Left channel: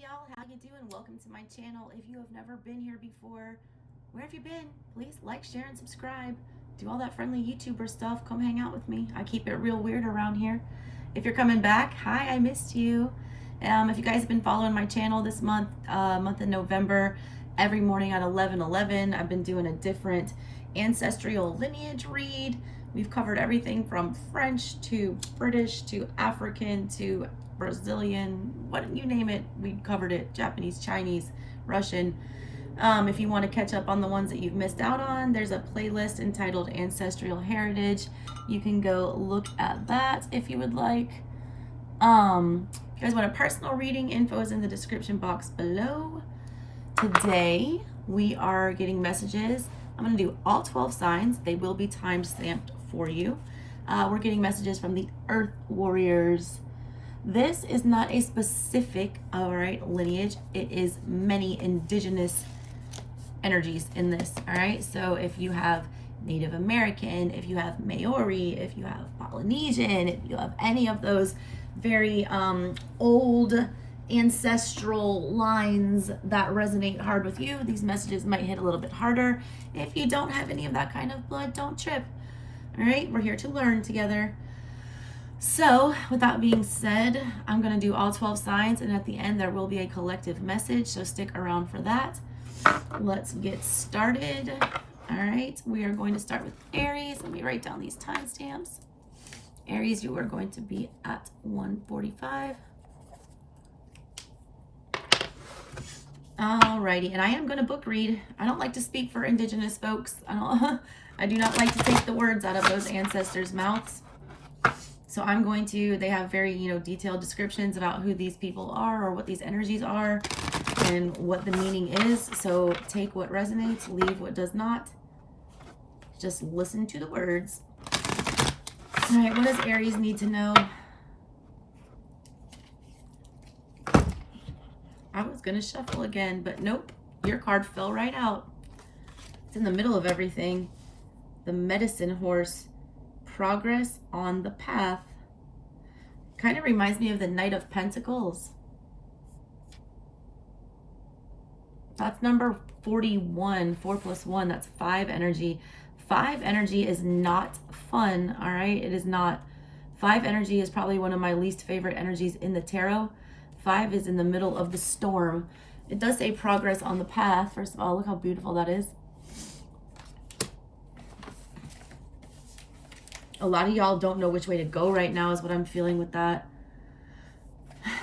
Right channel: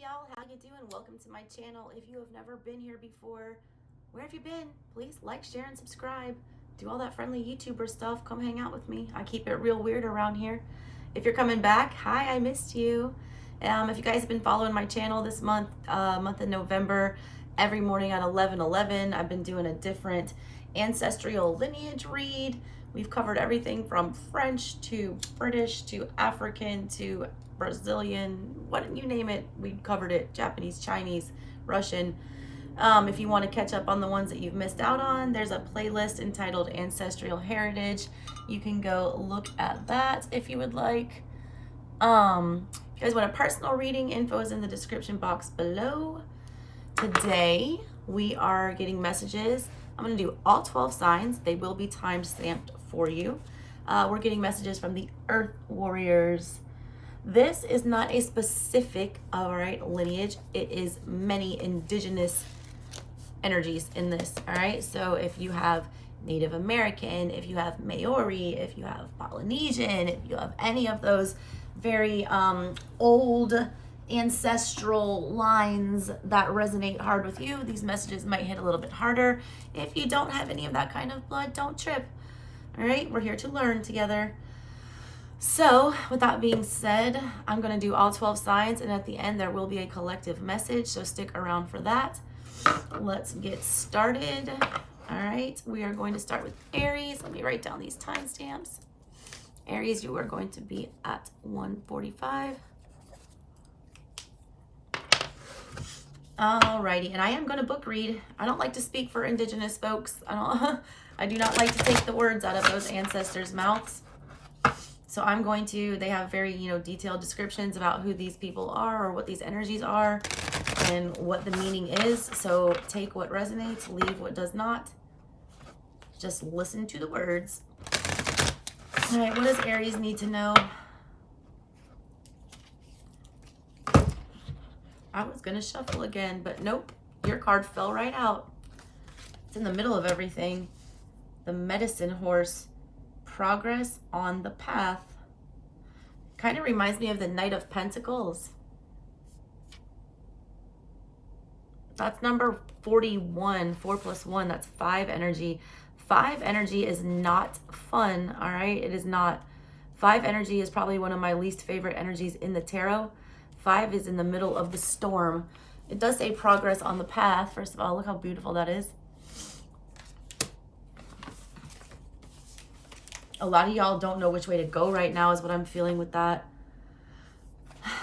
y'all, how you doing? Welcome to my channel. If you have never been here before, where have you been? Please like, share, and subscribe. Do all that friendly YouTuber stuff. Come hang out with me. I keep it real weird around here. If you're coming back, hi, I missed you. If you guys have been following my channel this month of November, every morning at 11:11, I've been doing a different ancestral lineage read. We've covered everything from French to British to African to Brazilian, what you name it, we covered it. Japanese, Chinese, Russian. If you want to catch up on the ones that you've missed out on, there's a playlist entitled Ancestral Heritage. You can go look at that if you would like. If you guys want a personal reading, info is in the description box below. Today we are getting messages. I'm going to do all 12 signs. They will be time stamped for you. We're getting messages from the Earth Warriors. This is not a specific, all right, lineage. It is many indigenous energies in this, all right? So if you have Native American, if you have Maori, if you have Polynesian, if you have any of those very old ancestral lines that resonate hard with you, these messages might hit a little bit harder. If you don't have any of that kind of blood, don't trip, all right? We're here to learn together. So with that being said, I'm going to do all 12 signs, and at the end there will be a collective message, so stick around for that. Let's get started. All right, we are going to start with Aries. Let me write down these timestamps. Aries, you are going to be at 1:45. Alrighty, and I am going to book read. I don't like to speak for indigenous folks. I do not like to take the words out of those ancestors' mouths. So I'm going to, they have very, detailed descriptions about who these people are or what these energies are and what the meaning is. So take what resonates, leave what does not. Just listen to the words. All right, what does Aries need to know? I was going to shuffle again, but nope. Your card fell right out. It's in the middle of everything. The Medicine Horse. Progress on the path. Kind of reminds me of the Knight of Pentacles. That's number 41. 4 plus 1. That's 5 energy. 5 energy is not fun. All right. It is not. 5 energy is probably one of my least favorite energies in the tarot. 5 is in the middle of the storm. It does say progress on the path. First of all, look how beautiful that is. A lot of y'all don't know which way to go right now is what I'm feeling with that.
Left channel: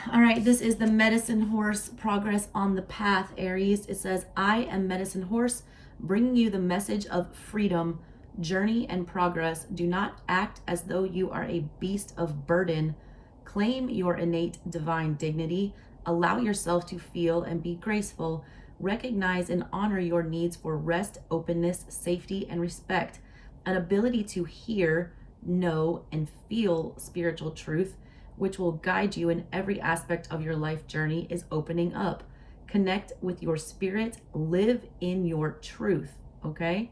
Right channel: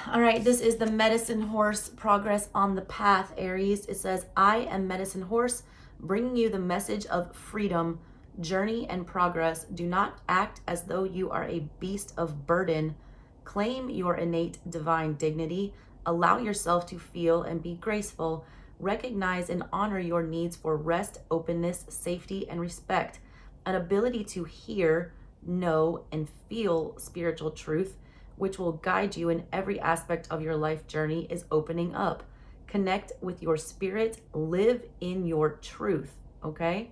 All right, this is the Medicine Horse, progress on the path, Aries. It says, I am Medicine Horse, bringing you the message of freedom, journey, and progress. Do not act as though you are a beast of burden. Claim your innate divine dignity. Allow yourself to feel and be graceful. Recognize and honor your needs for rest, openness, safety, and respect. An ability to hear, know, and feel spiritual truth, which will guide you in every aspect of your life journey, is opening up. Connect with your spirit, live in your truth, okay?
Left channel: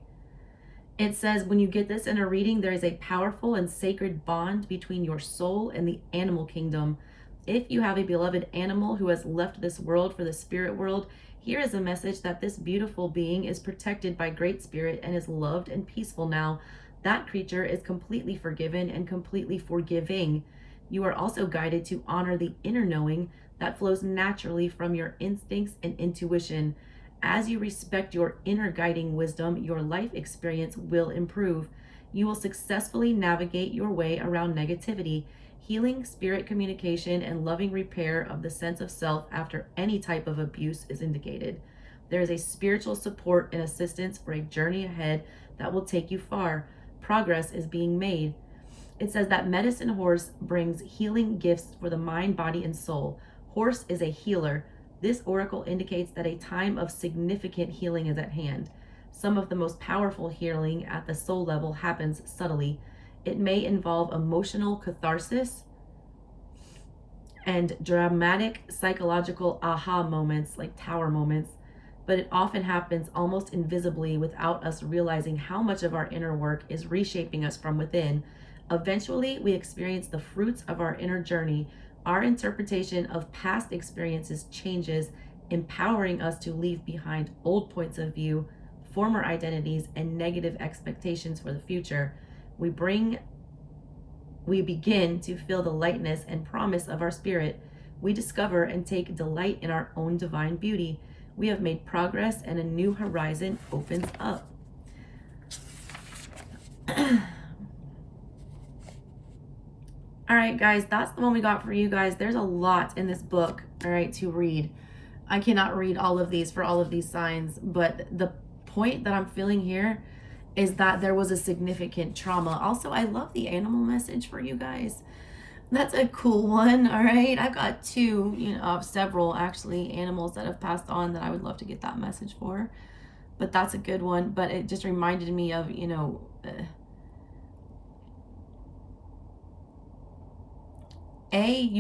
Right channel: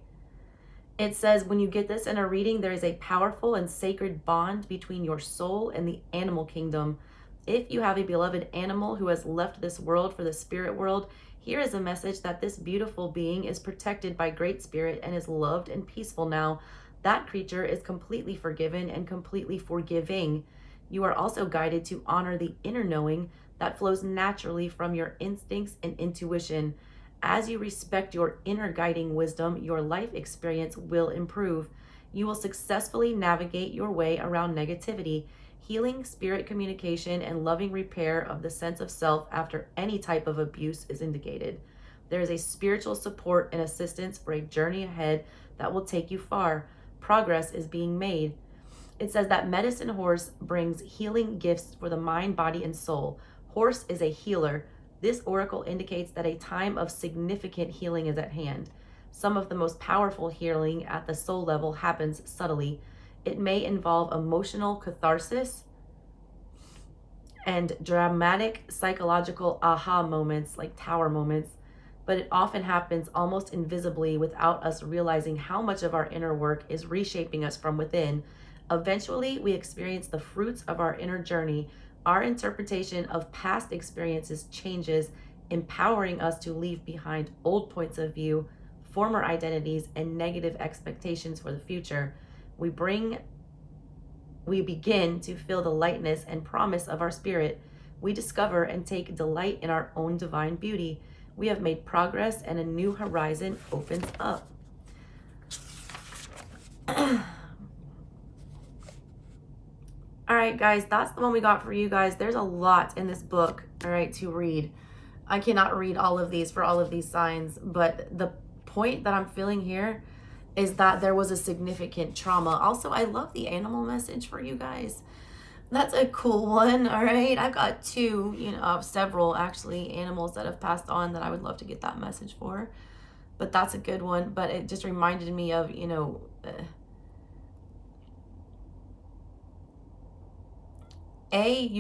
It says when you get this in a reading, there is a powerful and sacred bond between your soul and the animal kingdom. If you have a beloved animal who has left this world for the spirit world, here is a message that this beautiful being is protected by Great Spirit and is loved and peaceful now. That creature is completely forgiven and completely forgiving. You are also guided to honor the inner knowing that flows naturally from your instincts and intuition. As you respect your inner guiding wisdom, your life experience will improve. You will successfully navigate your way around negativity. Healing, spirit communication, and loving repair of the sense of self after any type of abuse is indicated. There is a spiritual support and assistance for a journey ahead that will take you far. Progress is being made. It says that Medicine Horse brings healing gifts for the mind, body, and soul. Horse is a healer. This oracle indicates that a time of significant healing is at hand. Some of the most powerful healing at the soul level happens subtly. It may involve emotional catharsis and dramatic psychological aha moments, like tower moments, but it often happens almost invisibly without us realizing how much of our inner work is reshaping us from within. Eventually, we experience the fruits of our inner journey Our interpretation of past experiences changes, empowering us to leave behind old points of view, former identities, and negative expectations for the future. We begin to feel the lightness and promise of our spirit. We discover and take delight in our own divine beauty. We have made progress and a new horizon opens up. All right, guys, that's the one we got for you guys. There's a lot in this book, all right, to read. I cannot read all of these for all of these signs, but the point that I'm feeling here is that there was a significant trauma. Also, I love the animal message for you guys. That's a cool one, all right? I've got two, several actually animals that have passed on that I would love to get that message for. But that's a good one. But it just reminded me of, you've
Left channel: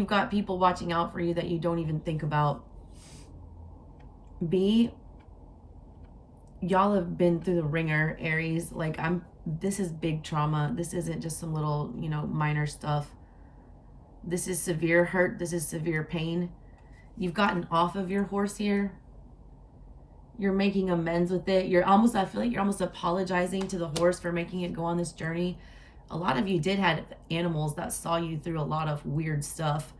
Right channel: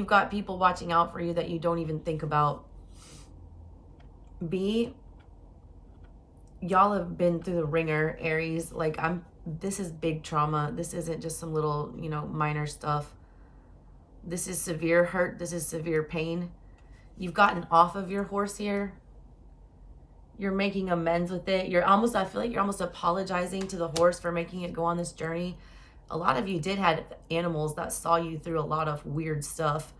got people watching out for you that you don't even think about. B, y'all have been through the ringer, Aries. Like, this is big trauma. This isn't just some little, minor stuff. This is severe hurt. This is severe pain. You've gotten off of your horse here. You're making amends with it. I feel like you're almost apologizing to the horse for making it go on this journey. A lot of you did have animals that saw you through a lot of weird stuff.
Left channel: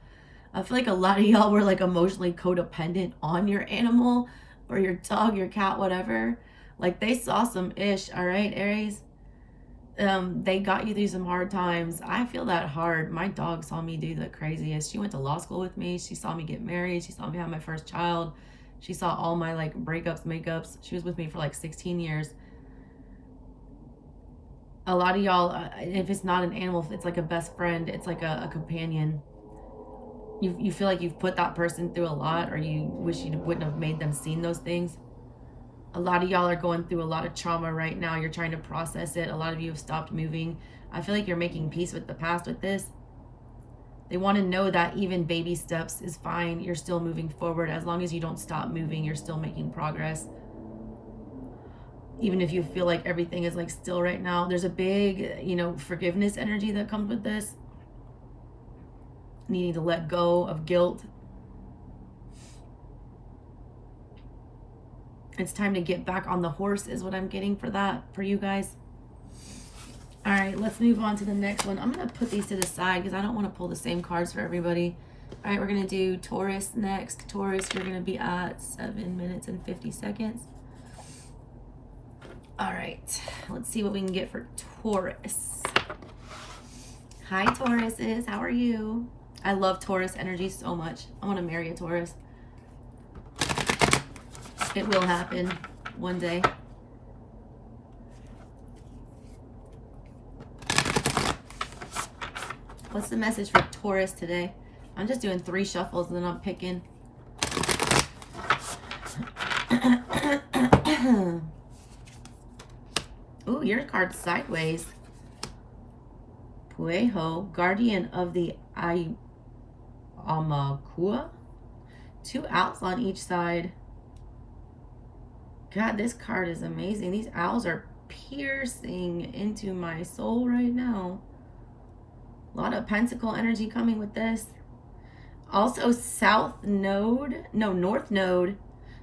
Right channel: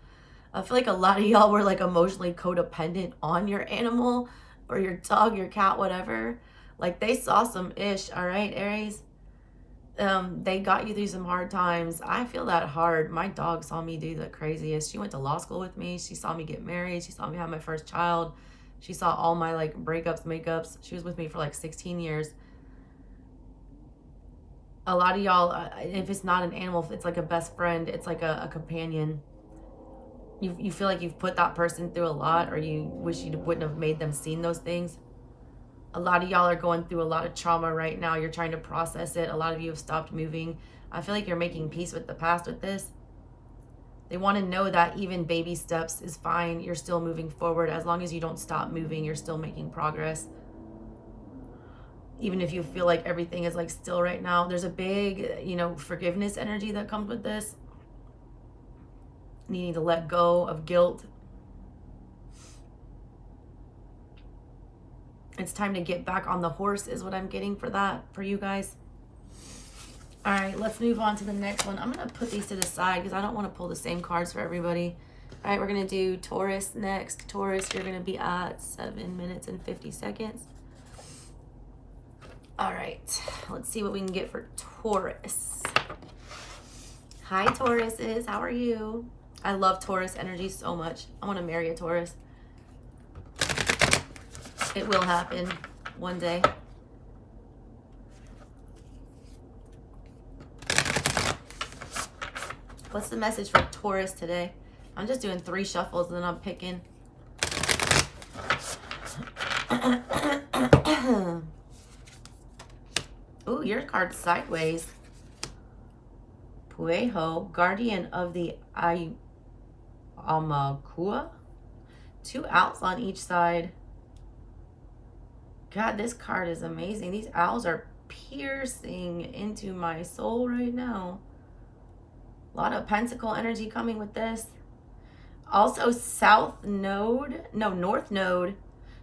I feel like a lot of y'all were like emotionally codependent on your animal or your dog, your cat, whatever. Like, they saw some ish, all right, Aries? They got you through some hard times. I feel that hard. My dog saw me do the craziest. She went to law school with me. She saw me get married. She saw me have my first child. She saw all my like breakups, makeups. She was with me for like 16 years. A lot of y'all, if it's not an animal, if it's like a best friend, it's like a companion. You feel like you've put that person through a lot, or you wish you wouldn't have made them seen those things. A lot of y'all are going through a lot of trauma right now. You're trying to process it. A lot of you have stopped moving. I feel like you're making peace with the past with this. They want to know that even baby steps is fine. You're still moving forward. As long as you don't stop moving, you're still making progress. Even if you feel like everything is like still right now, there's a big, forgiveness energy that comes with this. Needing to let go of guilt. It's time to get back on the horse is what I'm getting for that, for you guys. All right, let's move on to the next one. I'm going to put these to the side because I don't want to pull the same cards for everybody. All right, we're going to do Taurus next. Taurus, you're going to be at 7 minutes and 50 seconds. All right, let's see what we can get for Taurus. Hi, Tauruses. How are you? I love Taurus energy so much. I want to marry a Taurus. It will happen one day. What's the message for Taurus today? I'm just doing 3 shuffles and then I'm picking. Ooh, your card's sideways. Puejo, guardian of the Amakua. 2 owls on each side. God, this card is amazing. These owls are piercing into my soul right now. A lot of pentacle energy coming with this. Also, North Node.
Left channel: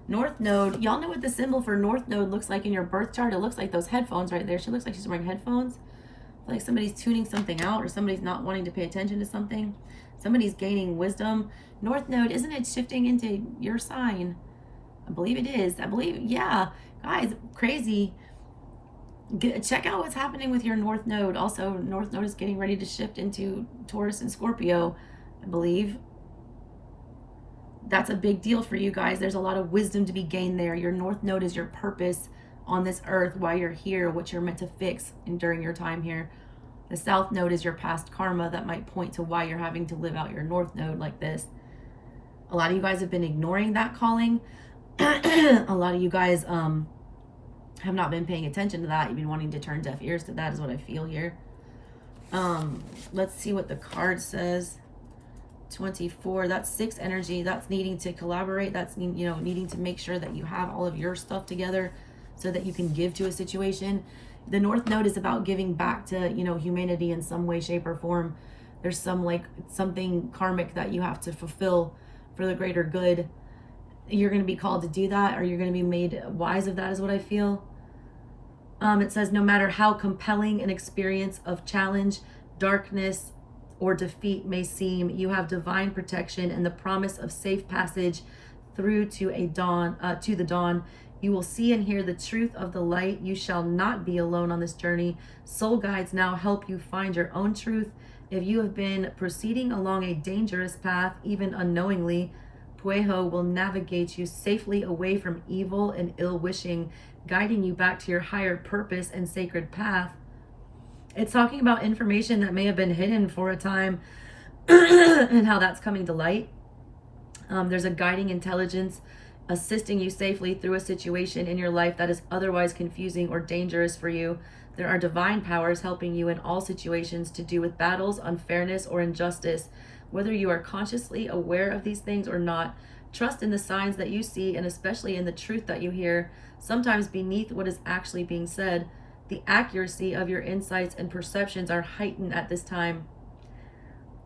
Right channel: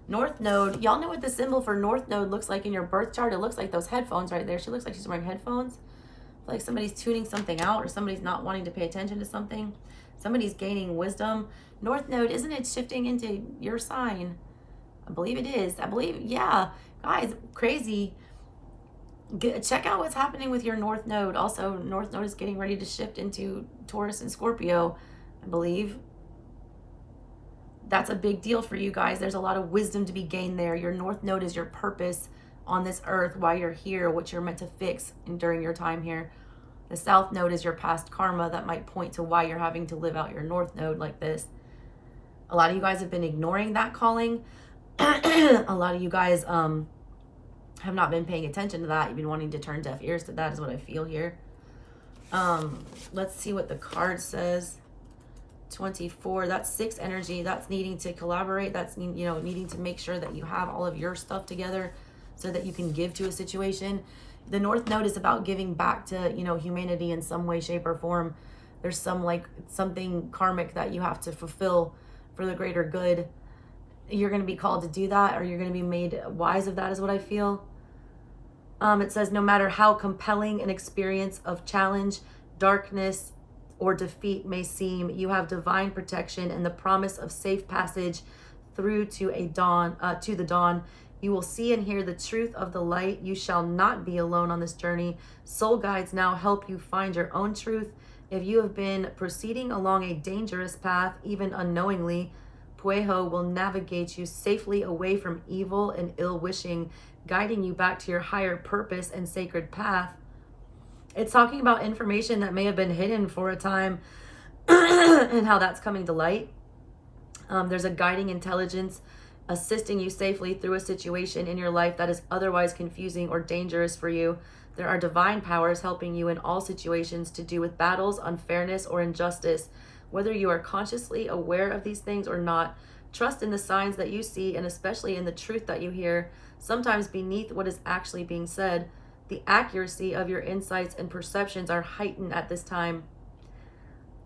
North Node. Y'all know what the symbol for North Node looks like in your birth chart? It looks like those headphones right there. She looks like she's wearing headphones. Like somebody's tuning something out, or somebody's not wanting to pay attention to something. Somebody's gaining wisdom. North Node, isn't it shifting into your sign? I believe it is. Yeah. Guys, crazy. Check out what's happening with your North Node. Also, North Node is getting ready to shift into Taurus and Scorpio, I believe. That's a big deal for you guys. There's a lot of wisdom to be gained there. Your North Node is your purpose on this earth, why you're here, what you're meant to fix during your time here. The South Node is your past karma that might point to why you're having to live out your North Node like this. A lot of you guys have been ignoring that calling. A lot of you guys have not been paying attention to that. You've been wanting to turn deaf ears to that is what I feel here. Let's see what the card says. 24, that's 6 energy. That's needing to collaborate. That's, needing to make sure that you have all of your stuff together so that you can give to a situation. The North Node is about giving back to, humanity in some way, shape, or form. There's some like something karmic that you have to fulfill for the greater good. You're going to be called to do that, or you're going to be made wise of that, is what I feel. It says, no matter how compelling an experience of challenge, darkness, or defeat may seem, you have divine protection and the promise of safe passage through to the dawn. You will see and hear the truth of the light. You shall not be alone on this journey. Soul guides now help you find your own truth. If you have been proceeding along a dangerous path, even unknowingly, Pueho will navigate you safely away from evil and ill wishing, guiding you back to your higher purpose and sacred path. It's talking about information that may have been hidden for a time and how that's coming to light. There's a guiding intelligence assisting you safely through a situation in your life that is otherwise confusing or dangerous for you. There are divine powers helping you in all situations to do with battles, unfairness, or injustice. Whether you are consciously aware of these things or not, trust in the signs that you see and especially in the truth that you hear, sometimes beneath what is actually being said. The accuracy of your insights and perceptions are heightened at this time.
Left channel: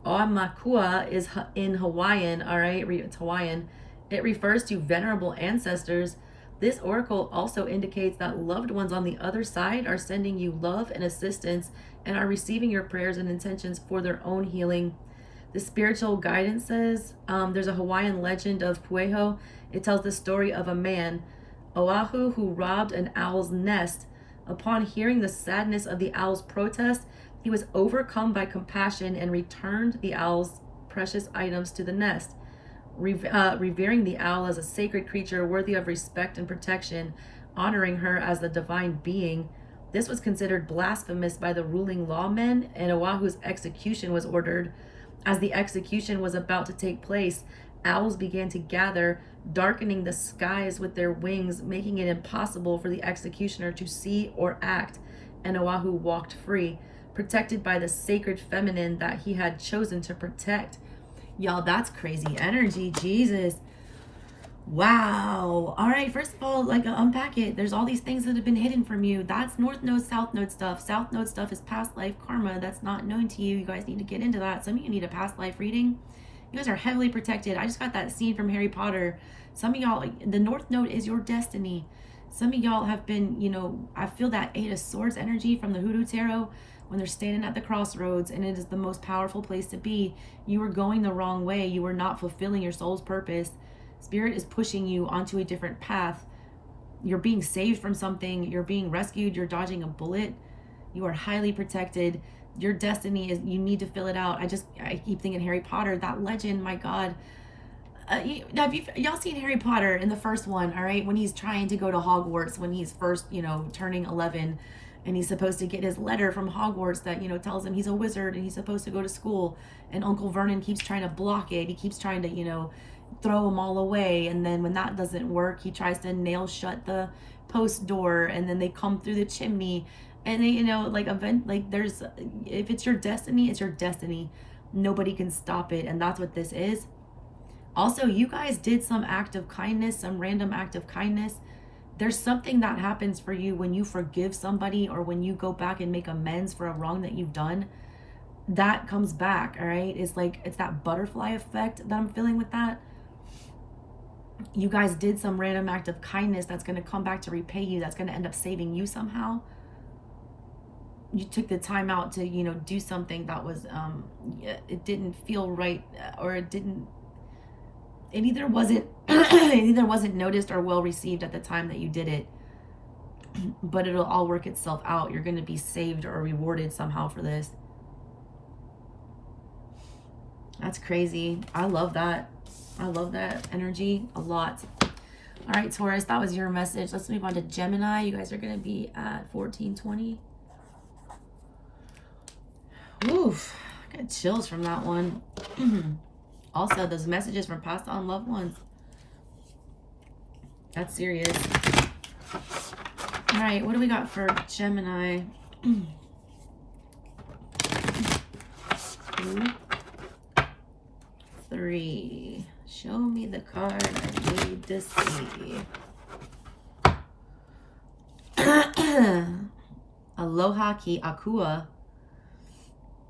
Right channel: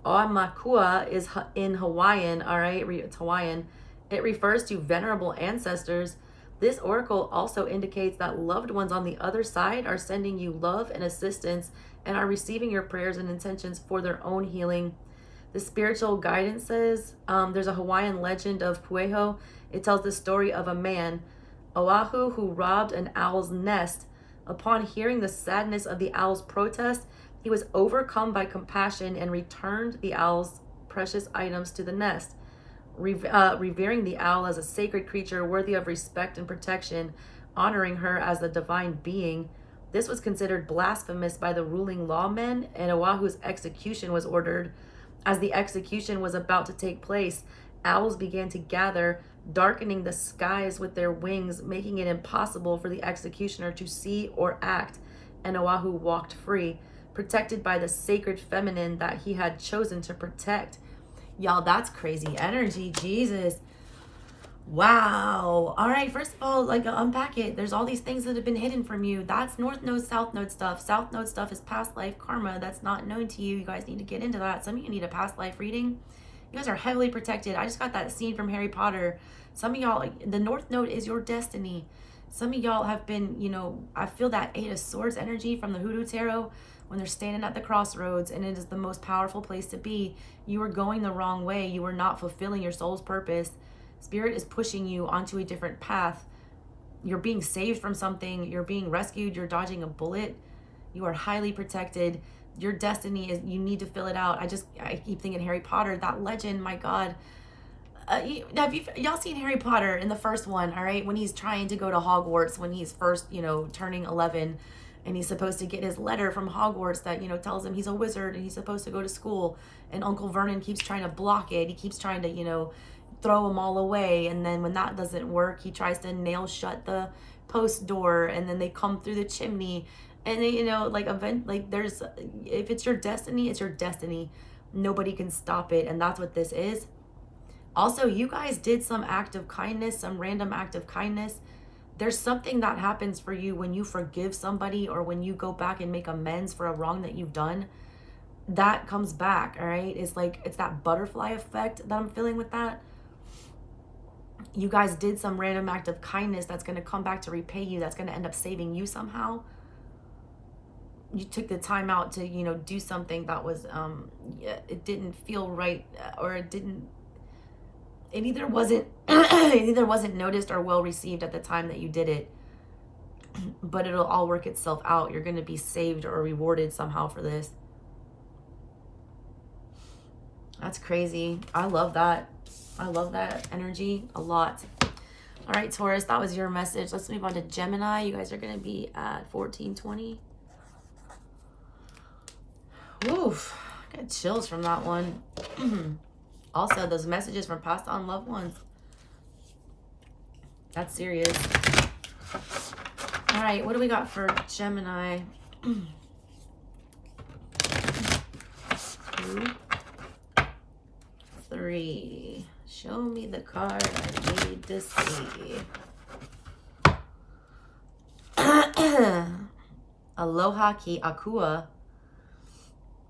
Oamakua is in Hawaiian, all right? It's Hawaiian. It refers to venerable ancestors. This oracle also indicates that loved ones on the other side are sending you love and assistance and are receiving your prayers and intentions for their own healing. The spiritual guidance says, there's a Hawaiian legend of Pueho. It tells the story of a man, Oahu, who robbed an owl's nest. Upon hearing the sadness of the owl's protest, he was overcome by compassion and returned the owl's precious items to the nest. Revering the owl as a sacred creature worthy of respect and protection, honoring her as the divine being. This was considered blasphemous by the ruling lawmen, and Oahu's execution was ordered. As the execution was about to take place, owls began to gather, darkening the skies with their wings, making it impossible for the executioner to see or act, and Oahu walked free, protected by the sacred feminine that he had chosen to protect. Y'all, that's crazy energy. Jesus. Wow. All right, first of all, like, unpack it. There's all these things that have been hidden from you. That's North Node, South Node stuff. South Node stuff is past life karma that's not known to you. You guys need to get into that. Some of you need a past life reading. You guys are heavily protected. I just got that scene from Harry Potter. Some of y'all, the North Node is your destiny. Some of y'all have been, you know, I feel that Eight of Swords energy from the Hoodoo Tarot when they're standing at the crossroads, and it is the most powerful place to be. You were going the wrong way. You were not fulfilling your soul's purpose. Spirit is pushing you onto a different path. You're being saved from something. You're being rescued. You're dodging a bullet. You are highly protected. Your destiny is, you need to fill it out. I keep thinking Harry Potter, that legend, my God. Have y'all seen Harry Potter in the first one, all right? When he's trying to go to Hogwarts, when he's first, you know, turning 11, and he's supposed to get his letter from Hogwarts that, you know, tells him he's a wizard and he's supposed to go to school. And Uncle Vernon keeps trying to block it. He keeps trying to, you know, throw them all away. And then when that doesn't work, he tries to nail shut the post door, and then they come through the chimney. And they, you know, like, there's, if it's your destiny, it's your destiny. Nobody can stop it. And that's what this is. Also, you guys did some act of kindness, some random act of kindness. There's something that happens for you when you forgive somebody, or when you go back and make amends for a wrong that you've done. That comes back, all right? It's like, it's that butterfly effect that I'm feeling with that. You guys did some random act of kindness that's going to come back to repay you. That's going to end up saving you somehow. You took the time out to, you know, do something that was, it didn't feel right, or it either wasn't noticed or well received at the time that you did it. But it'll all work itself out. You're going to be saved or rewarded somehow for this. That's crazy. I love that. I love that energy a lot. All right, Taurus, that was your message. Let's move on to Gemini. You guys are going to be at 1420. Oof, I got chills from that one. Also, those messages from passed on loved ones. That's serious. All right, what do we got for Gemini? 2, 3. Show me the card I need to see. Aloha ki akua.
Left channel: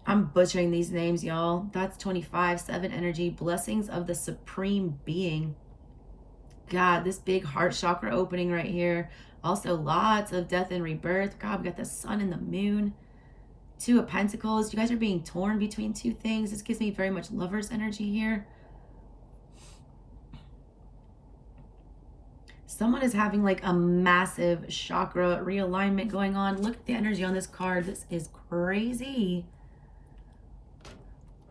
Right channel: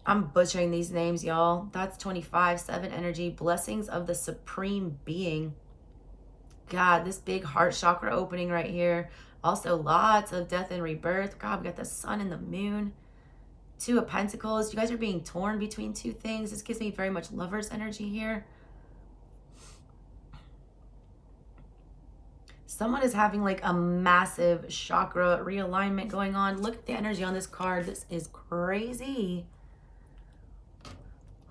I'm butchering these names, y'all. That's 25/7 energy. Blessings of the Supreme Being. God, this big heart chakra opening right here. Also, lots of death and rebirth. God, we got the sun and the moon. Two of Pentacles. You guys are being torn between two things. This gives me very much Lover's energy here. Someone is having like a massive chakra realignment going on. Look at the energy on this card. This is crazy.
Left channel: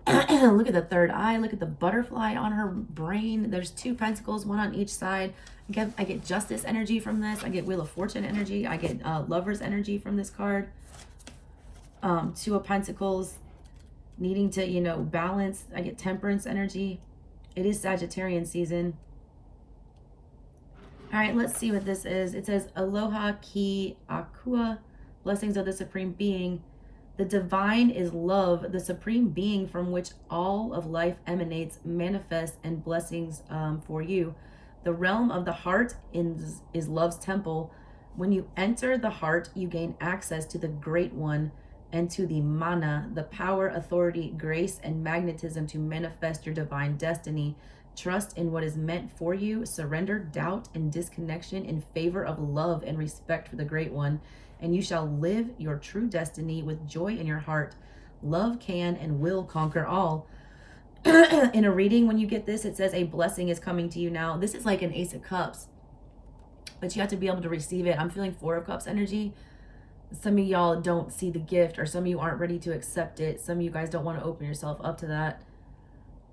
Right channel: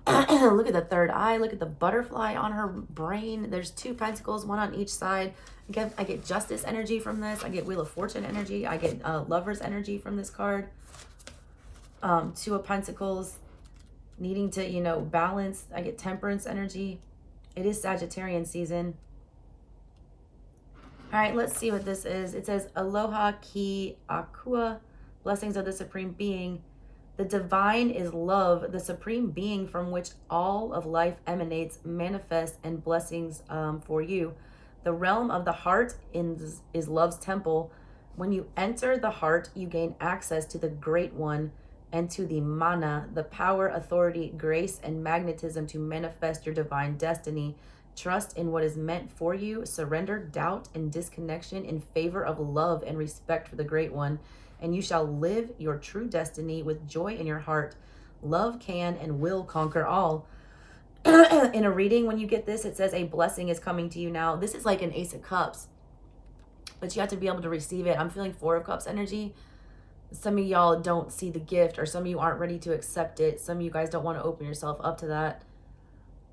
Look at the third eye. Look at the butterfly on her brain. There's two pentacles, one on each side. I get justice energy from this. I get Wheel of Fortune energy. I get Lover's energy from this card. Two of Pentacles, needing to, you know, balance. I get Temperance energy. It is Sagittarian season. All right, let's see what this is. It says, Aloha ki akua, blessings of the Supreme Being. The divine is love, the Supreme Being from which all of life emanates, manifests, and blessings for you. The realm of the heart is love's temple. When you enter the heart, you gain access to the Great One and to the mana, the power, authority, grace, and magnetism to manifest your divine destiny. Trust in what is meant for you. Surrender doubt and disconnection in favor of love and respect for the Great One, and you shall live your true destiny with joy in your heart. Love can and will conquer all. In a reading, when you get this, it says a blessing is coming to you now. This is like an Ace of Cups, but you have to be able to receive it. I'm feeling Four of Cups energy. Some of y'all don't see the gift, or some of you aren't ready to accept it. Some of you guys don't want to open yourself up to that.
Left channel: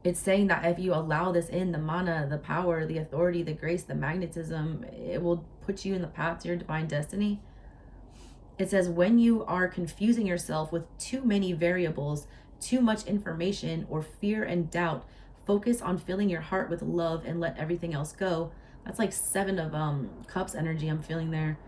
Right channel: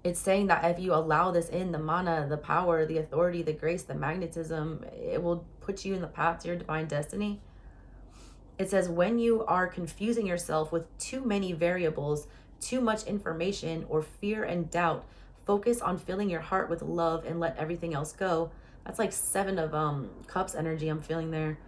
It's saying that if you allow this in, the mana, the power, the authority, the grace, the magnetism, it will put you in the path to your divine destiny. It says, when you are confusing yourself with too many variables, too much information, or fear and doubt, focus on filling your heart with love and let everything else go. That's like Seven of Cups energy I'm feeling there.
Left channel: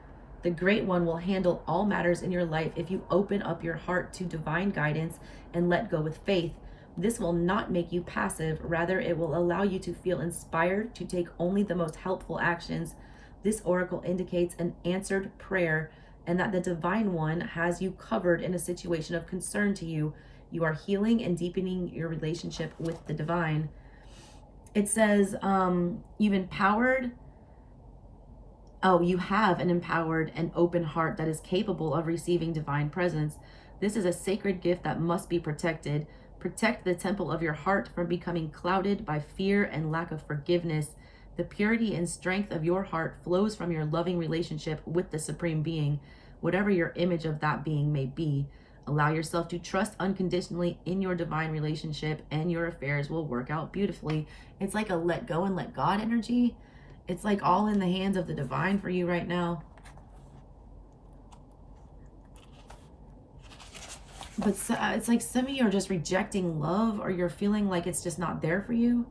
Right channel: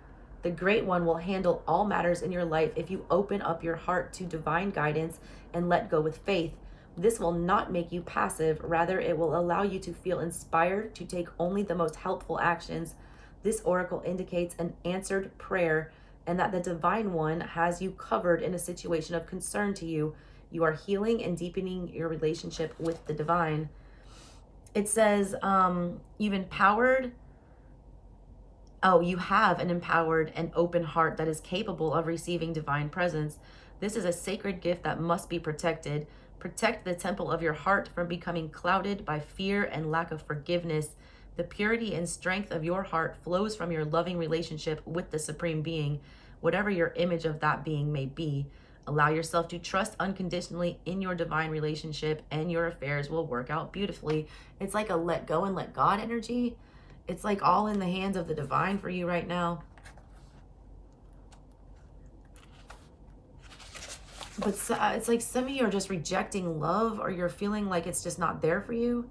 The Great One will handle all matters in your life if you open up your heart to divine guidance and let go with faith. This will not make you passive. Rather, it will allow you to feel inspired to take only the most helpful actions. This oracle indicates an answered prayer and that the Divine One has you covered in a situation of concern to you. You are healing and deepening your relationship with the divine. It says, you've empowered. Oh, you have an empowered and open heart that is capable of receiving divine presence. This is a sacred gift that must be protected. Protect the temple of your heart from becoming clouded by fear and lack of forgiveness. The purity and strength of your heart flows from your loving relationship with the Supreme Being, whatever your image of that being may be. Allow yourself to trust unconditionally in your divine relationship, and your affairs will work out beautifully. It's like a let go and let God energy. It's like all in the hands of the divine for you right now. But it's like some of you are just rejecting love, or you're feeling like it's just not there for you.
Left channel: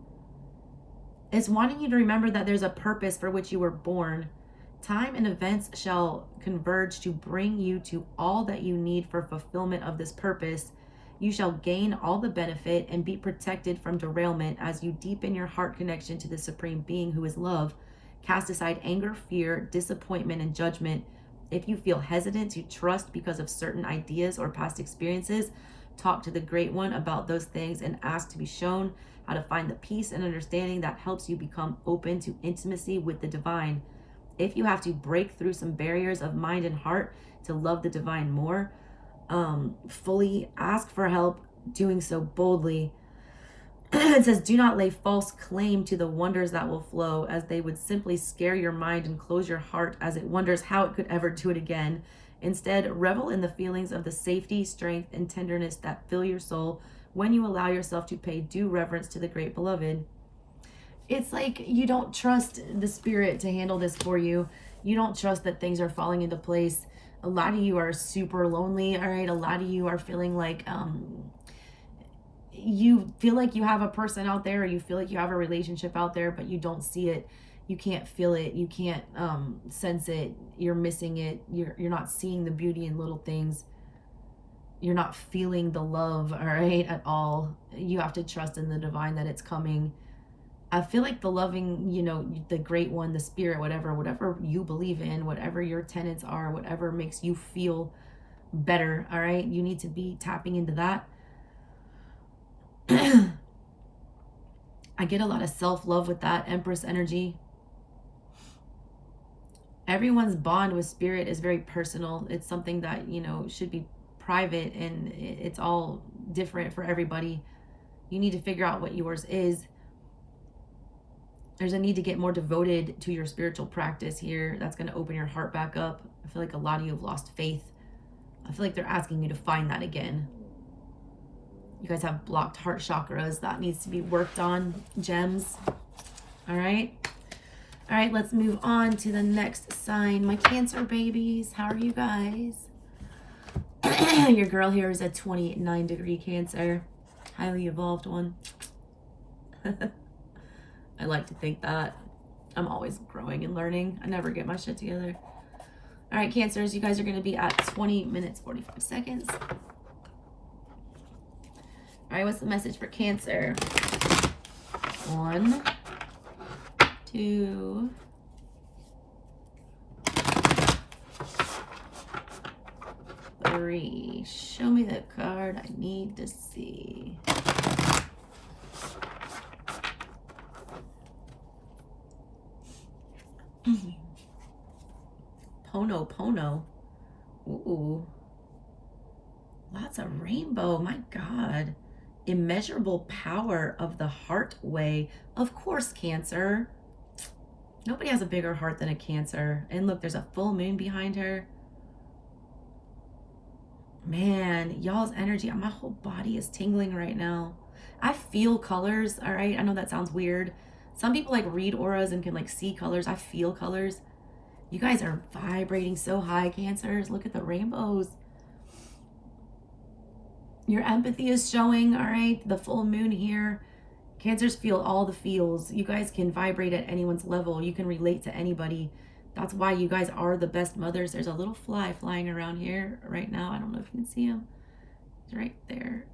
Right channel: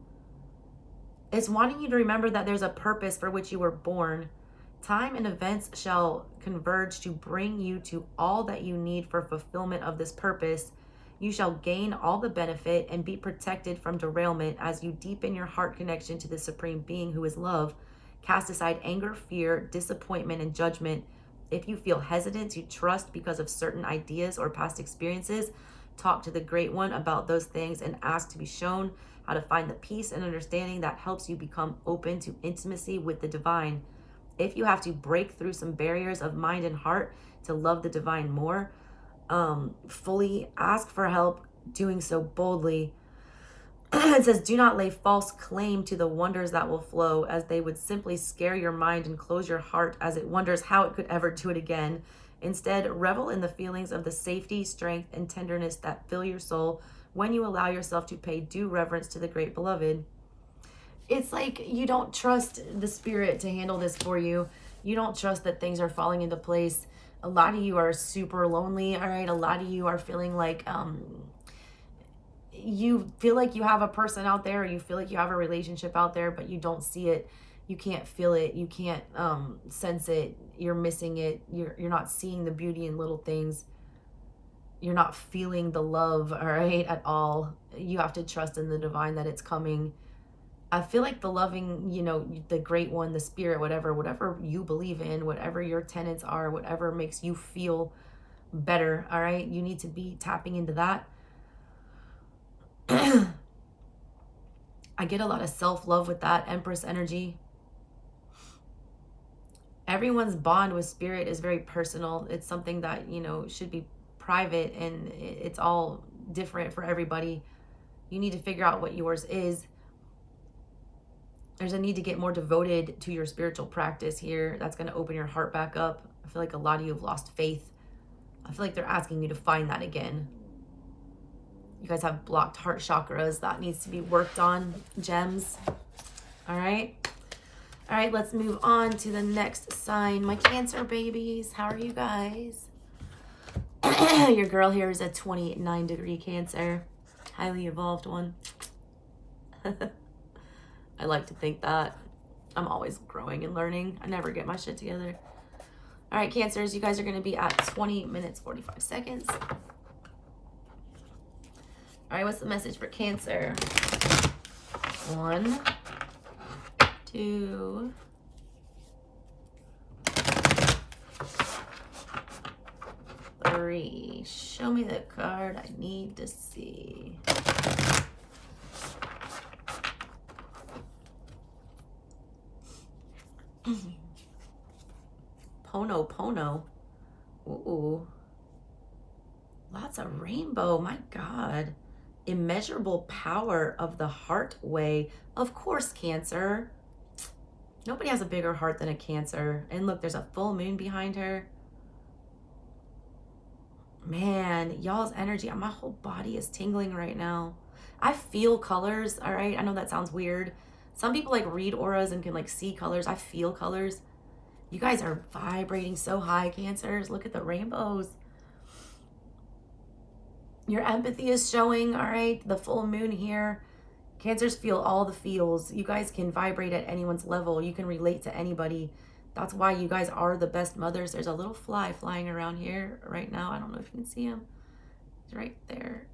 It's wanting you to remember that there's a purpose for which you were born. Time and events shall converge to bring you to all that you need for fulfillment of this purpose. You shall gain all the benefit and be protected from derailment as you deepen your heart connection to the Supreme Being who is love. Cast aside anger, fear, disappointment, and judgment. If you feel hesitant to trust because of certain ideas or past experiences, talk to the Great One about those things and ask to be shown how to find the peace and understanding that helps you become open to intimacy with the divine. If you have to break through some barriers of mind and heart to love the divine more, fully ask for help doing so boldly. It says, do not lay false claim to the wonders that will flow, as they would simply scare your mind and close your heart as it wonders how it could ever do it again. Instead, revel in the feelings of the safety, strength, and tenderness that fill your soul when you allow yourself to pay due reverence to the great beloved. It's like you don't trust the spirit to handle this for you. You don't trust that things are falling into place. A lot of you are super lonely, all right? A lot of you are feeling like you feel like you have a person out there, or you feel like you have a relationship out there, but you don't see it. You can't feel it. You can't sense it. You're missing it. You're not seeing the beauty in little things. You're not feeling the love, all right, at all. You have to trust in the divine that it's coming. I feel like the loving, you know, the Great One, the spirit, whatever you believe in, whatever your tenets are, whatever makes you feel better, all right? You need to be tapping into that. I get a lot of self-love with that Empress energy. Everyone's bond with spirit is very personal. It's something that, you know, should be private, and it's all different for everybody. You need to figure out what yours is. There's a need to get more devoted to your spiritual practice here. That's going to open your heart back up. I feel like a lot of you have lost faith. I feel like they're asking you to find that again. You guys have blocked heart chakras. That needs to be worked on. Gems. All right. All right, let's move on to the next sign. My Cancer babies, how are you guys? Your girl here is a 29-degree Cancer. Highly evolved one. I like to think that. I'm always growing and learning. I never get my shit together. All right, Cancers, you guys are going to be at 20 minutes, 45 seconds. All right, what's the message for Cancer? 1, 2, 3. Show me the card I need to see. Pono. Ooh. Lots of rainbow. My God. Immeasurable power of the heart way. Of course, Cancer. Nobody has a bigger heart than a Cancer. And look, there's a full moon behind her. Man, y'all's energy, my whole body is tingling right now. I feel colors, all right? I know that sounds weird. Some people like read auras and can like see colors. I feel colors. You guys are vibrating so high, Cancers. Look at the rainbows. Your empathy is showing, all right? The full moon here. Cancers feel all the feels. You guys can vibrate at anyone's level. You can relate to anybody. That's why you guys are the best mothers. There's a little fly flying around here right now. I don't know if you can see him. He's right there.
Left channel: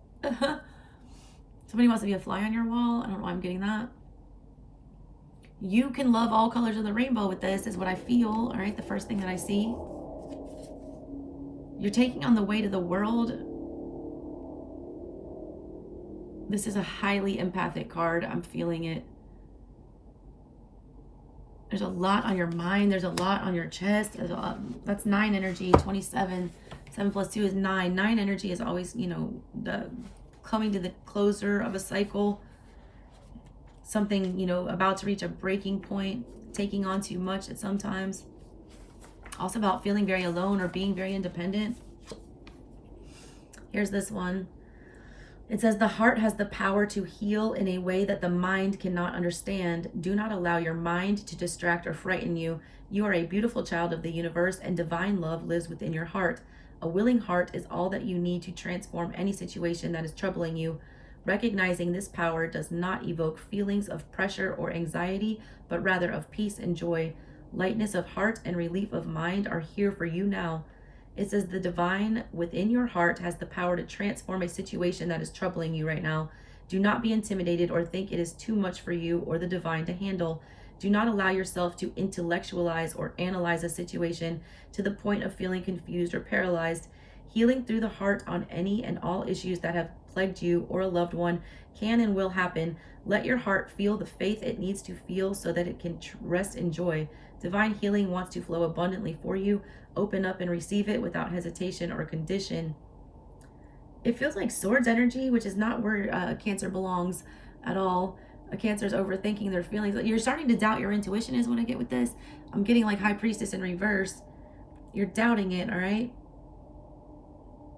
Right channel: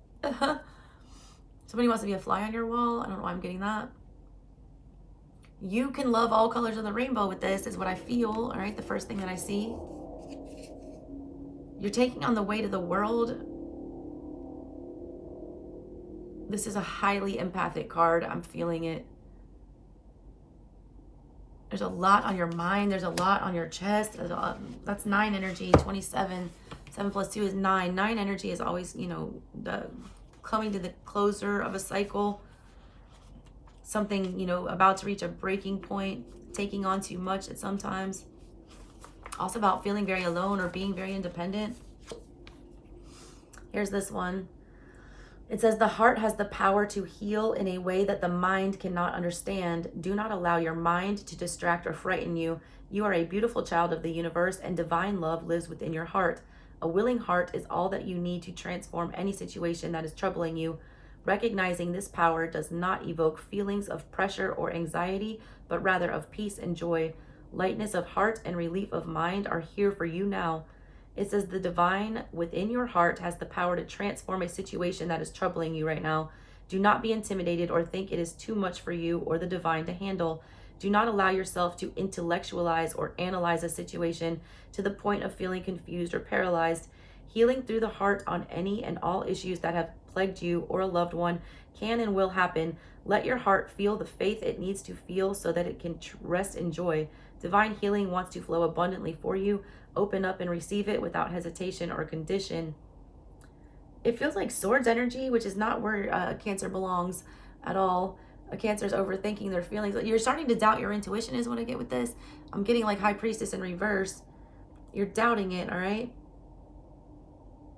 Somebody wants to be a fly on your wall. I don't know why I'm getting that. You can love all colors of the rainbow with this, is what I feel. All right, the first thing that I see. You're taking on the weight of the world. This is a highly empathic card. I'm feeling it. There's a lot on your mind. There's a lot on your chest. There's a lot. That's 9 energy, 27. 7 plus 2 is 9. 9 energy is always, you know, the coming to the closure of a cycle. Something, you know, about to reach a breaking point. Taking on too much at sometimes. Also about feeling very alone or being very independent. Here's this one. It says, the heart has the power to heal in a way that the mind cannot understand. Do not allow your mind to distract or frighten you. You are a beautiful child of the universe, and divine love lives within your heart. A willing heart is all that you need to transform any situation that is troubling you. Recognizing this power does not evoke feelings of pressure or anxiety, but rather of peace and joy. Lightness of heart and relief of mind are here for you now. It says the divine within your heart has the power to transform a situation that is troubling you right now. Do not be intimidated or think it is too much for you or the divine to handle. Do not allow yourself to intellectualize or analyze a situation to the point of feeling confused or paralyzed. Healing through the heart on any and all issues that have plagued you or a loved one can and will happen. Let your heart feel the faith it needs to feel so that it can rest in joy. Divine healing wants to flow abundantly for you. Open up and receive it without hesitation or condition. It feels like Swords energy, which is not where Cancer belongs at all. A Cancer is overthinking their feelings. You're starting to doubt your intuition is what I get with this. I'm getting like High Priestess in reverse. You're doubting it, all right?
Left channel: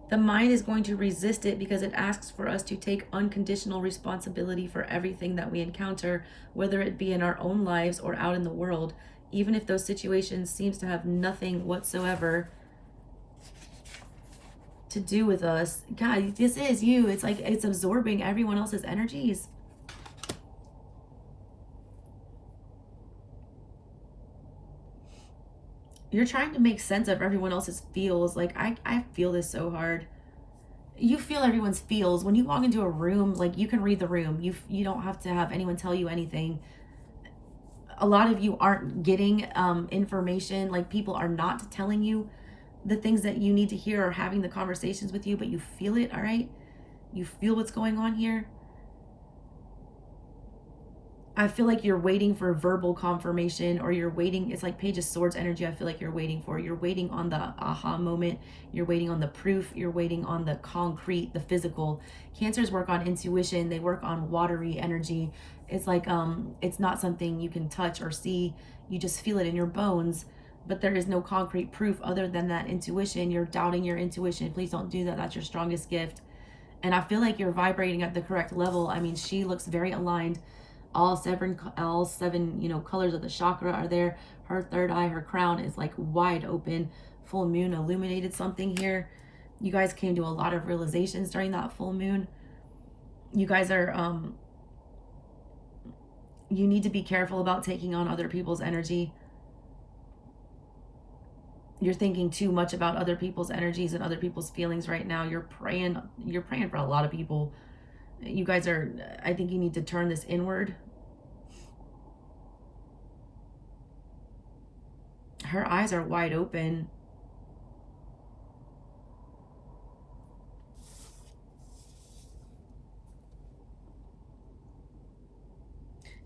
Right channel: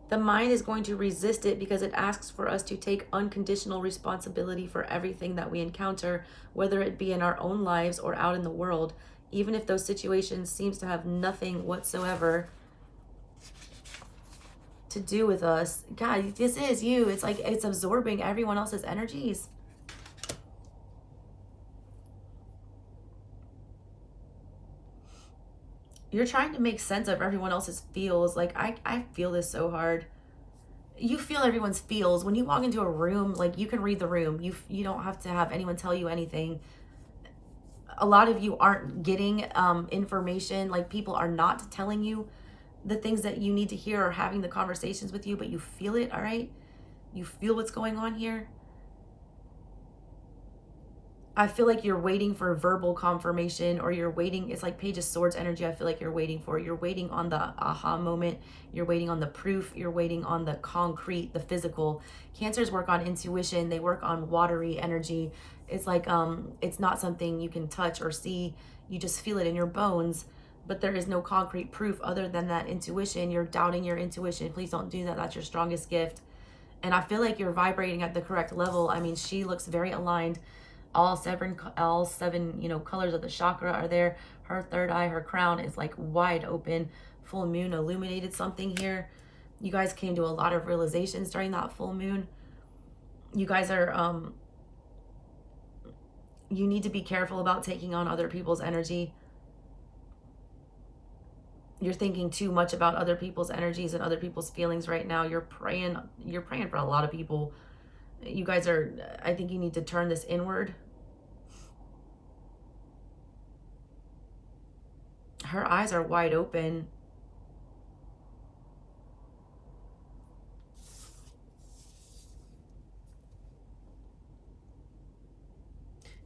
The mind is going to resist it because it asks for us to take unconditional responsibility for everything that we encounter, whether it be in our own lives or out in the world. Even if those situations seems to have nothing whatsoever to do with us. God, this is you. It's like it's absorbing everyone else's energies. You're trying to make sense of everyone else's feels. Like, I feel this so hard. You feel everyone's feels. When you walk into a room, like, you can read the room. You don't have to have anyone tell you anything. A lot of you aren't getting information. Like, people are not telling you the things that you need to hear or having the conversations with you, but you feel it, all right? You feel what's going on here. I feel like you're waiting for verbal confirmation, or you're waiting. It's like Page of Swords energy. I feel like you're waiting for. You're waiting on the aha moment. You're waiting on the proof. You're waiting on the concrete, the physical. Cancers work on intuition. They work on watery energy. It's like it's not something you can touch or see. You just feel it in your bones. But there is no concrete proof other than that intuition. You're doubting your intuition. Please don't do that. That's your strongest gift. And I feel like you're vibrating at the correct level. I mean, she looks very aligned. All seven, colors of the chakra are there. Her third eye, her crown is like wide open. Full moon illuminated something here. You guys came to a lot of realizations during that full moon. You guys are, you need to be careful about taking on other people's energy. You're thinking too much about other people's energies and other people's feelings right now. You're praying for a lot of people. You guys are, I think you need to turn this inward. Her eyes are wide open.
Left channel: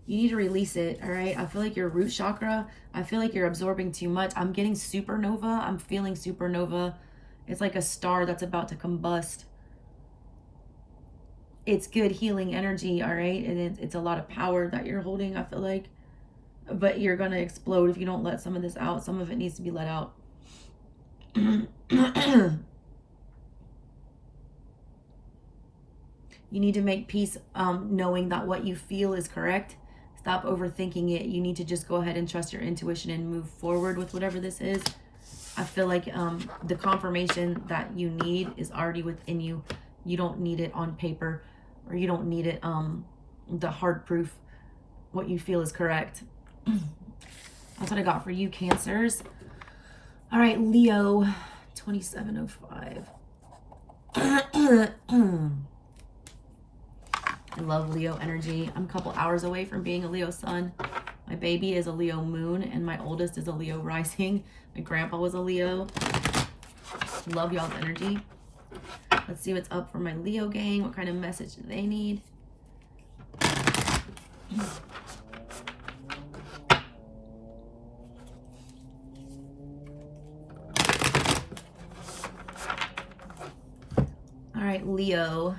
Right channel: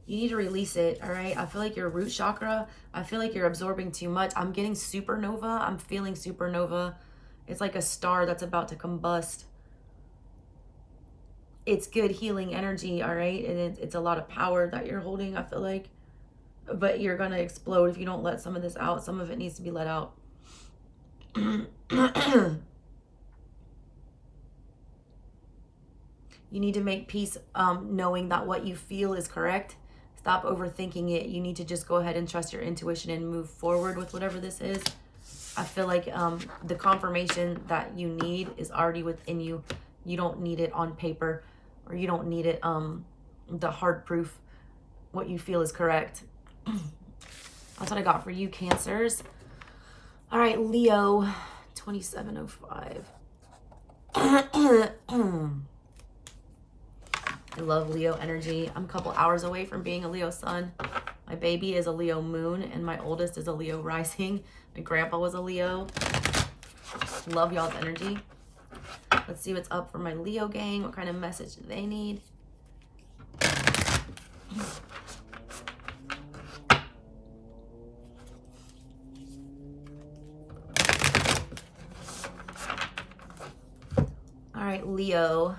You need to release it, all right? I feel like your root chakra, I feel like you're absorbing too much. I'm getting supernova. I'm feeling supernova. It's like a star that's about to combust. It's good healing energy, all right? And it's a lot of power that you're holding, I feel like. But you're going to explode if you don't let some of this out. Some of it needs to be let out. You need to make peace knowing that what you feel is correct. Stop overthinking it. You need to just go ahead and trust your intuition and move forward with whatever this is. I feel like the confirmation that you need is already within you. You don't need it on paper, or you don't need it, the hard proof. What you feel is correct. That's what I got for you, Cancers. All right, Leo, 2705. I love Leo energy. I'm a couple hours away from being a Leo sun. My baby is a Leo moon, and my oldest is a Leo rising. My grandpa was a Leo. Love y'all's energy. Let's see what's up for my Leo gang. What kind of message do they need? All right, Leo.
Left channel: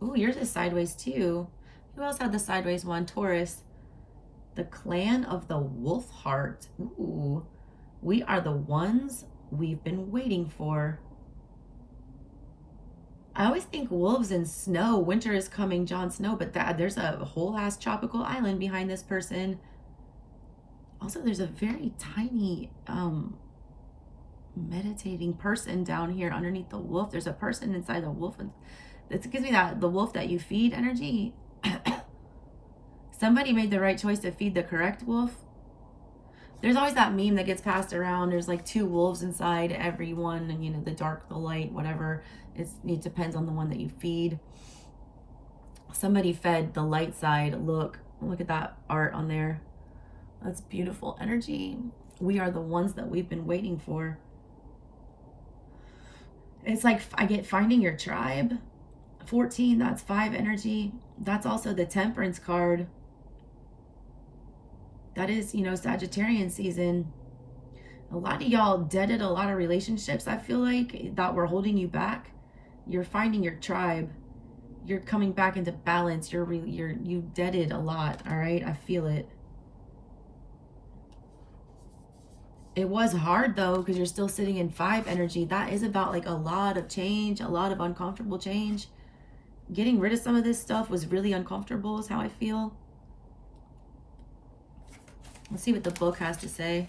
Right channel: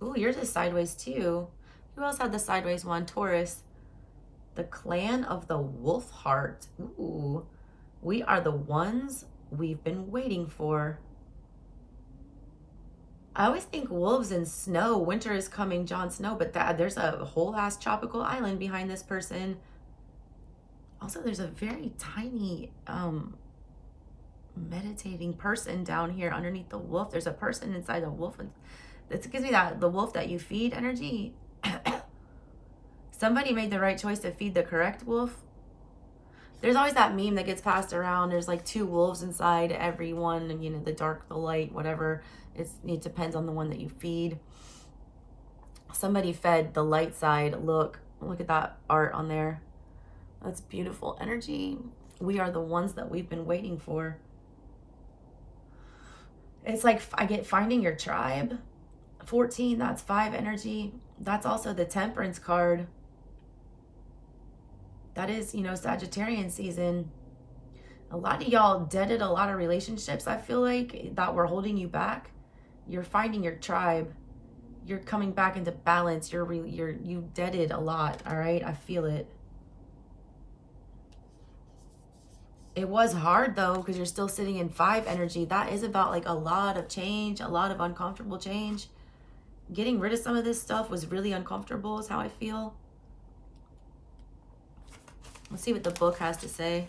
Ooh, yours is sideways too. Who else had the sideways one? Taurus. The clan of the wolf heart. Ooh, we are the ones we've been waiting for. I always think wolves and snow. Winter is coming, Jon Snow, but there's a whole ass tropical island behind this person. Also, there's a very tiny meditating person down here underneath the wolf. There's a person inside the wolf. It gives me that the wolf that you feed energy. Somebody made the right choice to feed the correct wolf. There's always that meme that gets passed around. There's like two wolves inside every one, and you know, the dark, the light, whatever. It depends on the one that you feed. Somebody fed the light side. Look at that art on there. That's beautiful energy. We are the ones that we've been waiting for. It's like I get finding your tribe. 14, that's 5 energy. That's also the Temperance card. That is, you know, Sagittarian season. A lot of y'all deaded a lot of relationships, I feel like, that were holding you back. You're finding your tribe. You're coming back into balance. You deaded a lot, all right? I feel it. It was hard though, because you're still sitting in 5 energy. That is about like a lot of change, a lot of uncomfortable change. Getting rid of some of this stuff was really uncomfortable, is how I feel. Let's see what the book has to say.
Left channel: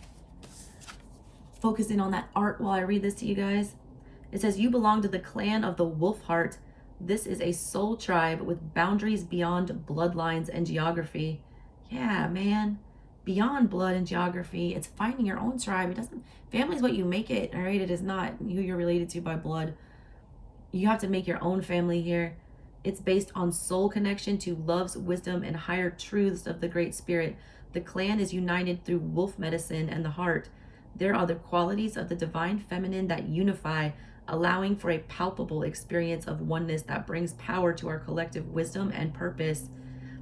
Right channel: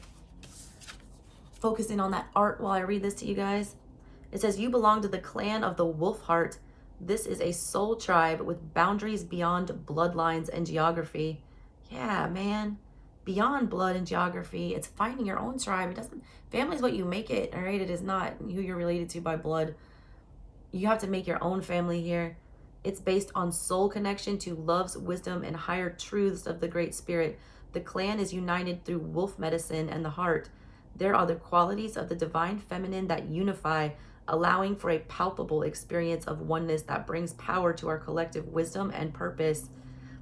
Focusing on that art while I read this to you guys. It says, you belong to the clan of the wolf heart. This is a soul tribe with boundaries beyond bloodlines and geography. Yeah, man. Beyond blood and geography. It's finding your own tribe. Family is what you make it, all right? It is not who you're related to by blood. You have to make your own family here. It's based on soul connection to love's wisdom and higher truths of the Great Spirit. The clan is united through wolf medicine and the heart. There are the qualities of the divine feminine that unify, allowing for a palpable experience of oneness that brings power to our collective wisdom and purpose.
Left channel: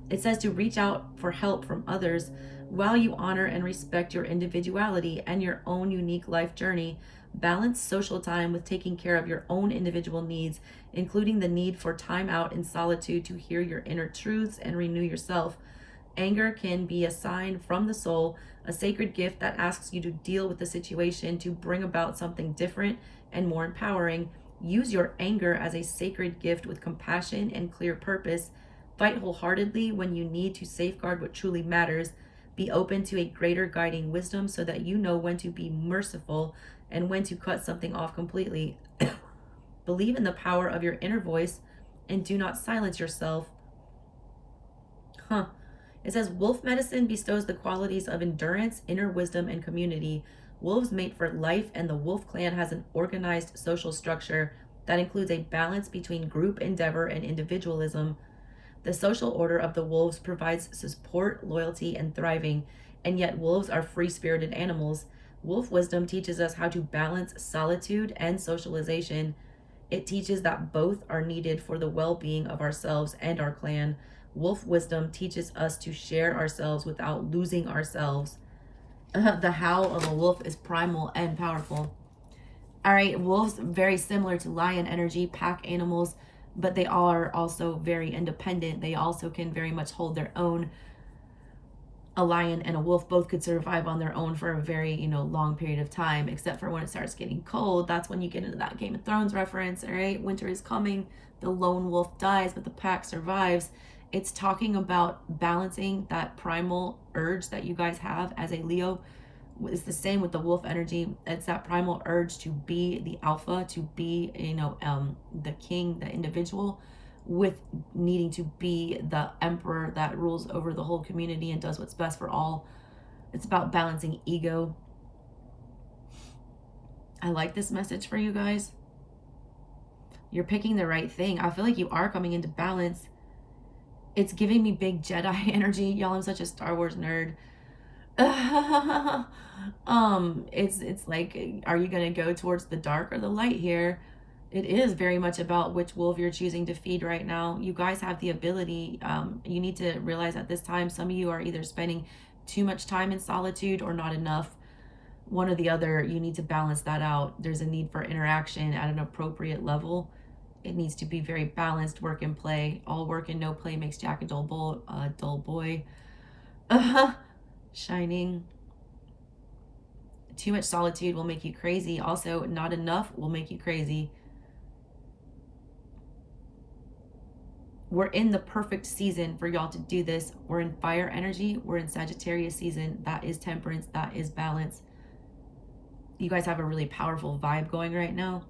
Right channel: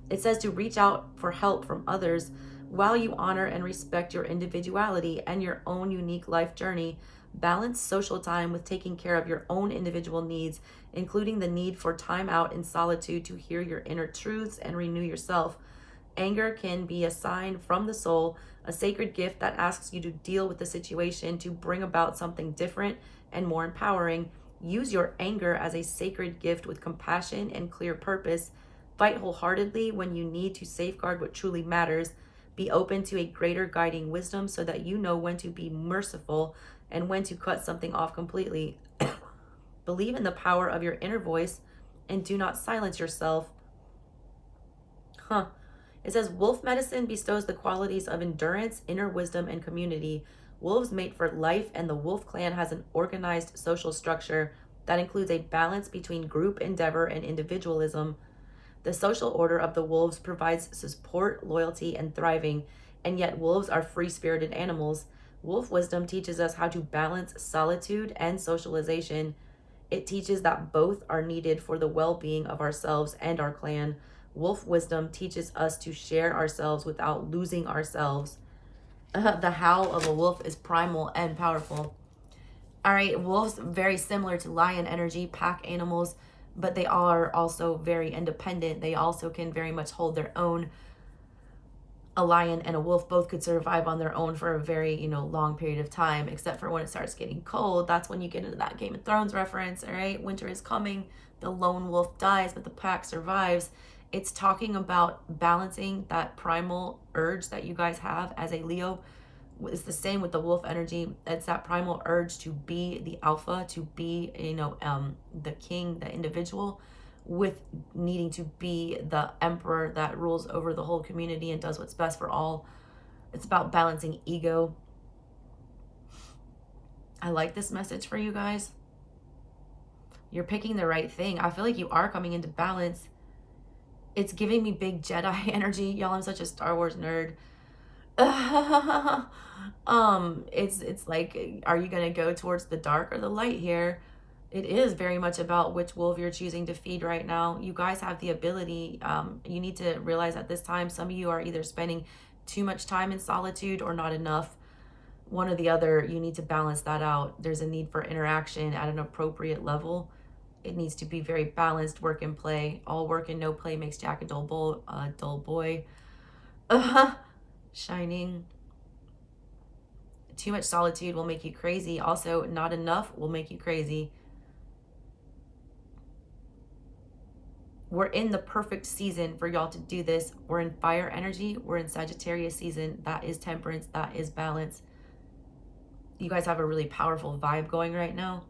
It says to reach out for help from others while you honor and respect your individuality and your own unique life journey. Balance social time with taking care of your own individual needs, including the need for time out in solitude to hear your inner truths and renew yourself. Anger can be a sign from the soul, a sacred gift that asks you to deal with the situation to bring about something different and more empowering. Use your anger as a sacred gift with compassion and clear purpose. Fight wholeheartedly when you need to safeguard what truly matters. Be open to a greater guiding wisdom so that you know when to be merciful and when to cut something off completely. Believe in the power of your inner voice and do not silence yourself. It says wolf medicine bestows the qualities of endurance, inner wisdom, and community. Wolves mate for life, and the wolf clan has an organized social structure that includes a balance between group endeavor and individualism. The social order of the wolves provides support, loyalty, and thriving, and yet wolves are free-spirited animals. Wolf wisdom teaches us how to balance solitude and socialization. It teaches that both are needed for the well-being of ourselves and our clan. Wolf wisdom teaches us to share ourselves without losing ourselves. The howl of a wolf is primal and powerful. All right, wolves, very similar to lion energy, pack animals, but they are also very independent. They also can very much hold their own. A lion and a wolf both could survive on their own for a very, long period of time, except for when it starts getting cold. That's when you get into that Game of Thrones reference, all right? Winter is coming, the lone wolf dies, but the pack survives. It's talking about balancing that primal urge that you guys have as a Leo. It's the same with the wolf energy. It's that primal urge to be the alpha, to be, the king, the individual, with needing to be the emperor that rules over the whole community and does what's best for all. It's about balancing ego. I like this message for you guys. You're picking the right thing. I feel like you are coming into balance. It's giving me big Jedi energy. Y'all, I'm such a Star Wars nerd. It's like, are you gonna go towards the dark or the light here? It is very much about which wolf you're choosing to feed right now. You guys have the ability. You need to realize at this time, some of you are either spending too much time in solitude or not enough. One or the other, you need to balance that out. There's a need for interaction at an appropriate level. It needs to be very balanced, work and play. All work and no play makes Jack a dull boy. Shining. Too much solitude will make you crazy. Also, not enough will make you crazy. We're in the perfect season for y'all to do this. We're in fire energy. We're in Sagittarius season. That is temperance. That is balance. You guys have a really powerful vibe going right now.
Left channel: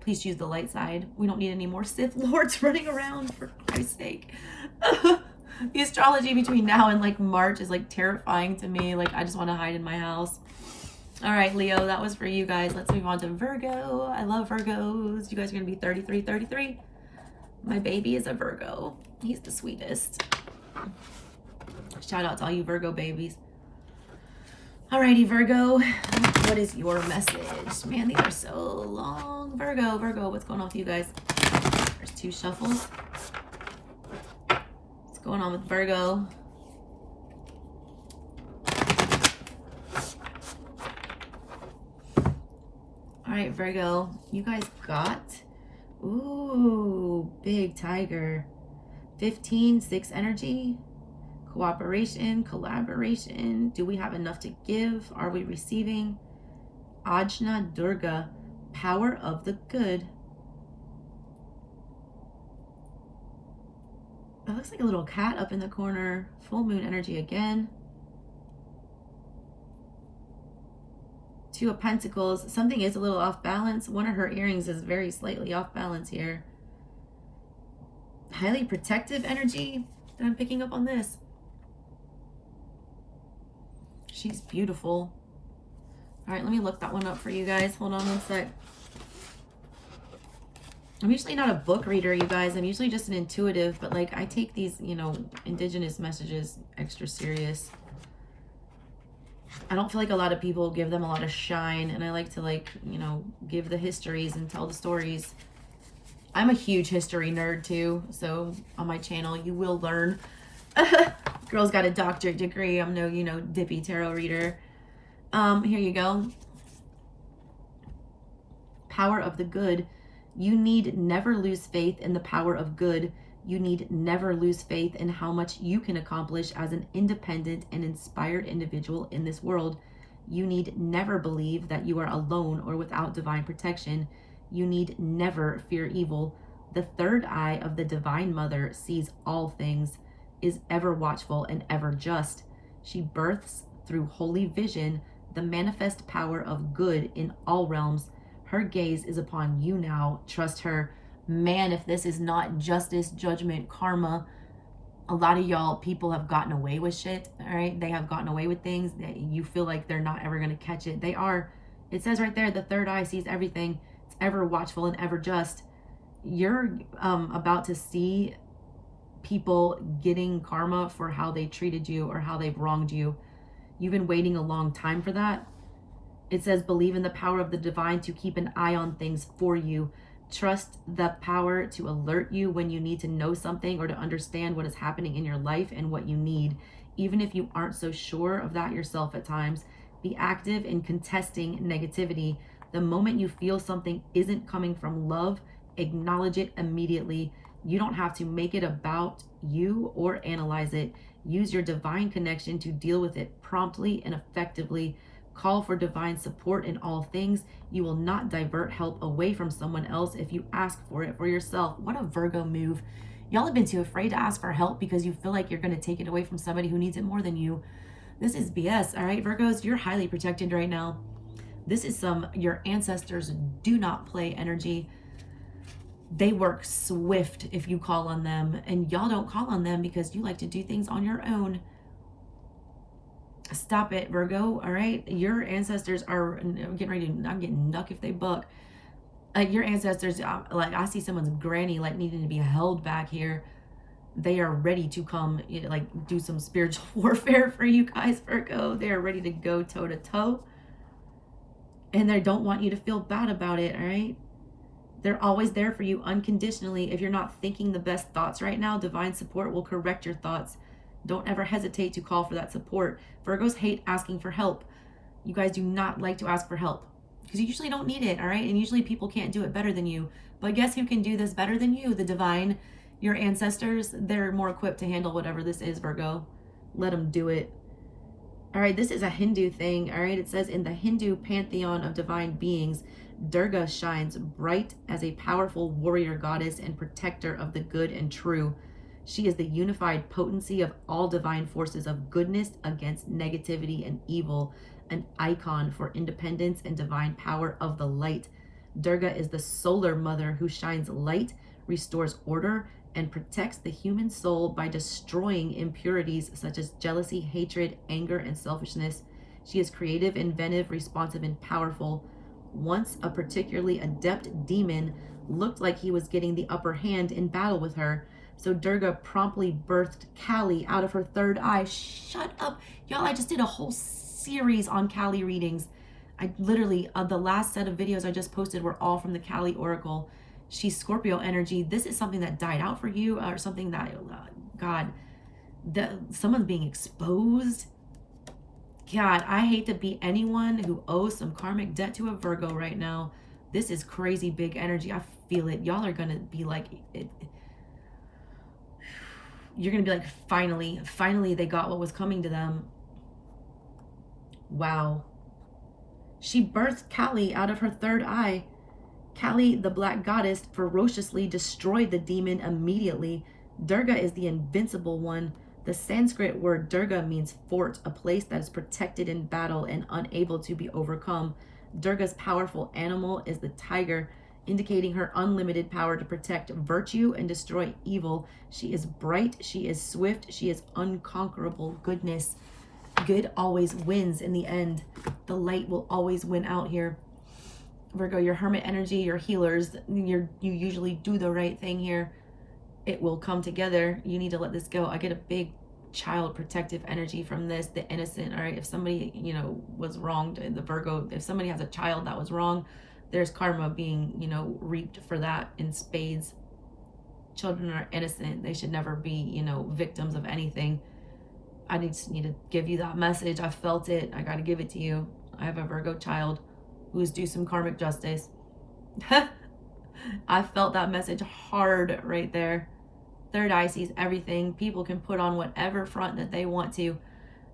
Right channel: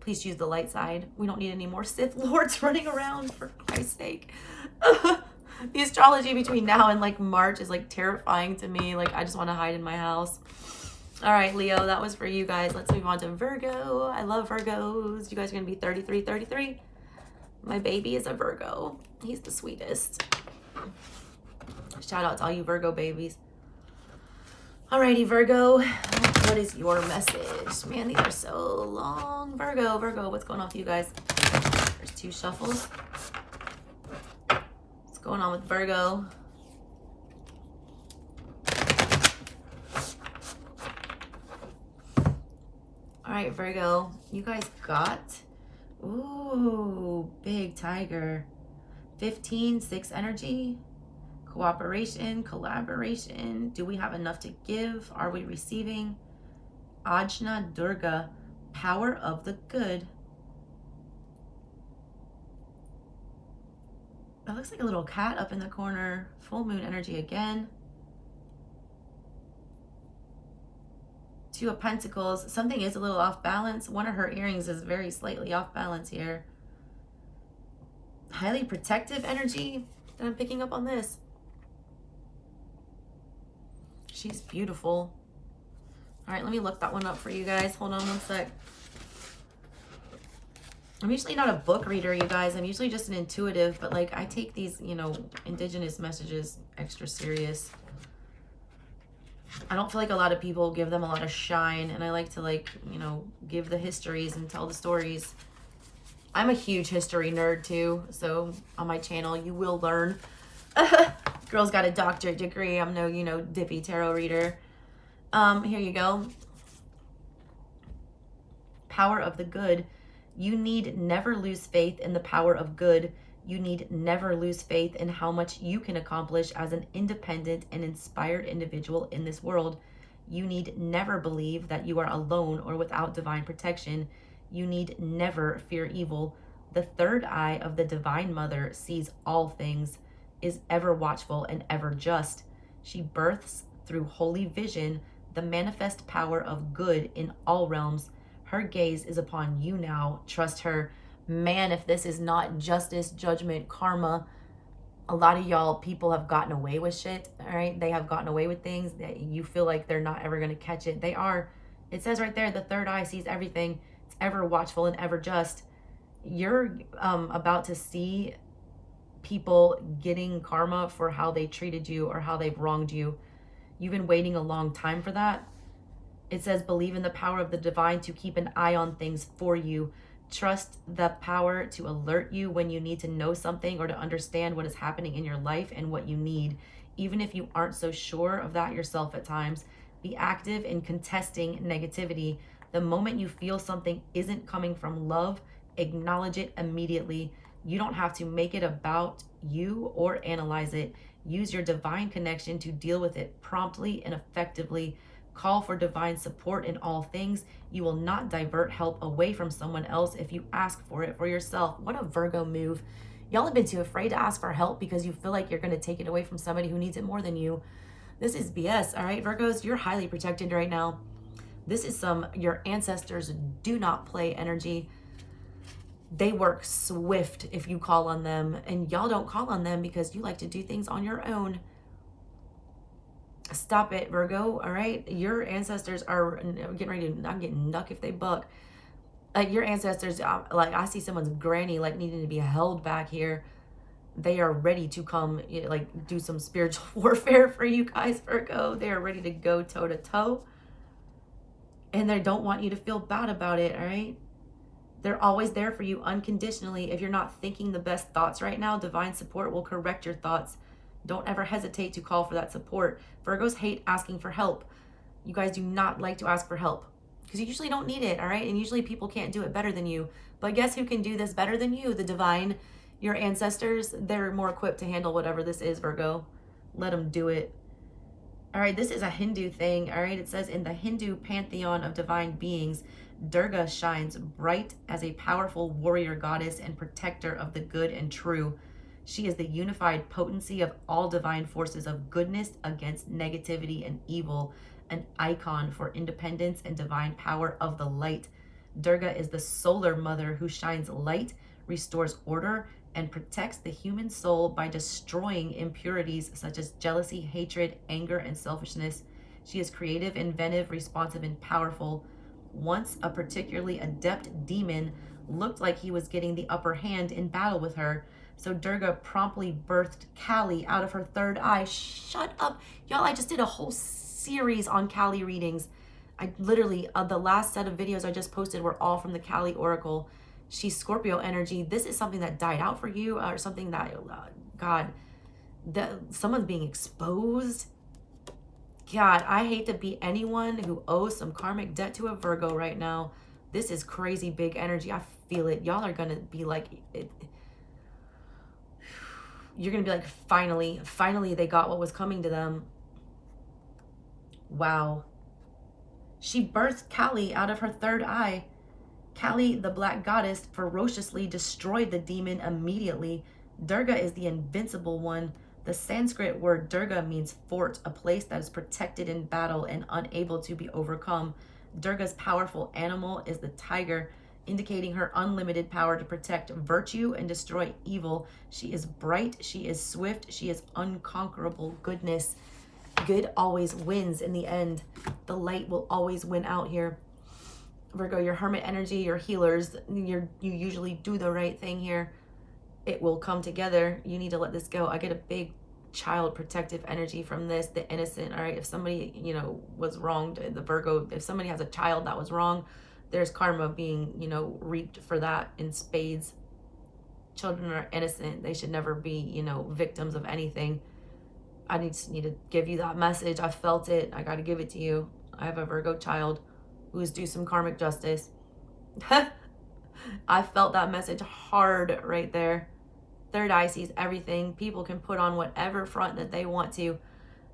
Please choose the light side. We don't need any more Sith Lords running around, for Christ's sake. The astrology between now and like March is like terrifying to me. Like, I just want to hide in my house. All right, Leo, that was for you guys. Let's move on to Virgo. I love Virgos. You guys are going to be 33. My baby is a Virgo. He's the sweetest. Shout out to all you Virgo babies. Alrighty, Virgo, what is your message? Man, these are so long. Virgo, what's going on with you guys? There's 2 shuffles. What's going on with Virgo? All right, Virgo, you guys got, ooh, big tiger. 15, 6 energy. Cooperation, collaboration. Do we have enough to give? Are we receiving? Ajna Durga, power of the good. That looks like a little cat up in the corner. Full moon energy again. 2 of Pentacles. Something is a little off balance. One of her earrings is very slightly off balance here. Highly protective energy that I'm picking up on this. She's beautiful. All right, let me look that one up for you guys. Hold on one sec. I'm usually not a book reader, you guys. I'm usually just an intuitive, but like I take these, indigenous messages extra serious. I don't feel like a lot of people give them a lot of shine, and I like to give the histories and tell the stories. I'm a huge history nerd too, so on my channel you will learn Girl's got a doctorate degree. I'm no, dippy tarot reader. Here you go. Power of the good. You need never lose faith in the power of good. You need never lose faith in how much you can accomplish as an independent and inspired individual in this world. You need never believe that you are alone or without divine protection. You need never fear evil. The third eye of the Divine Mother sees all things, is ever watchful and ever just. She births through holy vision the manifest power of good in all realms. Her gaze is upon you now. Trust her. Man, if this is not justice, judgment, karma, a lot of y'all people have gotten away with shit, all right? They have gotten away with things that you feel like they're not ever going to catch it. They are. It says right there, the third eye sees everything. It's ever watchful and ever just. You're about to see people getting karma for how they treated you or how they've wronged you. You've been waiting a long time for that. It says, believe in the power of the divine to keep an eye on things for you. Trust the power to alert you when you need to know something or to understand what is happening in your life and what you need. Even if you aren't so sure of that yourself at times, be active in contesting negativity. The moment you feel something isn't coming from love, acknowledge it immediately. You don't have to make it about you or analyze it. Use your divine connection to deal with it promptly and effectively. Call for divine support in all things. You will not divert help away from someone else if you ask for it for yourself. What a Virgo move. Y'all have been too afraid to ask for help because you feel like you're going to take it away from somebody who needs it more than you. This is BS, all right, Virgos? You're highly protected right now. This is your ancestors do not play energy. They work swift if you call on them, and y'all don't call on them because you like to do things on your own. Stop it, Virgo, all right? Your ancestors are getting ready to not get nuck if they buck. Your ancestors, like I see someone's granny like needing to be held back here. They are ready to come, like do some spiritual warfare for you guys, Virgo. They are ready to go toe to toe. And they don't want you to feel bad about it, all right? They're always there for you unconditionally. If you're not thinking the best thoughts right now, divine support will correct your thoughts. Don't ever hesitate to call for that support. Virgos hate asking for help. You guys do not like to ask for help because you usually don't need it, all right? And usually people can't do it better than you. But guess who can do this better than you? The divine. Your ancestors, they're more equipped to handle whatever this is, Virgo. Let them do it. All right, this is a Hindu thing, all right? It says, in the Hindu pantheon of divine beings, Durga shines bright as a powerful warrior goddess and protector of the good and true. She is the unified potency of all divine forces of goodness against negativity and evil, an icon for independence and divine power of the light. Durga is the solar mother who shines light, restores order, and protects the human soul by destroying impurities such as jealousy, hatred, anger, and selfishness. She is creative, inventive, responsive, and powerful. Once a particularly adept demon looked like he was getting the upper hand in battle with her. So Durga promptly birthed Kali out of her third eye. Shut up. Y'all, I just did a whole series on Kali readings. I literally, the last set of videos I just posted were all from the Kali Oracle. She's Scorpio energy. This is something that died out for you or something that, someone's being exposed. God, I hate to be anyone who owes some karmic debt to a Virgo right now. This is crazy big energy. I feel it. Y'all are going to be like, you're going to be like, finally they got what was coming to them. Wow. She birthed Kali out of her third eye. Kali, the black goddess, ferociously destroyed the demon immediately. Durga is the invincible one. The Sanskrit word Durga means fort, a place that is protected in battle and unable to be overcome. Durga's powerful animal is the tiger, indicating her unlimited power to protect virtue and destroy evil. She is bright, she is swift, she is unconquerable goodness. Good always wins in the end. The light will always win out here. Virgo, your hermit energy, your healers, you usually do the right thing here. It will come together. You need to let this go. I get a big child protective energy from this, the innocent. All right, if somebody, was wronged, the Virgo, if somebody has a child that was wrong, there's karma being, reaped for that in spades. children are innocent. They should never be, you know, victims of anything. I just need to give you that message. I felt it. I got to give it to you. I have a Virgo child who is due some karmic justice. I felt that message hard right there. Third eye sees everything. People can put on whatever front that they want to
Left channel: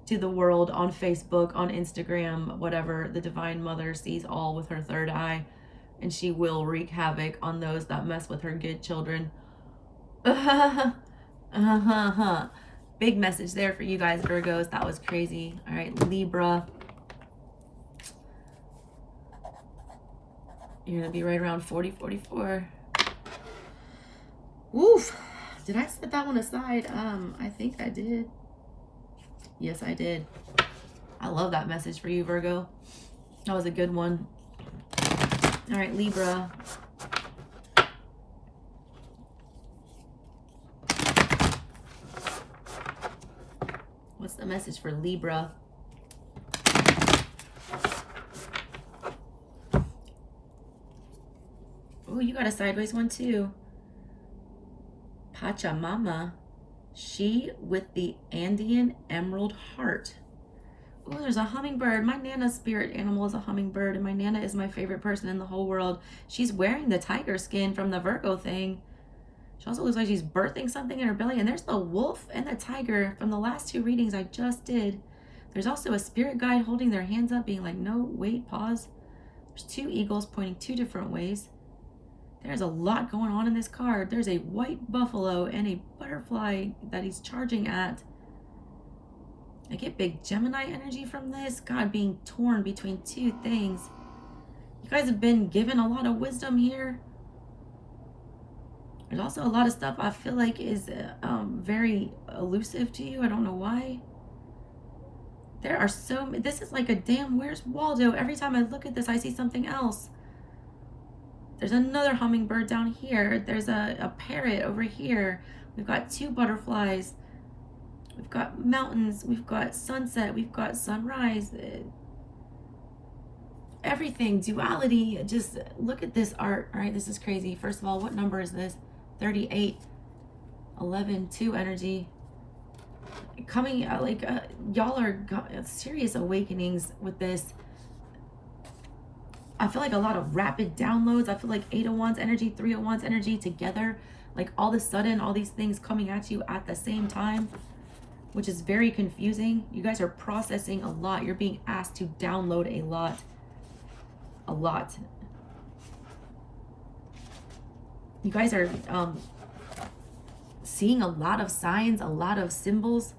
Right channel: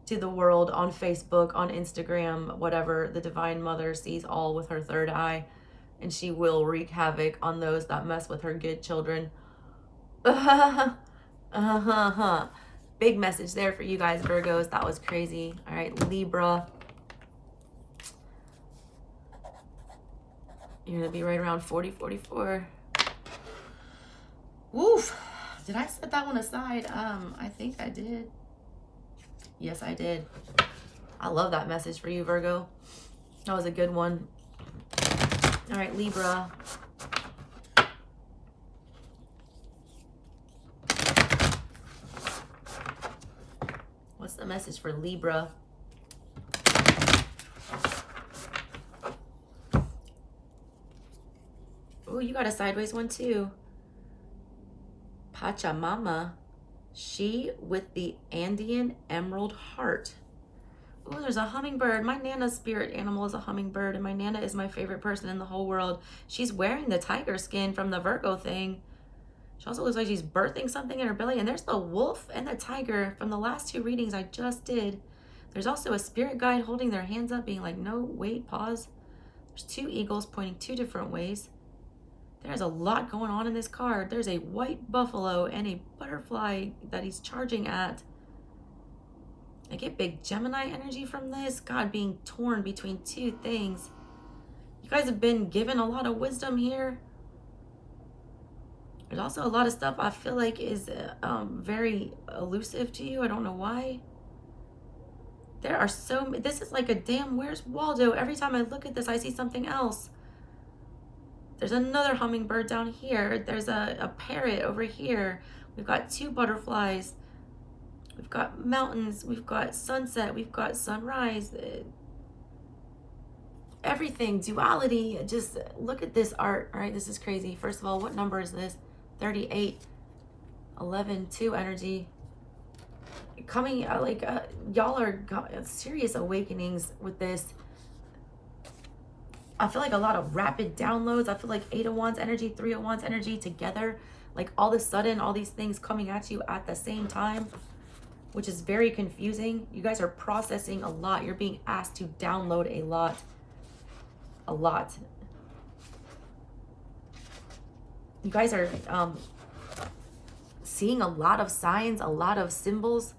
the world, on Facebook, on Instagram, whatever. The Divine Mother sees all with her third eye, and she will wreak havoc on those that mess with her good children. Big message there for you guys, Virgos. That was crazy. All right, Libra. You're going to be right around 40, 44. Woof. Did I set that one aside? I think I did. Yes, I did. I love that message for you, Virgo. That was a good one. All right, Libra. What's the message for Libra? Oh, you got a sideways one too. Pachamama. She with the Andean emerald heart. Oh, there's a hummingbird. My Nana's spirit animal is a hummingbird, and my Nana is my favorite person in the whole world. She's wearing the tiger skin from the Virgo thing. She also looks like she's birthing something in her belly. And there's the wolf and the tiger from the last two readings I just did. There's also a spirit guide holding their hands up, being like, no, wait, pause. There's two eagles pointing two different ways. There's a lot going on in this card. There's a white buffalo and a butterfly that he's charging at. I get big Gemini energy from this. God, being torn between two things. You guys have been given a lot of wisdom here. There's also a lot of stuff I feel like is very elusive to you. I don't know why. There are so many. This is like a damn Where's Waldo. Every time I look at this, I see something else. There's another hummingbird down here. There's a parrot over here. We've got two butterflies. We've got mountains. We've got sunset. We've got sunrise. Everything, duality. Just look at this art. All right, this is crazy. First of all, what number is this? 38, 11, 2 energy. Coming, y'all are serious awakenings with this. I feel like a lot of rapid downloads. I feel like 8 of Wands energy, 3 of Wands energy together. Like all of a sudden, all these things coming at you at the same time, which is very confusing. You guys are processing a lot. You're being asked to download a lot. A lot. You guys are seeing a lot of signs, a lot of symbols.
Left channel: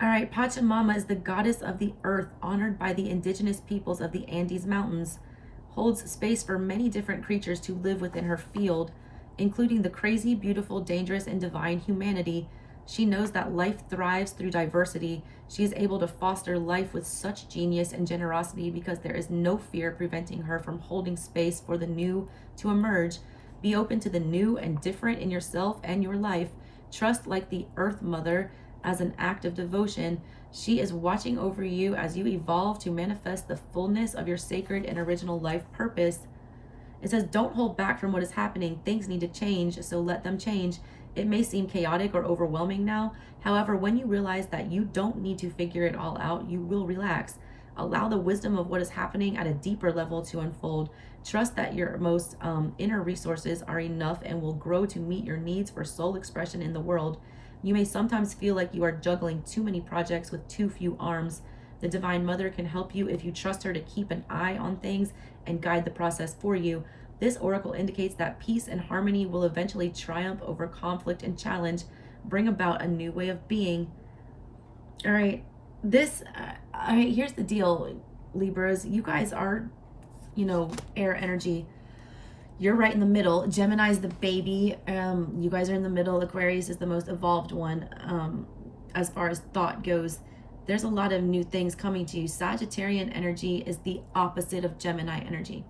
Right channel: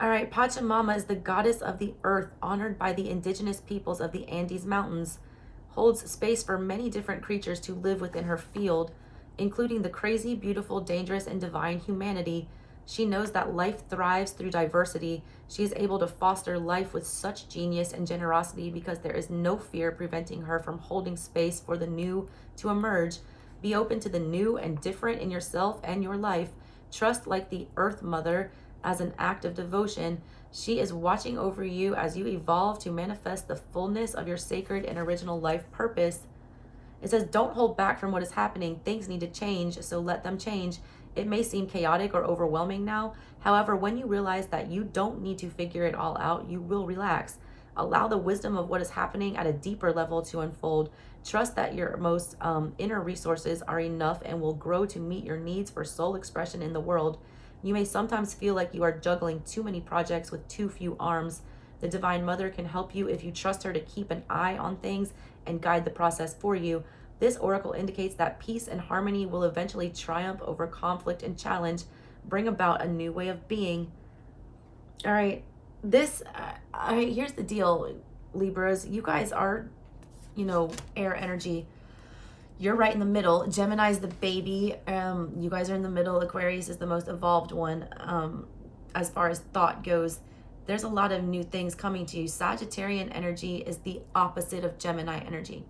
All right, Pachamama is the goddess of the earth, honored by the indigenous peoples of the Andes Mountains, holds space for many different creatures to live within her field, including the crazy, beautiful, dangerous, and divine humanity. She knows that life thrives through diversity. She is able to foster life with such genius and generosity because there is no fear preventing her from holding space for the new to emerge. Be open to the new and different in yourself and your life. Trust like the Earth Mother as an act of devotion. She is watching over you as you evolve to manifest the fullness of your sacred and original life purpose. It says, don't hold back from what is happening. Things need to change, so let them change. It may seem chaotic or overwhelming now. However, when you realize that you don't need to figure it all out, you will relax. Allow the wisdom of what is happening at a deeper level to unfold. Trust that your most inner resources are enough and will grow to meet your needs for soul expression in the world. You may sometimes feel like you are juggling too many projects with too few arms. The Divine Mother can help you if you trust her to keep an eye on things and guide the process for you. This oracle indicates that peace and harmony will eventually triumph over conflict and challenge, bring about a new way of being. All right, here's the deal, Libras. You guys are, air energy. You're right in the middle. Gemini's the baby. You guys are in the middle. Aquarius is the most evolved one as far as thought goes. There's a lot of new things coming to you. Sagittarian energy is the opposite of Gemini energy.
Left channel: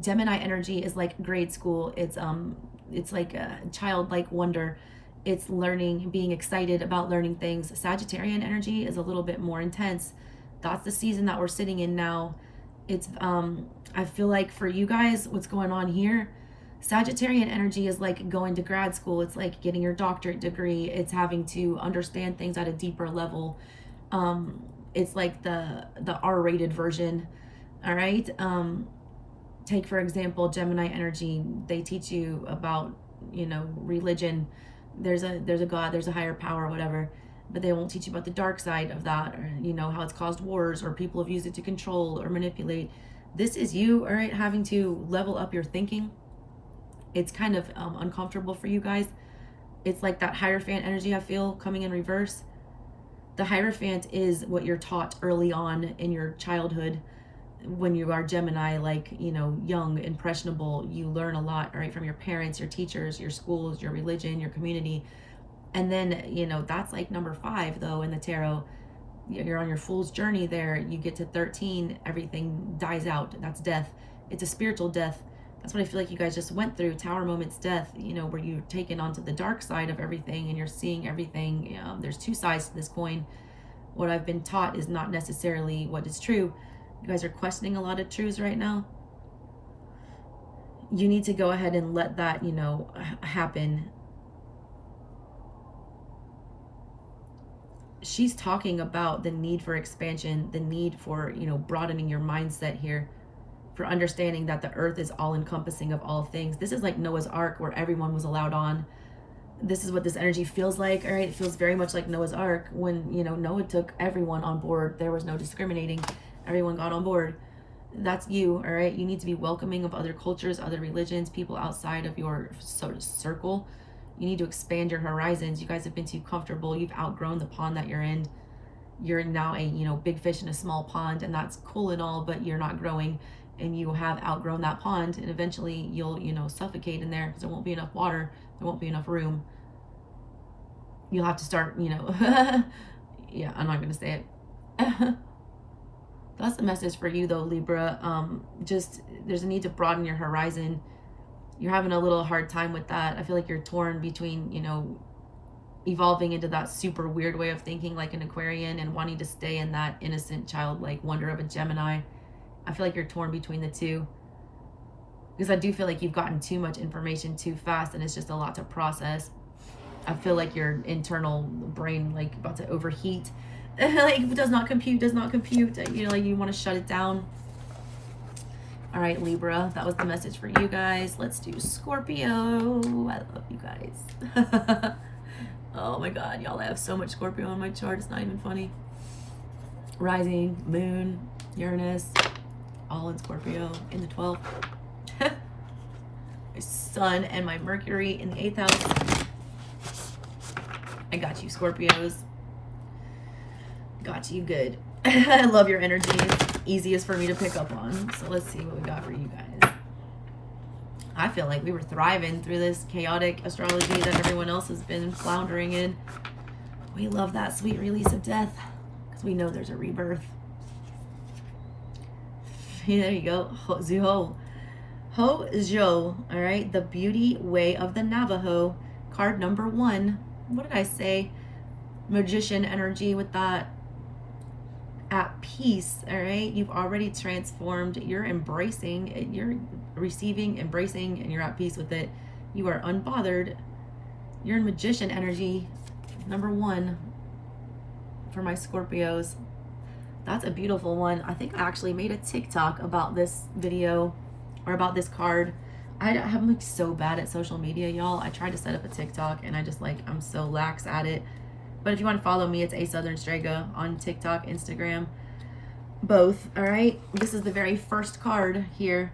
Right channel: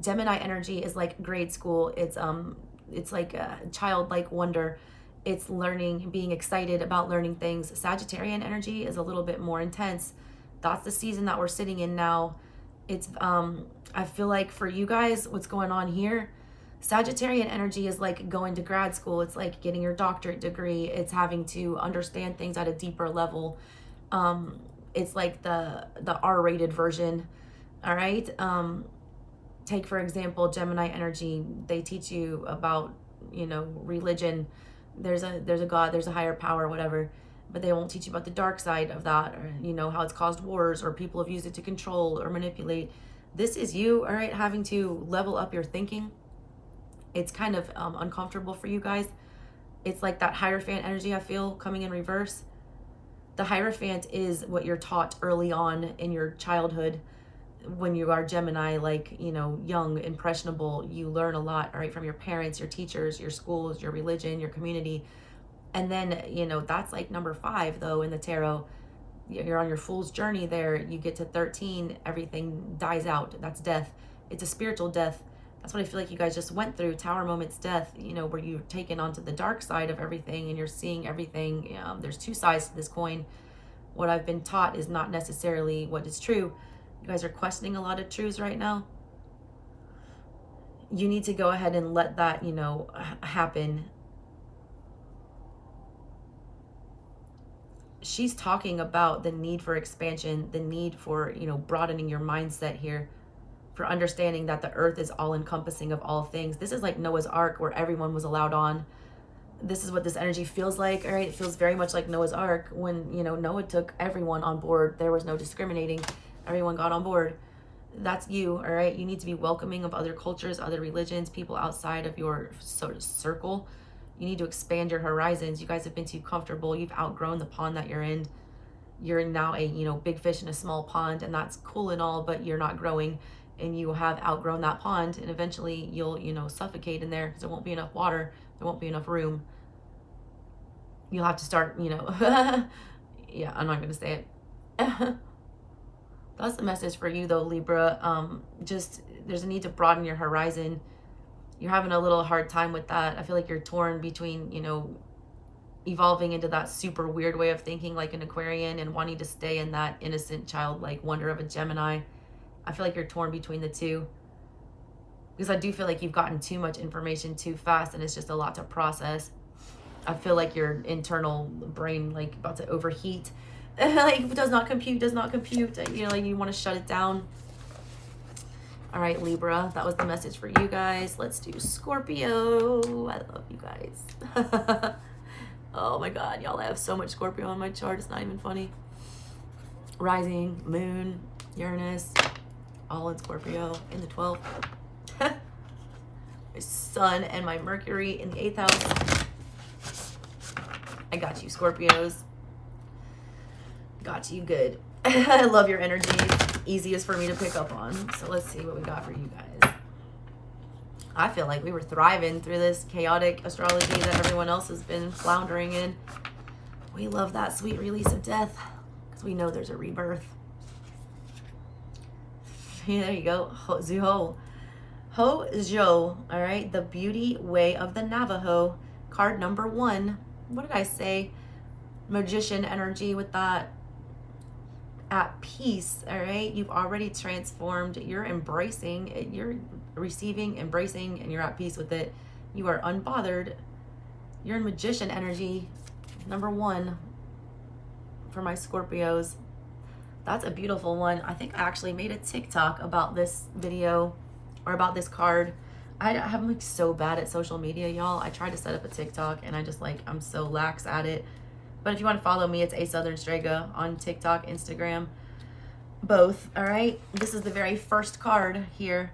Gemini energy is like grade school. It's like a childlike wonder. It's learning, being excited about learning things. Sagittarian energy is a little bit more intense. That's the season that we're sitting in now. It's I feel like for you guys, what's going on here, Sagittarian energy is like going to grad school. It's like getting your doctorate degree. It's having to understand things at a deeper level. It's like the R-rated version. All right. Take, for example, Gemini energy. They teach you about, you know, religion. There's a God, there's a higher power, whatever. But they won't teach you about the dark side of that, or, you know, how it's caused wars, or people have used it to control or manipulate. This is you, all right, having to level up your thinking. It's kind of uncomfortable for you guys. It's like that Hierophant energy I feel coming in reverse. The Hierophant is what you're taught early on in your childhood. When you are Gemini, like, you know, young, impressionable, you learn a lot, all right, from your parents, your teachers, your schools, your religion, your community. And then, you know, that's like number 5, though, in the tarot. You're on your fool's journey there. You get to 13, everything dies out. That's death. It's a spiritual death. That's what I feel like you guys just went through. Tower moment's death, you know, where you're taken onto the dark side of everything and you're seeing everything. There's 2 sides to this coin. What I've been taught is not necessarily what is true. You guys are questioning a lot of truths right now. You need to go ahead and let that, you know, happen. She's talking about the need for expansion, the need for, you know, broadening your mindset here, for understanding that the earth is all encompassing of all things. This is like Noah's Ark, where everyone was allowed on. This is what this energy feels like, all right? It feels very much like Noah's Ark when, you know, Noah took everyone on board. There was no discriminating. Everyone got on board. That's you, all right? You need to be welcoming of other cultures, other religions, people outside of your sort of circle. You need to expand your horizons. You guys have been too comfortable. You've outgrown the pond that you're in. You're now a, you know, big fish in a small pond, and that's cool and all, but you're not growing, and you have outgrown that pond, and eventually you'll, you know, suffocate in there because there won't be enough water. There won't be enough room. You'll have to start, you know, yeah, I'm not going to say it. That's the message for you, though, Libra. Just, there's a need to broaden your horizon. You're having a little hard time with that. I feel like you're torn between, you know, evolving into that super weird way of thinking like an Aquarian and wanting to stay in that innocent childlike wonder of a Gemini. I feel like you're torn between the two, because I do feel like you've gotten too much information too fast and it's just a lot to process. I feel like your internal brain like about to overheat. Like, does not compute. You know, like you want to shut it down. All right, Libra, that was the message for you guys. Let's do Scorpio. I love you guys. Oh my God, y'all, I have so much Scorpio on my chart. It's not even funny. Rising, moon, Uranus, all in Scorpio in the 12th. My sun and my Mercury in the 8th house. I got you, Scorpios. Got you good. I love your energy. Easiest for me to pick up on. So let's see what we got for you guys. I feel like we were thriving through this chaotic astrology that everyone else has been floundering in. We love that sweet release of death because we know there's a rebirth. Yeah, there you go. Ho-Jo, all right? The Beauty Way of the Navajo. Card number 1. What did I say? Magician energy with that. At peace, all right? You've already transformed. You're embracing, you're receiving, embracing, and you're at peace with it. You are unbothered. You're in magician energy. Number 1 for my Scorpios. That's a beautiful one. I think I actually made a TikTok about this video or about this card. I'm like so bad at social media, y'all. I tried to set up a TikTok and I just like, I'm so lax at it. But if you want to follow me, it's ASouthernStrega on TikTok, Instagram, both. All right. This is the very first card here.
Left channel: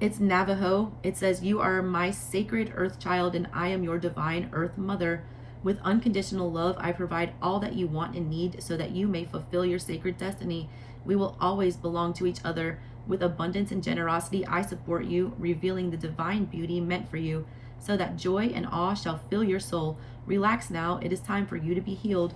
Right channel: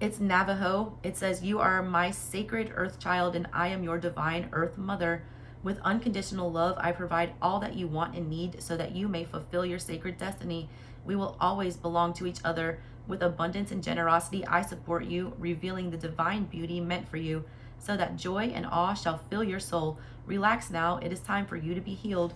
It's Navajo. It says, "You are my sacred earth child and I am your divine earth mother. With unconditional love, I provide all that you want and need so that you may fulfill your sacred destiny. We will always belong to each other. With abundance and generosity, I support you, revealing the divine beauty meant for you, so that joy and awe shall fill your soul. Relax now. It is time for you to be healed."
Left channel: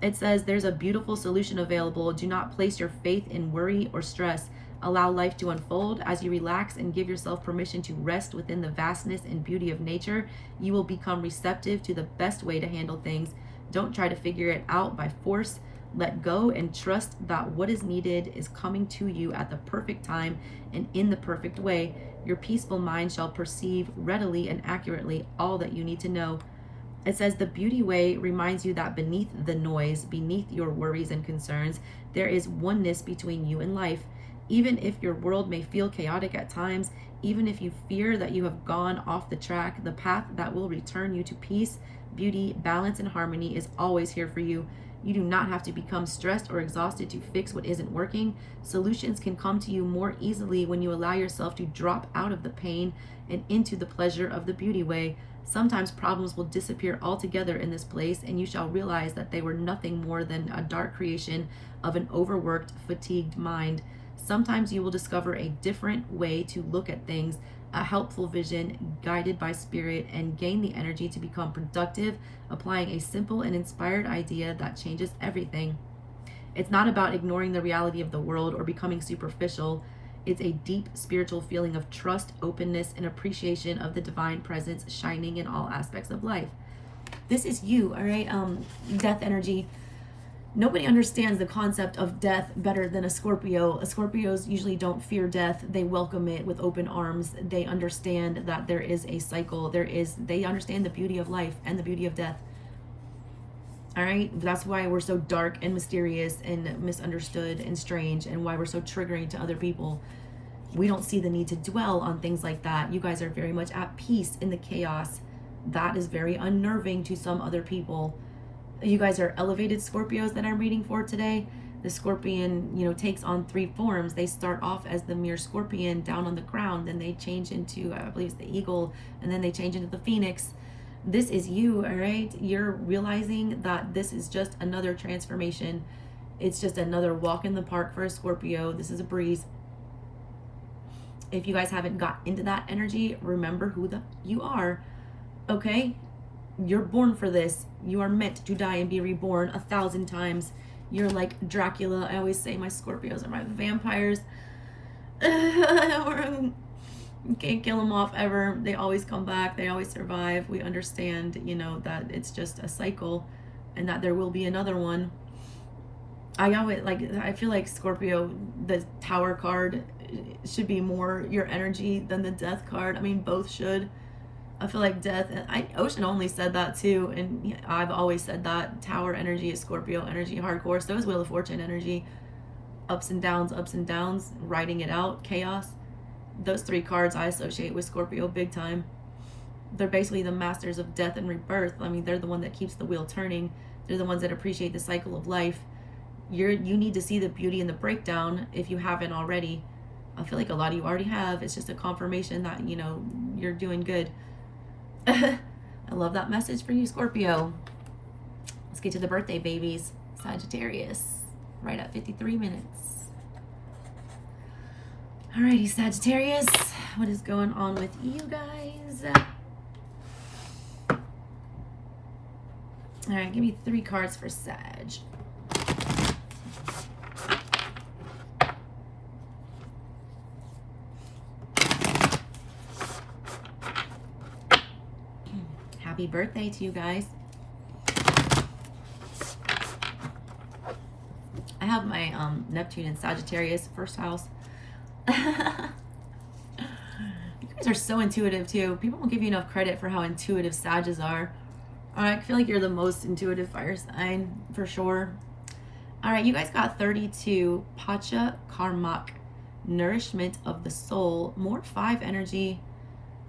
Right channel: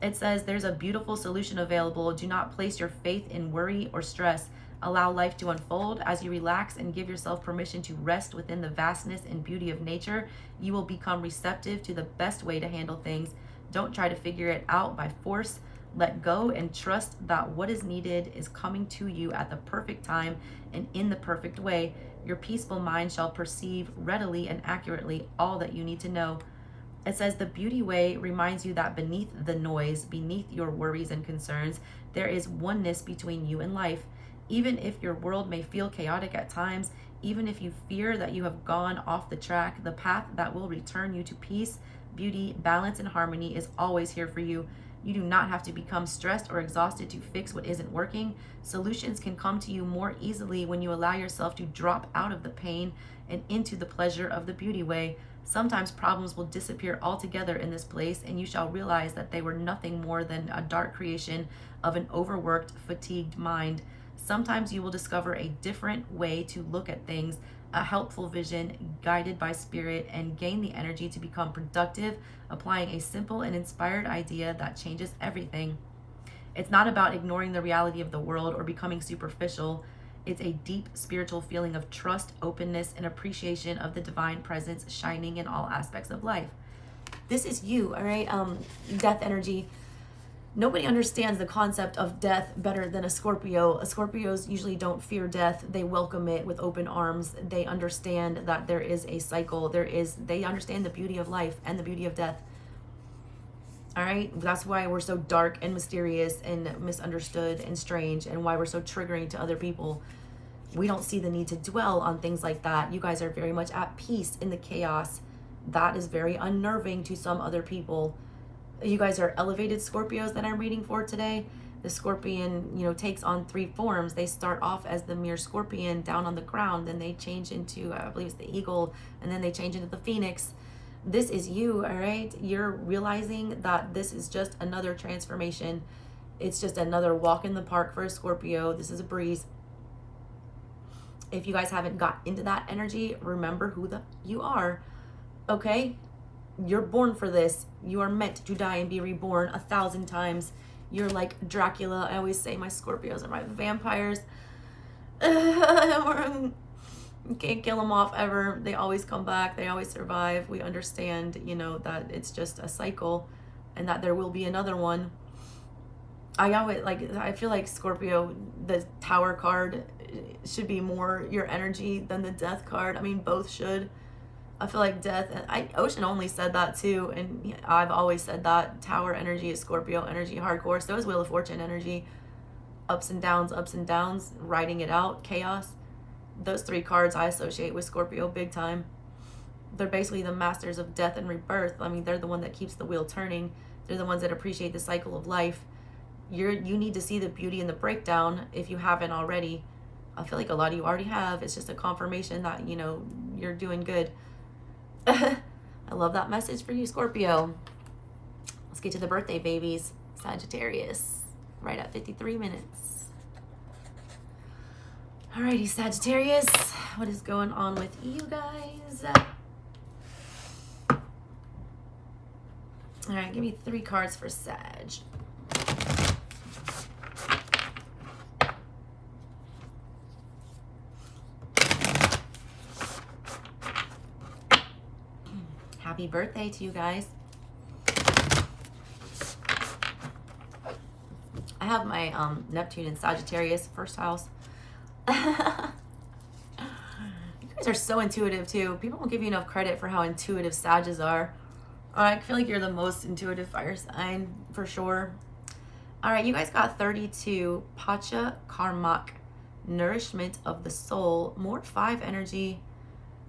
It says, "There's a beautiful solution available. Do not place your faith in worry or stress. Allow life to unfold. As you relax and give yourself permission to rest within the vastness and beauty of nature, you will become receptive to the best way to handle things. Don't try to figure it out by force. Let go and trust that what is needed is coming to you at the perfect time and in the perfect way. Your peaceful mind shall perceive readily and accurately all that you need to know. It says the beauty way reminds you that beneath the noise, beneath your worries and concerns, there is oneness between you and life. Even if your world may feel chaotic at times, even if you fear that you have gone off the track, the path that will return you to peace, beauty, balance, and harmony is always here for you. You do not have to become stressed or exhausted to fix what isn't working. Solutions can come to you more easily when you allow yourself to drop out of the pain and into the pleasure of the beauty way. Sometimes problems will disappear altogether in this place, and you shall realize that they were nothing more than a dark creation of an overworked, fatigued mind. Sometimes you will discover a different way to look at things, a helpful vision guided by spirit, and gain the energy to become productive, applying a simple and inspired idea that changes everything. It's not about ignoring the reality of the world or becoming superficial. It's a deep spiritual feeling of trust, openness, and appreciation of the divine presence shining in all aspects of life. This is you, all right? Death energy. Nobody understands the concept of death better than a Scorpio. Scorpios usually don't fear death. They welcome it with open arms. They understand that there is a cycle. They understand the beauty of life and the beauty of death. All right? That's why we're so dark and mysterious and misunderstood and strange, and why we're so triggering to other people. We don't see the need to dwell on things like that. You guys are very much at peace in the chaos. That is very unnerving to some other people. You guys are elevated Scorpios that I'm reading for today. The scorpion, takes on 3 forms. They start off as the mere scorpion down on the ground, then they change into, I believe it's the eagle, and then they change into the phoenix. This is you, all right? You're realizing that this is just another transformation. It's just another walk in the park for a Scorpio. This is a breeze. If you guys haven't got into that energy, remember who you are, okay? You're born for this. You are meant to die and be reborn 1,000 times. You're like Dracula. I always say my Scorpios are my vampires. You can't kill them off ever. They always come back. They always survive. We understand, that it's just a cycle and that there will be another one. I feel like Scorpio, the Tower card should be more your energy than the Death card. I mean, both should. I feel like death, Ocean only said that too, and I've always said that. Tower energy is Scorpio energy, hardcore. So is Wheel of Fortune energy. Ups and downs, riding it out, chaos. Those 3 cards I associate with Scorpio big time. They're basically the masters of death and rebirth. I mean, they're the one that keeps the wheel turning. They're the ones that appreciate the cycle of life. You need to see the beauty in the breakdown if you haven't already. I feel like a lot of you already have. It's just a confirmation that, you're doing good. I love that message for you, Scorpio. Let's get to the birthday babies. Sagittarius, right at 53 minutes. Alrighty, Sagittarius, what is going on with you guys? Alright, give me 3 cards for Sag. Happy birthday to you guys. I have my Neptune in Sagittarius, first house. You guys are so intuitive too. People don't give you enough credit for how intuitive Sages are. Alright, I feel like you're the most intuitive fire sign for sure. Alright, you guys got 32. Pacha Karmak, nourishment of the soul. More 5 energy.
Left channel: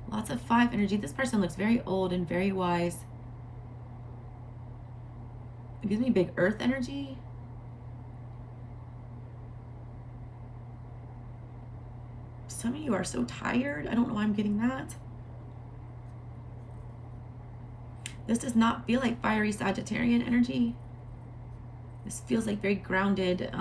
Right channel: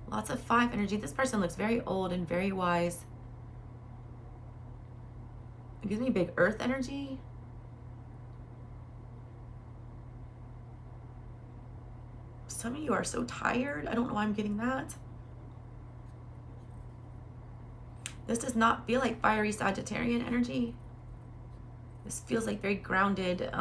Lots of 5 energy. This person looks very old and very wise. It gives me big earth energy. Some of you are so tired. I don't know why I'm getting that. This does not feel like fiery Sagittarian energy. This feels like very grounded.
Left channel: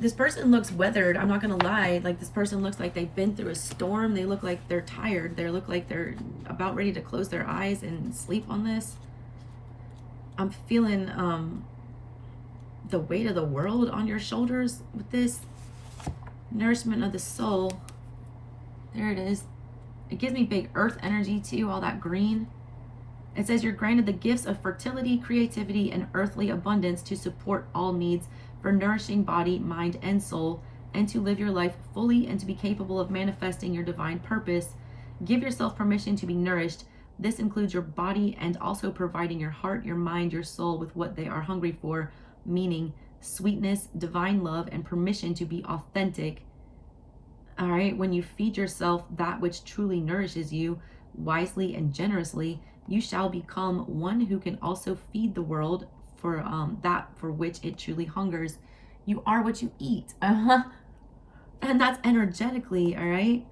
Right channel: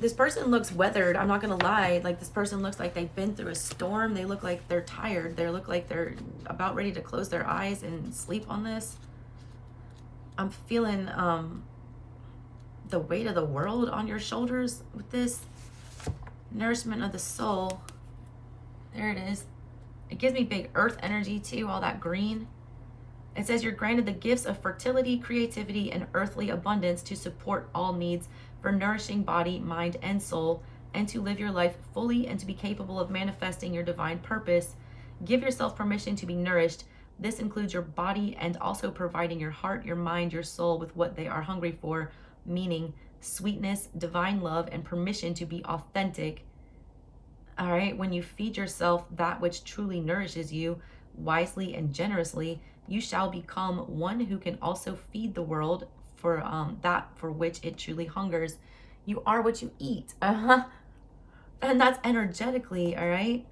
This person looks weathered. I'm not gonna lie. Like, this person looks like they've been through a storm. They look like they're tired. They look like they're about ready to close their eyes and sleep on this. I'm feeling the weight of the world on your shoulders with this. Nourishment of the soul. There it is. It gives me big earth energy too, all that green. It says you're granted the gifts of fertility, creativity, and earthly abundance to support all needs for nourishing body, mind, and soul. and to live your life fully and to be capable of manifesting your divine purpose. Give yourself permission to be nourished. This includes your body and also providing your heart, your mind, your soul with what they are hungry for, meaning sweetness, divine love, and permission to be authentic. All right, when you feed yourself that which truly nourishes you wisely and generously, you shall become one who can also feed the world for that for which it truly hungers. You are what you eat. And that's energetically, all right?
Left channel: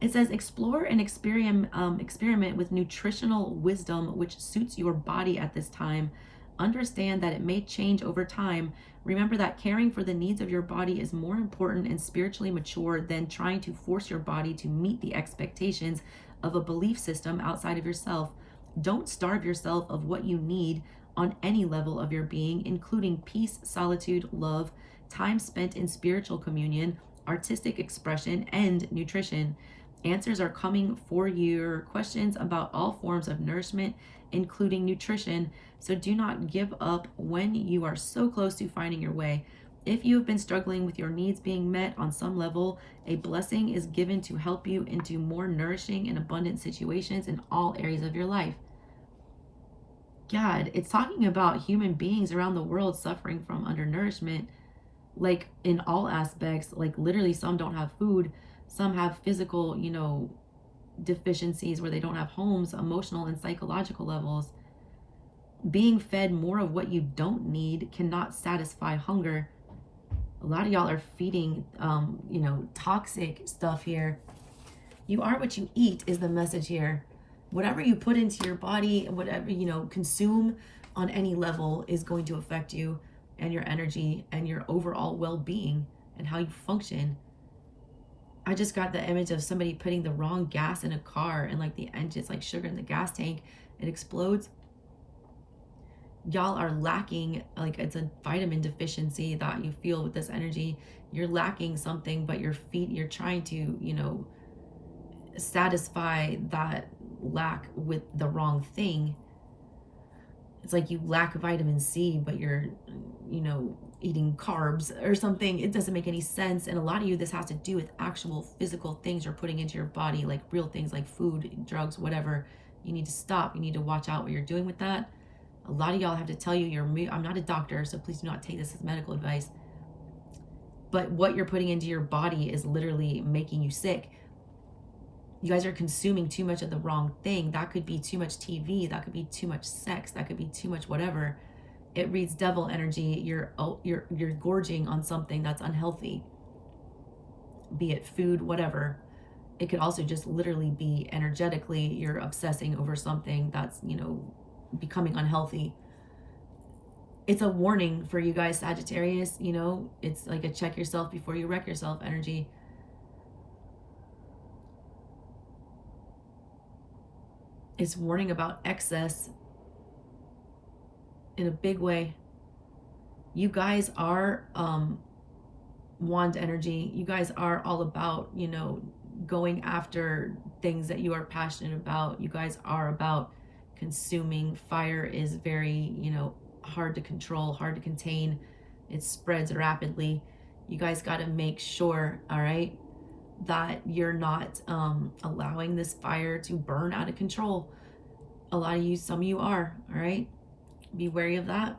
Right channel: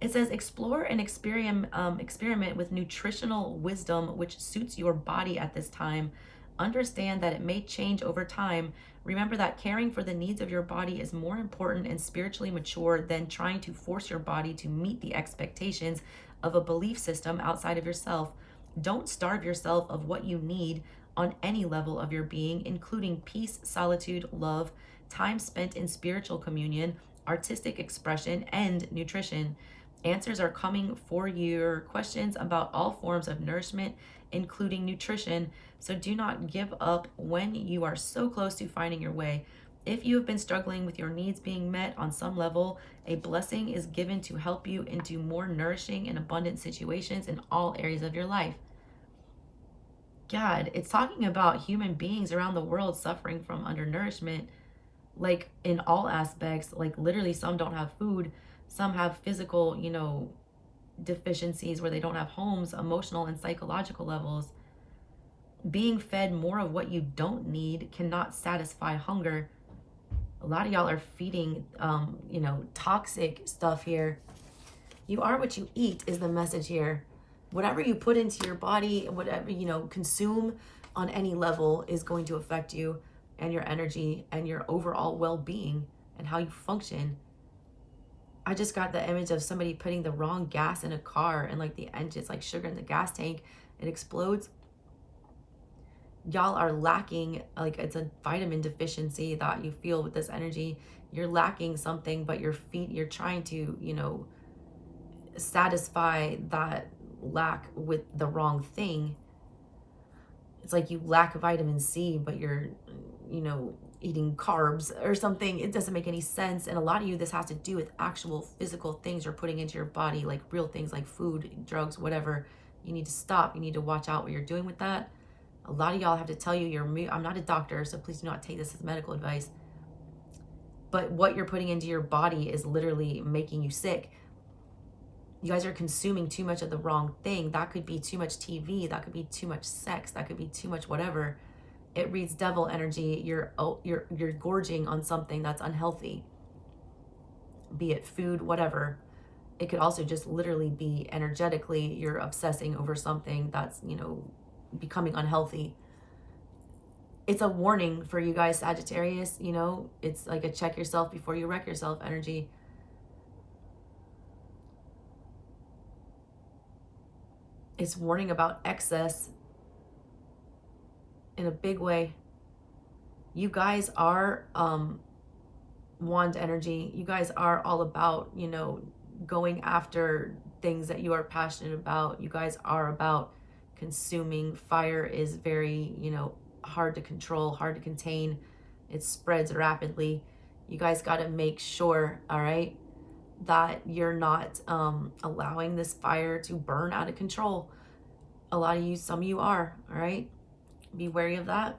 It says, explore and experiment with nutritional wisdom which suits your body at this time. Understand that it may change over time. Remember that caring for the needs of your body is more important and spiritually mature than trying to force your body to meet the expectations of a belief system outside of yourself. Don't starve yourself of what you need on any level of your being, including peace, solitude, love, time spent in spiritual communion, artistic expression, and nutrition. Answers are coming for your questions about all forms of nourishment, including nutrition. So do not give up when you are so close to finding your way. If you have been struggling with your needs being met on some level, a blessing is given to help you into more nourishing and abundant situations in all areas of your life. God, it's talking about human beings around the world suffering from undernourishment, like in all aspects. Like literally, some don't have food, some have physical, deficiencies where they don't have homes, emotional and psychological levels. Being fed more of what you don't need cannot satisfy hunger. A lot of y'all are feeding, toxic stuff here. You are what you eat is the message here. Whatever you put into your body and whatever, consume on any level is going to affect you and your energy and your overall well-being and how you function. I just got the image of somebody putting the wrong gas in a car and like the engine's like sugar in the gas tank, it explodes. Y'all are lacking, like it's a vitamin deficiency that you feel with this energy. You're lacking something, but you're trying to, satisfy that lack with the wrong thing. It's like you lack vitamin C, but you're, eating carbs or something. It doesn't make any sense. And a lot of you, this has to do with actual physical things you're putting into your body, like real things like food, drugs, whatever. You need to stop. You need to watch out what you're doing with that. A lot of y'all have to tell you I'm not a doctor, so please do not take this as medical advice. But what you're putting into your body is literally making you sick. You guys are consuming too much of the wrong thing. That could be too much TV. That could be too much sex. That could be too much whatever. It reads devil energy. You're gorging on something that's unhealthy. Be it food, whatever. It could also just literally be energetically you're obsessing over something that's, becoming unhealthy. It's a warning for you guys, Sagittarius. It's like a check yourself before you wreck yourself energy. It's warning about excess in a big way. You guys are wand energy. You guys are all about, going after things that you are passionate about. You guys are about consuming. Fire is very, hard to control, hard to contain. It spreads rapidly. You guys got to make sure, all right, that you're not allowing this fire to burn out of control. A lot of you, some of you are, all right? Be wary of that.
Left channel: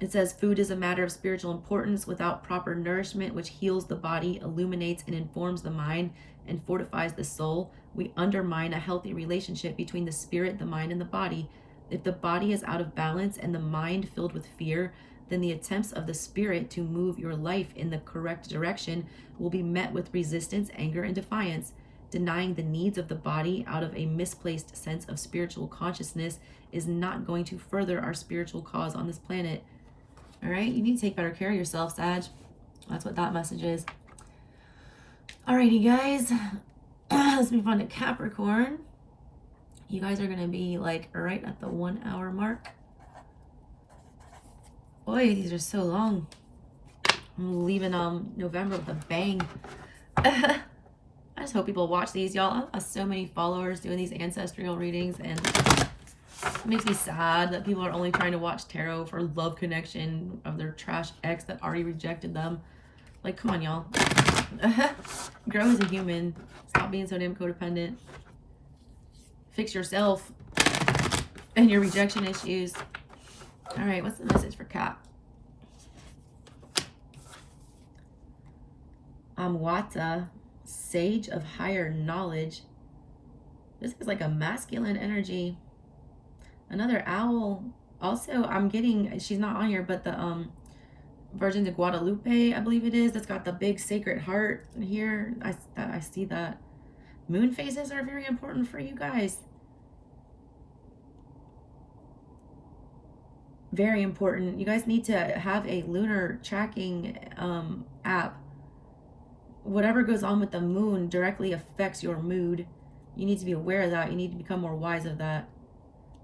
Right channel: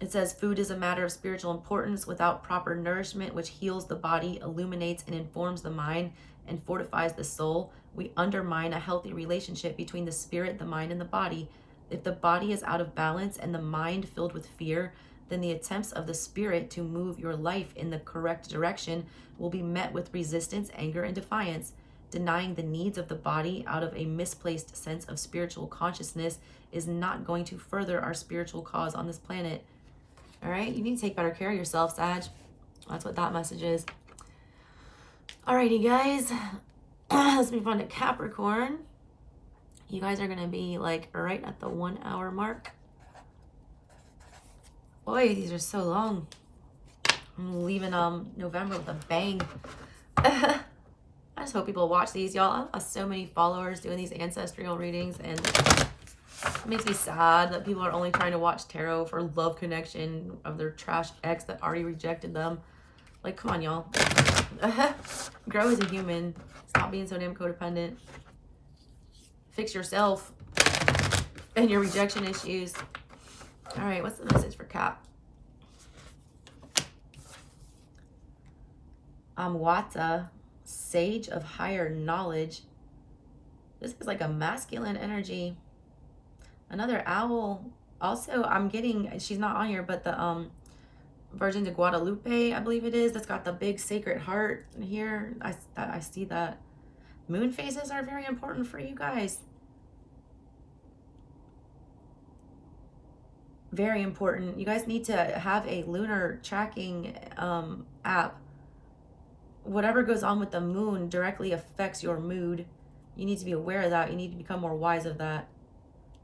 It says food is a matter of spiritual importance. Without proper nourishment, which heals the body, illuminates and informs the mind, and fortifies the soul, we undermine a healthy relationship between the spirit, the mind, and the body. If the body is out of balance and the mind filled with fear, then the attempts of the spirit to move your life in the correct direction will be met with resistance, anger, and defiance. Denying the needs of the body out of a misplaced sense of spiritual consciousness is not going to further our spiritual cause on this planet. All right, you need to take better care of yourself, Sag. That's what that message is. Alrighty, guys. Let's move on to Capricorn. You guys are going to be like right at the 1 hour mark. Boy, these are so long. I'm leaving November with a bang. I just hope people watch these, y'all. I have so many followers doing these ancestral readings, and It makes me sad that people are only trying to watch tarot for love connection of their trash ex that already rejected them. Like, come on, y'all. Grow as a human. Stop being so damn codependent. Fix yourself and your rejection issues. All right, what's the message for Cap? Amwata, sage of higher knowledge. This is like a masculine energy. Another owl. Also, I'm getting, she's not on here, but the Virgin de Guadalupe, I believe it is, that's got the big sacred heart here. I see that. Moon phases are very important for you guys. Very important. You guys need to have a lunar tracking app. Whatever goes on with the moon directly affects your mood. You need to be aware of that. You need to become more wise of that.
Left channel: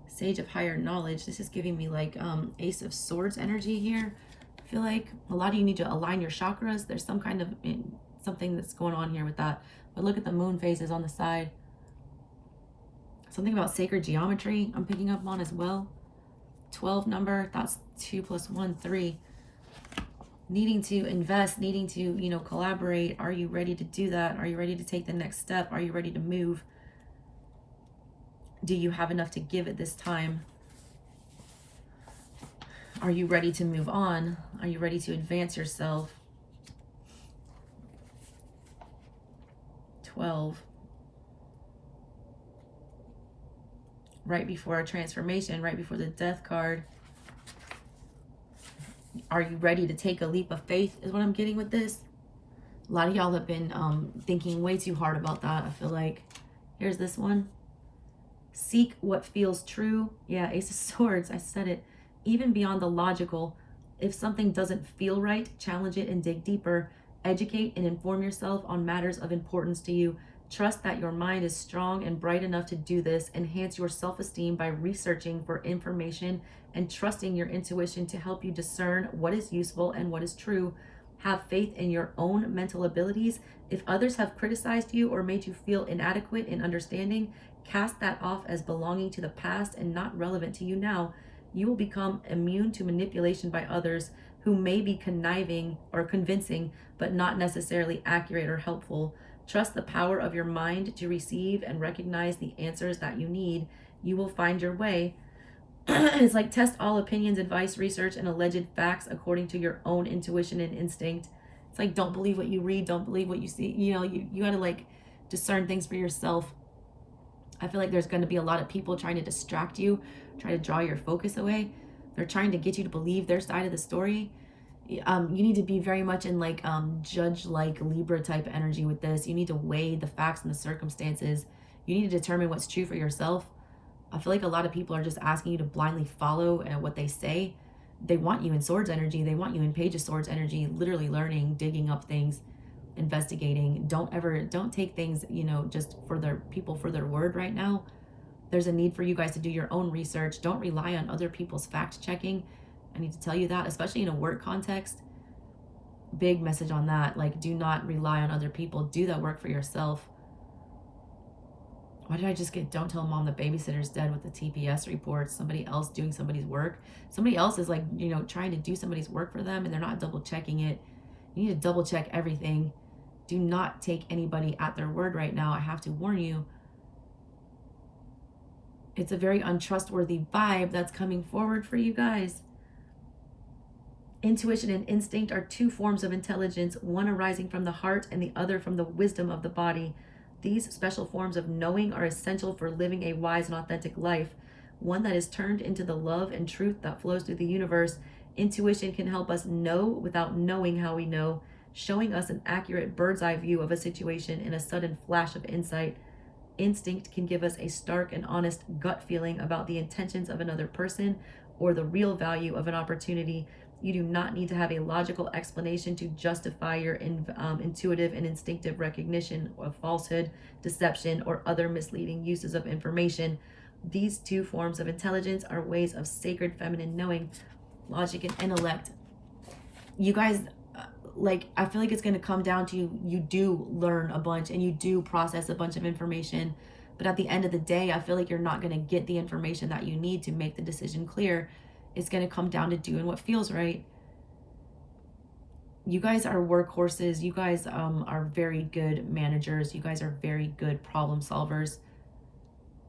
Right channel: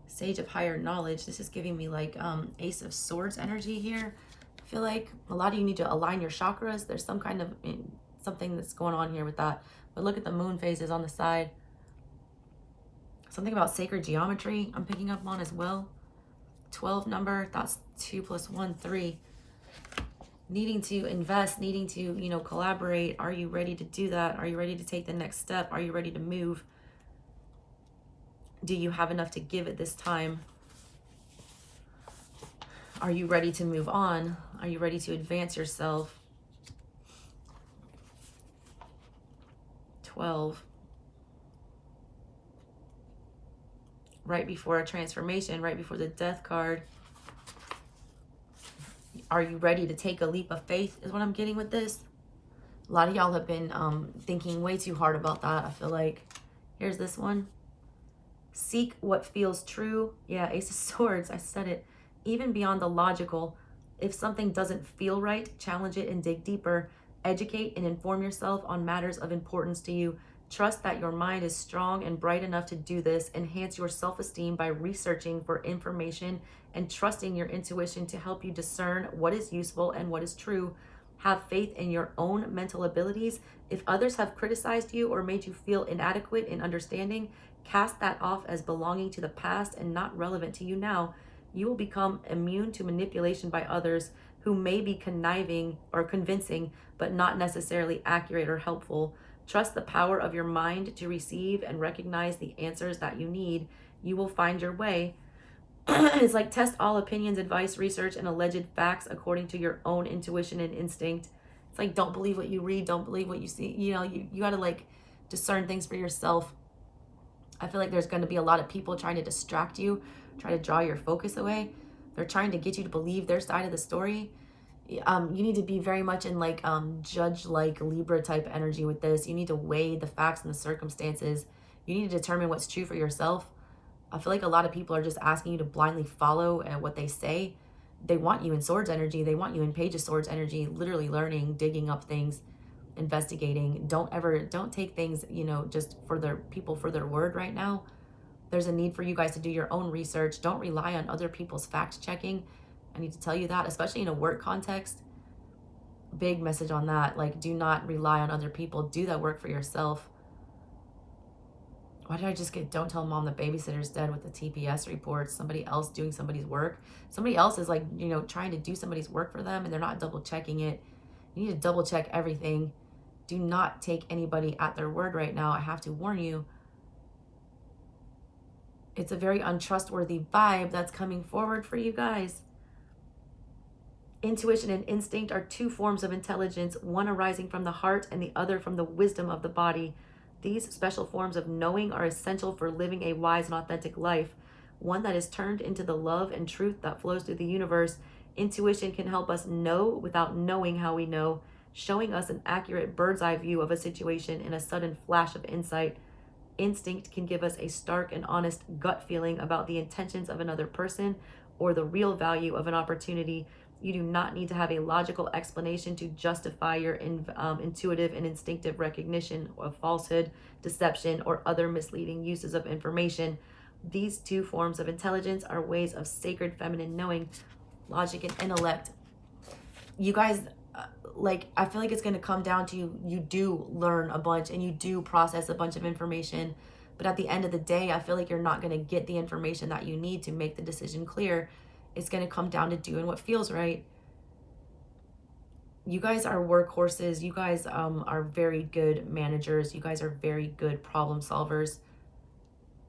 Sage of higher knowledge. This is giving me like Ace of Swords energy here. I feel like a lot of you need to align your chakras. There's some kind of something that's going on here with that. But look at the moon phases on the side. Something about sacred geometry I'm picking up on as well. 12 number, that's 2 + 1, 3. Needing to invest, needing to, you know, collaborate. Are you ready to do that? Are you ready to take the next step? Are you ready to move? Do you have enough to give at this time? Are you ready to move on? Are you ready to advance yourself? 12. Right before a transformation, right before the death card. Are you ready to take a leap of faith is what I'm getting with this. A lot of y'all have been thinking way too hard about that, I feel like. Here's this one. Seek what feels true. Yeah, Ace of Swords, I said it. Even beyond the logical. If something doesn't feel right, challenge it and dig deeper. Educate and inform yourself on matters of importance to you. Trust that your mind is strong and bright enough to do this. Enhance your self-esteem by researching for information and trusting your intuition to help you discern what is useful and what is true. Have faith in your own mental abilities. If others have criticized you or made you feel inadequate in understanding, cast that off as belonging to the past and not relevant to you now. You will become immune to manipulation by others who may be conniving or convincing, but not necessarily accurate or helpful. Trust the power of your mind to receive and recognize the answers that you need. You will find your way. It's like test all opinions, advice, research, and alleged facts according to your own intuition and instinct. It's like, don't believe what you read, don't believe what you see. You know, you got to like discern things for yourself. I feel like there's going to be a lot of people trying to distract you, try to draw your focus away. They're trying to get you to believe their side of the story. You need to be very much in like judge-like Libra type energy with this. You need to weigh the facts and the circumstances. You need to determine what's true for yourself. I feel like a lot of people are just asking you to blindly follow what they say. They want you in Swords energy. They want you in Page of Swords energy, literally learning, digging up things, investigating. Don't take things, you know, just for their people for their word right now. There's a need for you guys to do your own research. Don't rely on other people's fact checking. I need to tell you that, especially in a work context. Big message on that. Like, do not rely on other people. Do that work for yourself. Why did I just get, don't tell mom the babysitter's dead with the TPS reports? Somebody else doing somebody's work. Somebody else is like, you know, trying to do somebody's work for them and they're not double checking it. You need to double check everything. Do not take anybody at their word right now. I have to warn you. It's a very untrustworthy vibe that's coming forward for you guys. Intuition and instinct are two forms of intelligence, one arising from the heart and the other from the wisdom of the body. These special forms of knowing are essential for living a wise and authentic life, one that is turned into the love and truth that flows through the universe. Intuition can help us know without knowing how we know, showing us an accurate bird's eye view of a situation in a sudden flash of insight. Instinct can give us a stark and honest gut feeling about the intentions of another person or the real value of an opportunity. You do not need to have a logical explanation to justify your intuitive and instinctive recognition of falsehood, deception, or other misleading uses of information. These two forms of intelligence are ways of sacred feminine knowing, logic and intellect. You guys, like, I feel like it's going to come down to you do learn a bunch and you do process a bunch of information. But at the end of the day, I feel like you're not going to get the information that you need to make the decision clear. It's going to come down to doing what feels right. You guys are workhorses. You guys are very good managers. You guys are very good problem solvers.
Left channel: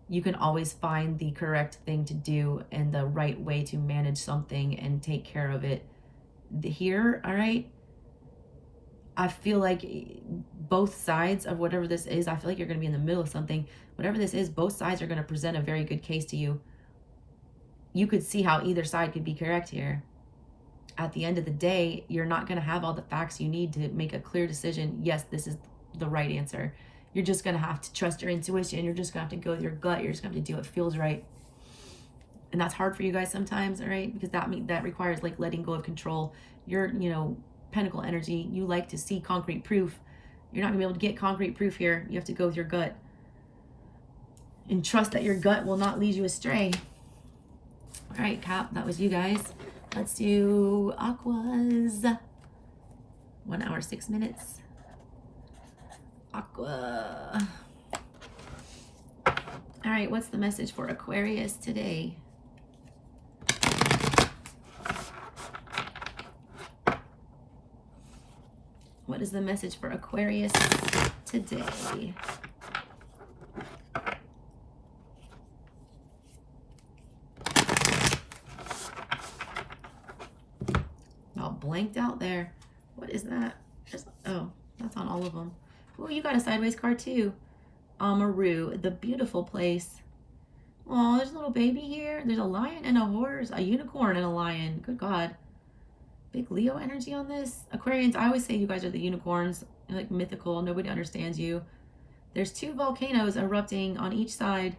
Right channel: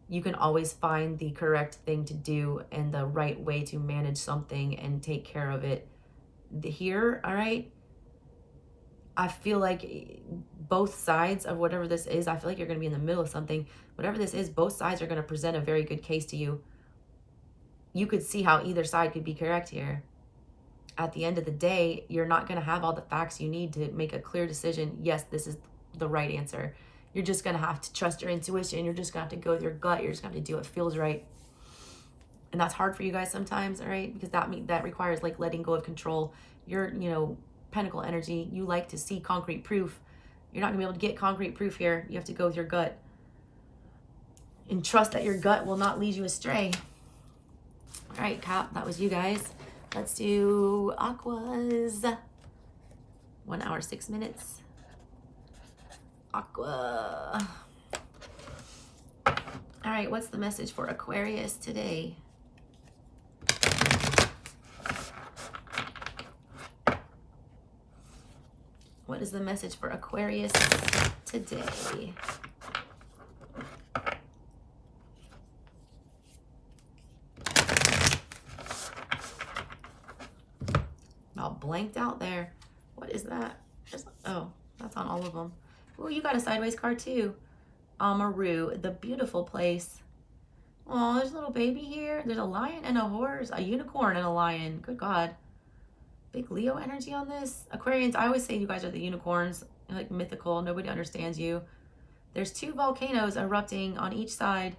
You can always find the correct thing to do and the right way to manage something and take care of it. Here, all right, I feel like both sides of whatever this is, I feel like you're going to be in the middle of something. Whatever this is, both sides are going to present a very good case to you. You could see how either side could be correct here. At the end of the day, you're not going to have all the facts you need to make a clear decision. Yes, this is the right answer. You're just going to have to trust your intuition. You're just going to have to go with your gut. You're just going to have to do what feels right. And that's hard for you guys sometimes, all right? Because that requires like letting go of control. You're, Pentacle energy. You like to see concrete proof. You're not going to be able to get concrete proof here. You have to go with your gut. And trust that your gut will not lead you astray. All right, Cap, that was you guys. Let's do Aquas. 1 hour, 6 minutes. Aqua. All right, what's the message for Aquarius today? What is the message for Aquarius today? All blanked out there. What is that? Oh, that's on all of them. Oh, you got a sideways card too. Amaru, the beautiful place. Oh, there's a little baby here. There's a lion and a horse, a unicorn and a lion. Good God. Big Leo energy on this. Aquarians, I always say you guys are the unicorns. You're like mythical. Nobody understands you. There's 2 volcanoes erupting on each side.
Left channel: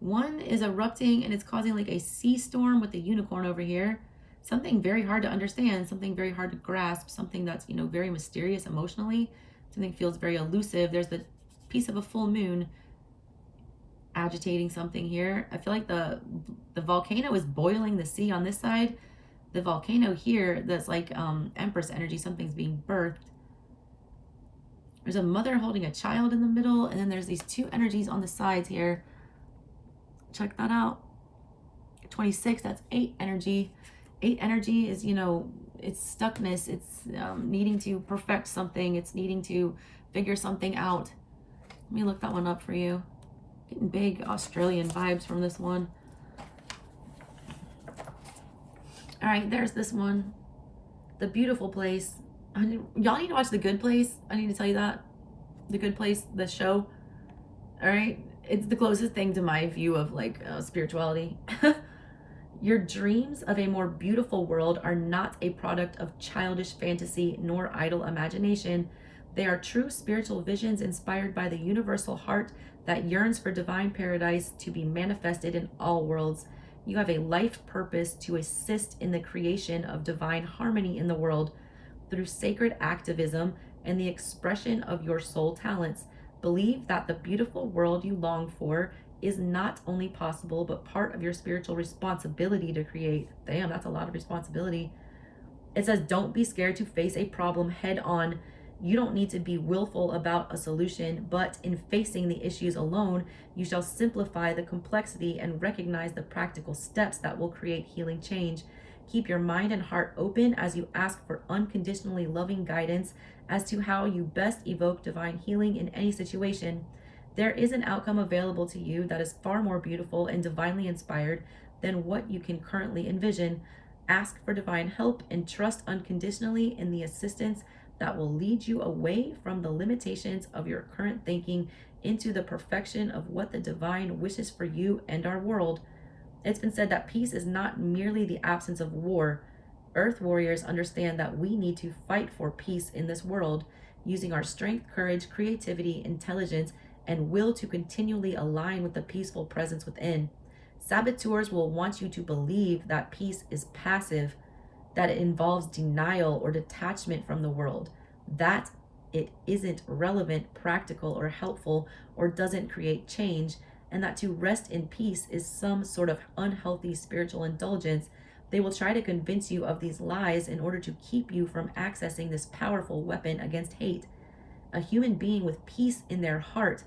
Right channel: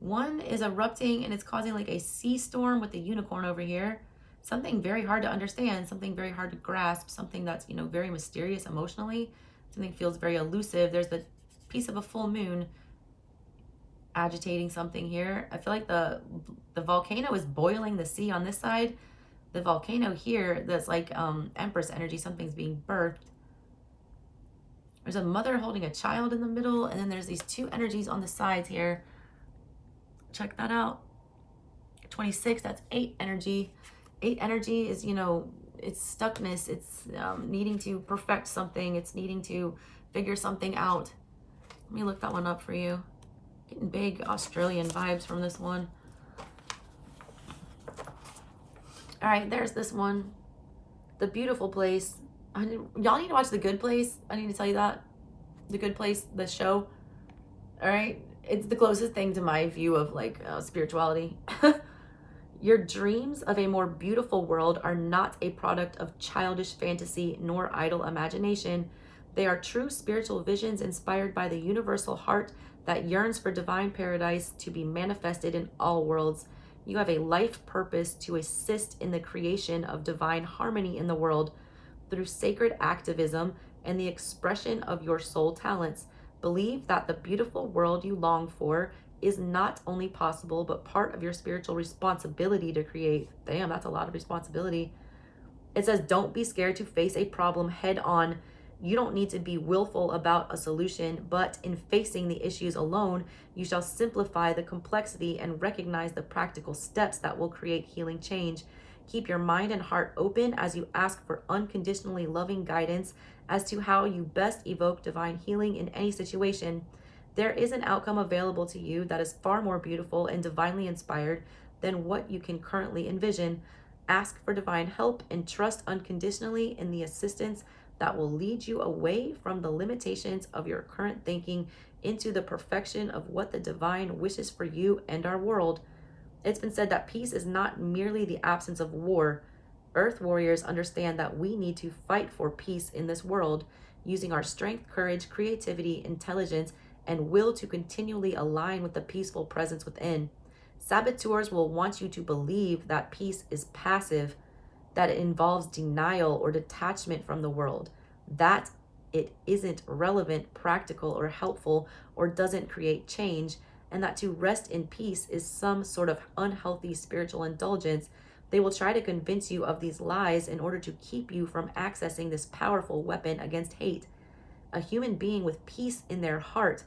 One is erupting and it's causing like a sea storm with the unicorn over here. Something very hard to understand, something very hard to grasp, something that's, very mysterious emotionally. Something feels very elusive. There's the piece of a full moon agitating something here. I feel like the volcano is boiling the sea on this side. The volcano here, that's like Empress energy, something's being birthed. There's a mother holding a child in the middle, and then there's these 2 energies on the sides here. Check that out. 26, that's 8 energy. 8 energy is, it's stuckness. It's needing to perfect something. It's needing to figure something out. Let me look that one up for you. Getting big Australian vibes from this one. All right, there's this one. The beautiful place. Y'all need to watch The Good Place. I need to tell you that. The Good Place, the show. All right. It's the closest thing to my view of like spirituality. Your dreams of a more beautiful world are not a product of childish fantasy nor idle imagination. They are true spiritual visions inspired by the universal heart that yearns for divine paradise to be manifested in all worlds. You have a life purpose to assist in the creation of divine harmony in the world through sacred activism and the expression of your soul talents. Believe that the beautiful world you long for is not only possible, but part of your spiritual responsibility to create. Damn, that's a lot of responsibility. It says, don't be scared to face a problem head on. You don't need to be willful about a solution, but in facing the issues alone, you shall simplify the complexity and recognize the practical steps that will create healing change. Keep your mind and heart open as you ask for unconditionally loving guidance as to how you best evoke divine healing in any situation. There is an outcome available to you that is far more beautiful and divinely inspired than what you can currently envision. Ask for divine help and trust unconditionally in the assistance that will lead you away from the limitations of your current thinking into the perfection of what the divine wishes for you and our world. It's been said that peace is not merely the absence of war. Earth warriors understand that we need to fight for peace in this world, using our strength, courage, creativity, intelligence, and will to continually align with the peaceful presence within. Saboteurs will want you to believe that peace is passive, that it involves denial or detachment from the world, that it isn't relevant, practical, or helpful, or doesn't create change, and that to rest in peace is some sort of unhealthy spiritual indulgence. They will try to convince you of these lies in order to keep you from accessing this powerful weapon against hate. A human being with peace in their heart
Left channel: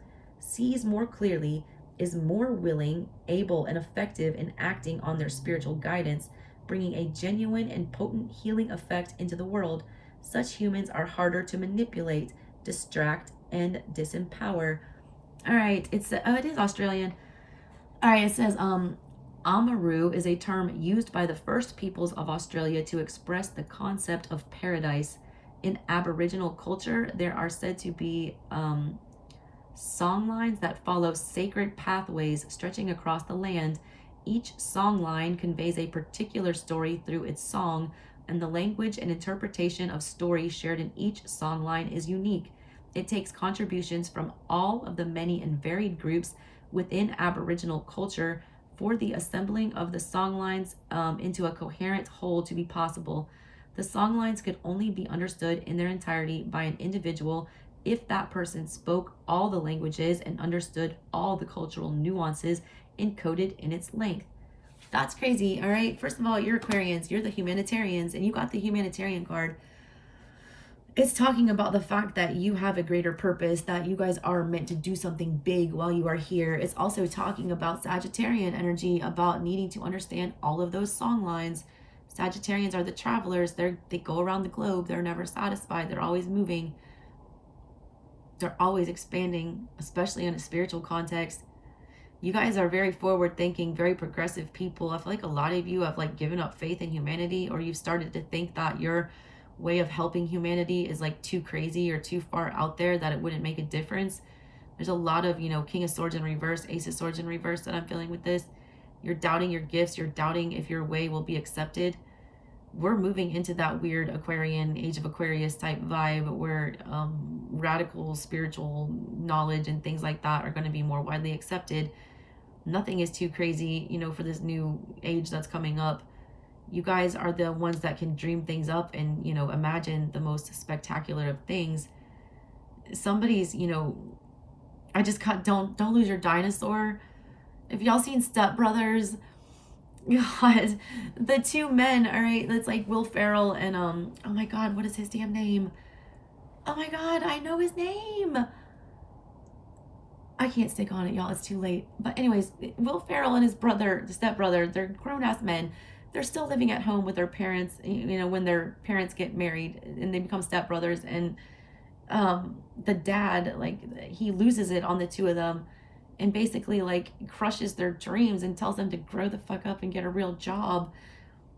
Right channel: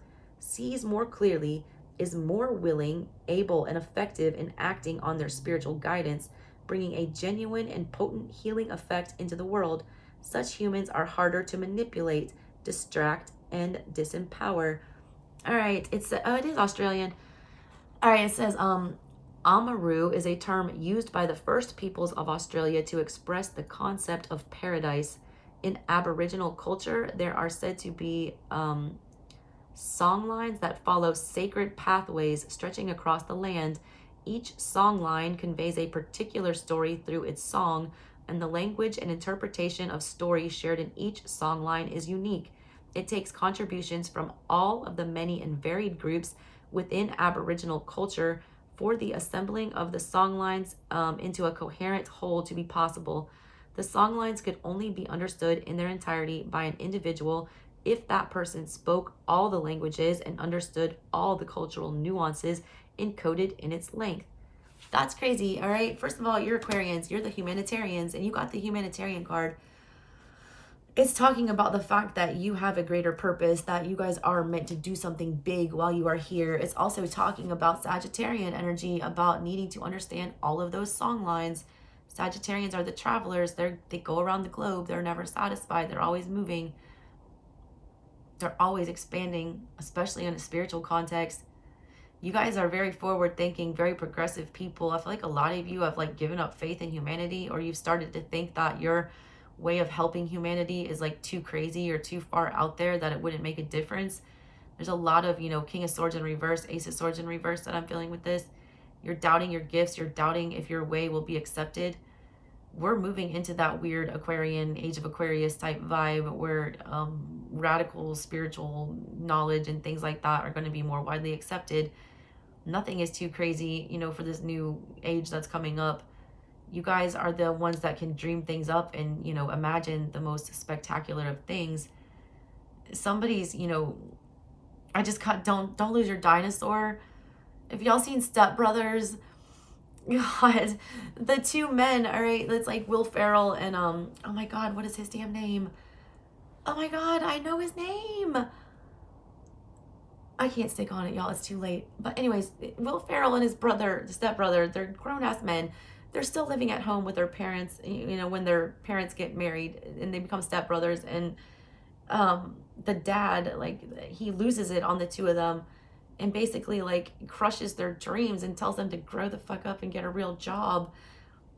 sees more clearly, is more willing, able, and effective in acting on their spiritual guidance, bringing a genuine and potent healing effect into the world. Such humans are harder to manipulate, distract, and disempower. All right, it is Australian. All right, it says, Amaru is a term used by the first peoples of Australia to express the concept of paradise. In Aboriginal culture, there are said to be song lines that follow sacred pathways stretching across the land. Each song line conveys a particular story through its song, and the language and interpretation of stories shared in each song line is unique. It takes contributions from all of the many and varied groups within Aboriginal culture for the assembling of the song lines into a coherent whole to be possible. The song lines could only be understood in their entirety by an individual if that person spoke all the languages and understood all the cultural nuances encoded in its length. That's crazy, all right? First of all, you're Aquarians, you're the humanitarians, and you got the humanitarian card. It's talking about the fact that you have a greater purpose, that you guys are meant to do something big while you are here. It's also talking about Sagittarian energy, about needing to understand all of those song lines. Sagittarians are the travelers. They go around the globe. They're never satisfied. They're always moving. They're always expanding, especially in a spiritual context. You guys are very forward thinking, very progressive people. I feel like a lot of you have like given up faith in humanity, or you've started to think that your way of helping humanity is like too crazy or too far out there that it wouldn't make a difference. There's a lot of, King of Swords in reverse, Ace of Swords in reverse that I'm feeling with this. You're doubting your gifts. You're doubting if your way will be accepted. We're moving into that weird Aquarian, Age of Aquarius type vibe where radical spiritual knowledge and things like that are going to be more widely accepted. Nothing is too crazy, for this new age that's coming up. You guys are the ones that can dream things up and, imagine the most spectacular of things. Somebody's, I just got, don't lose your dinosaur. If y'all seen Step Brothers, God, the two men, all right, that's like Will Ferrell and, oh my God, what is his damn name? Oh my God, I know his name. I can't stick on it, y'all, it's too late. But anyways, Will Ferrell and his brother, the stepbrother, they're grown-ass men. They're still living at home with their parents, when their parents get married and they become stepbrothers. And the dad, like, he loses it on the two of them and basically, like, crushes their dreams and tells them to grow the fuck up and get a real job.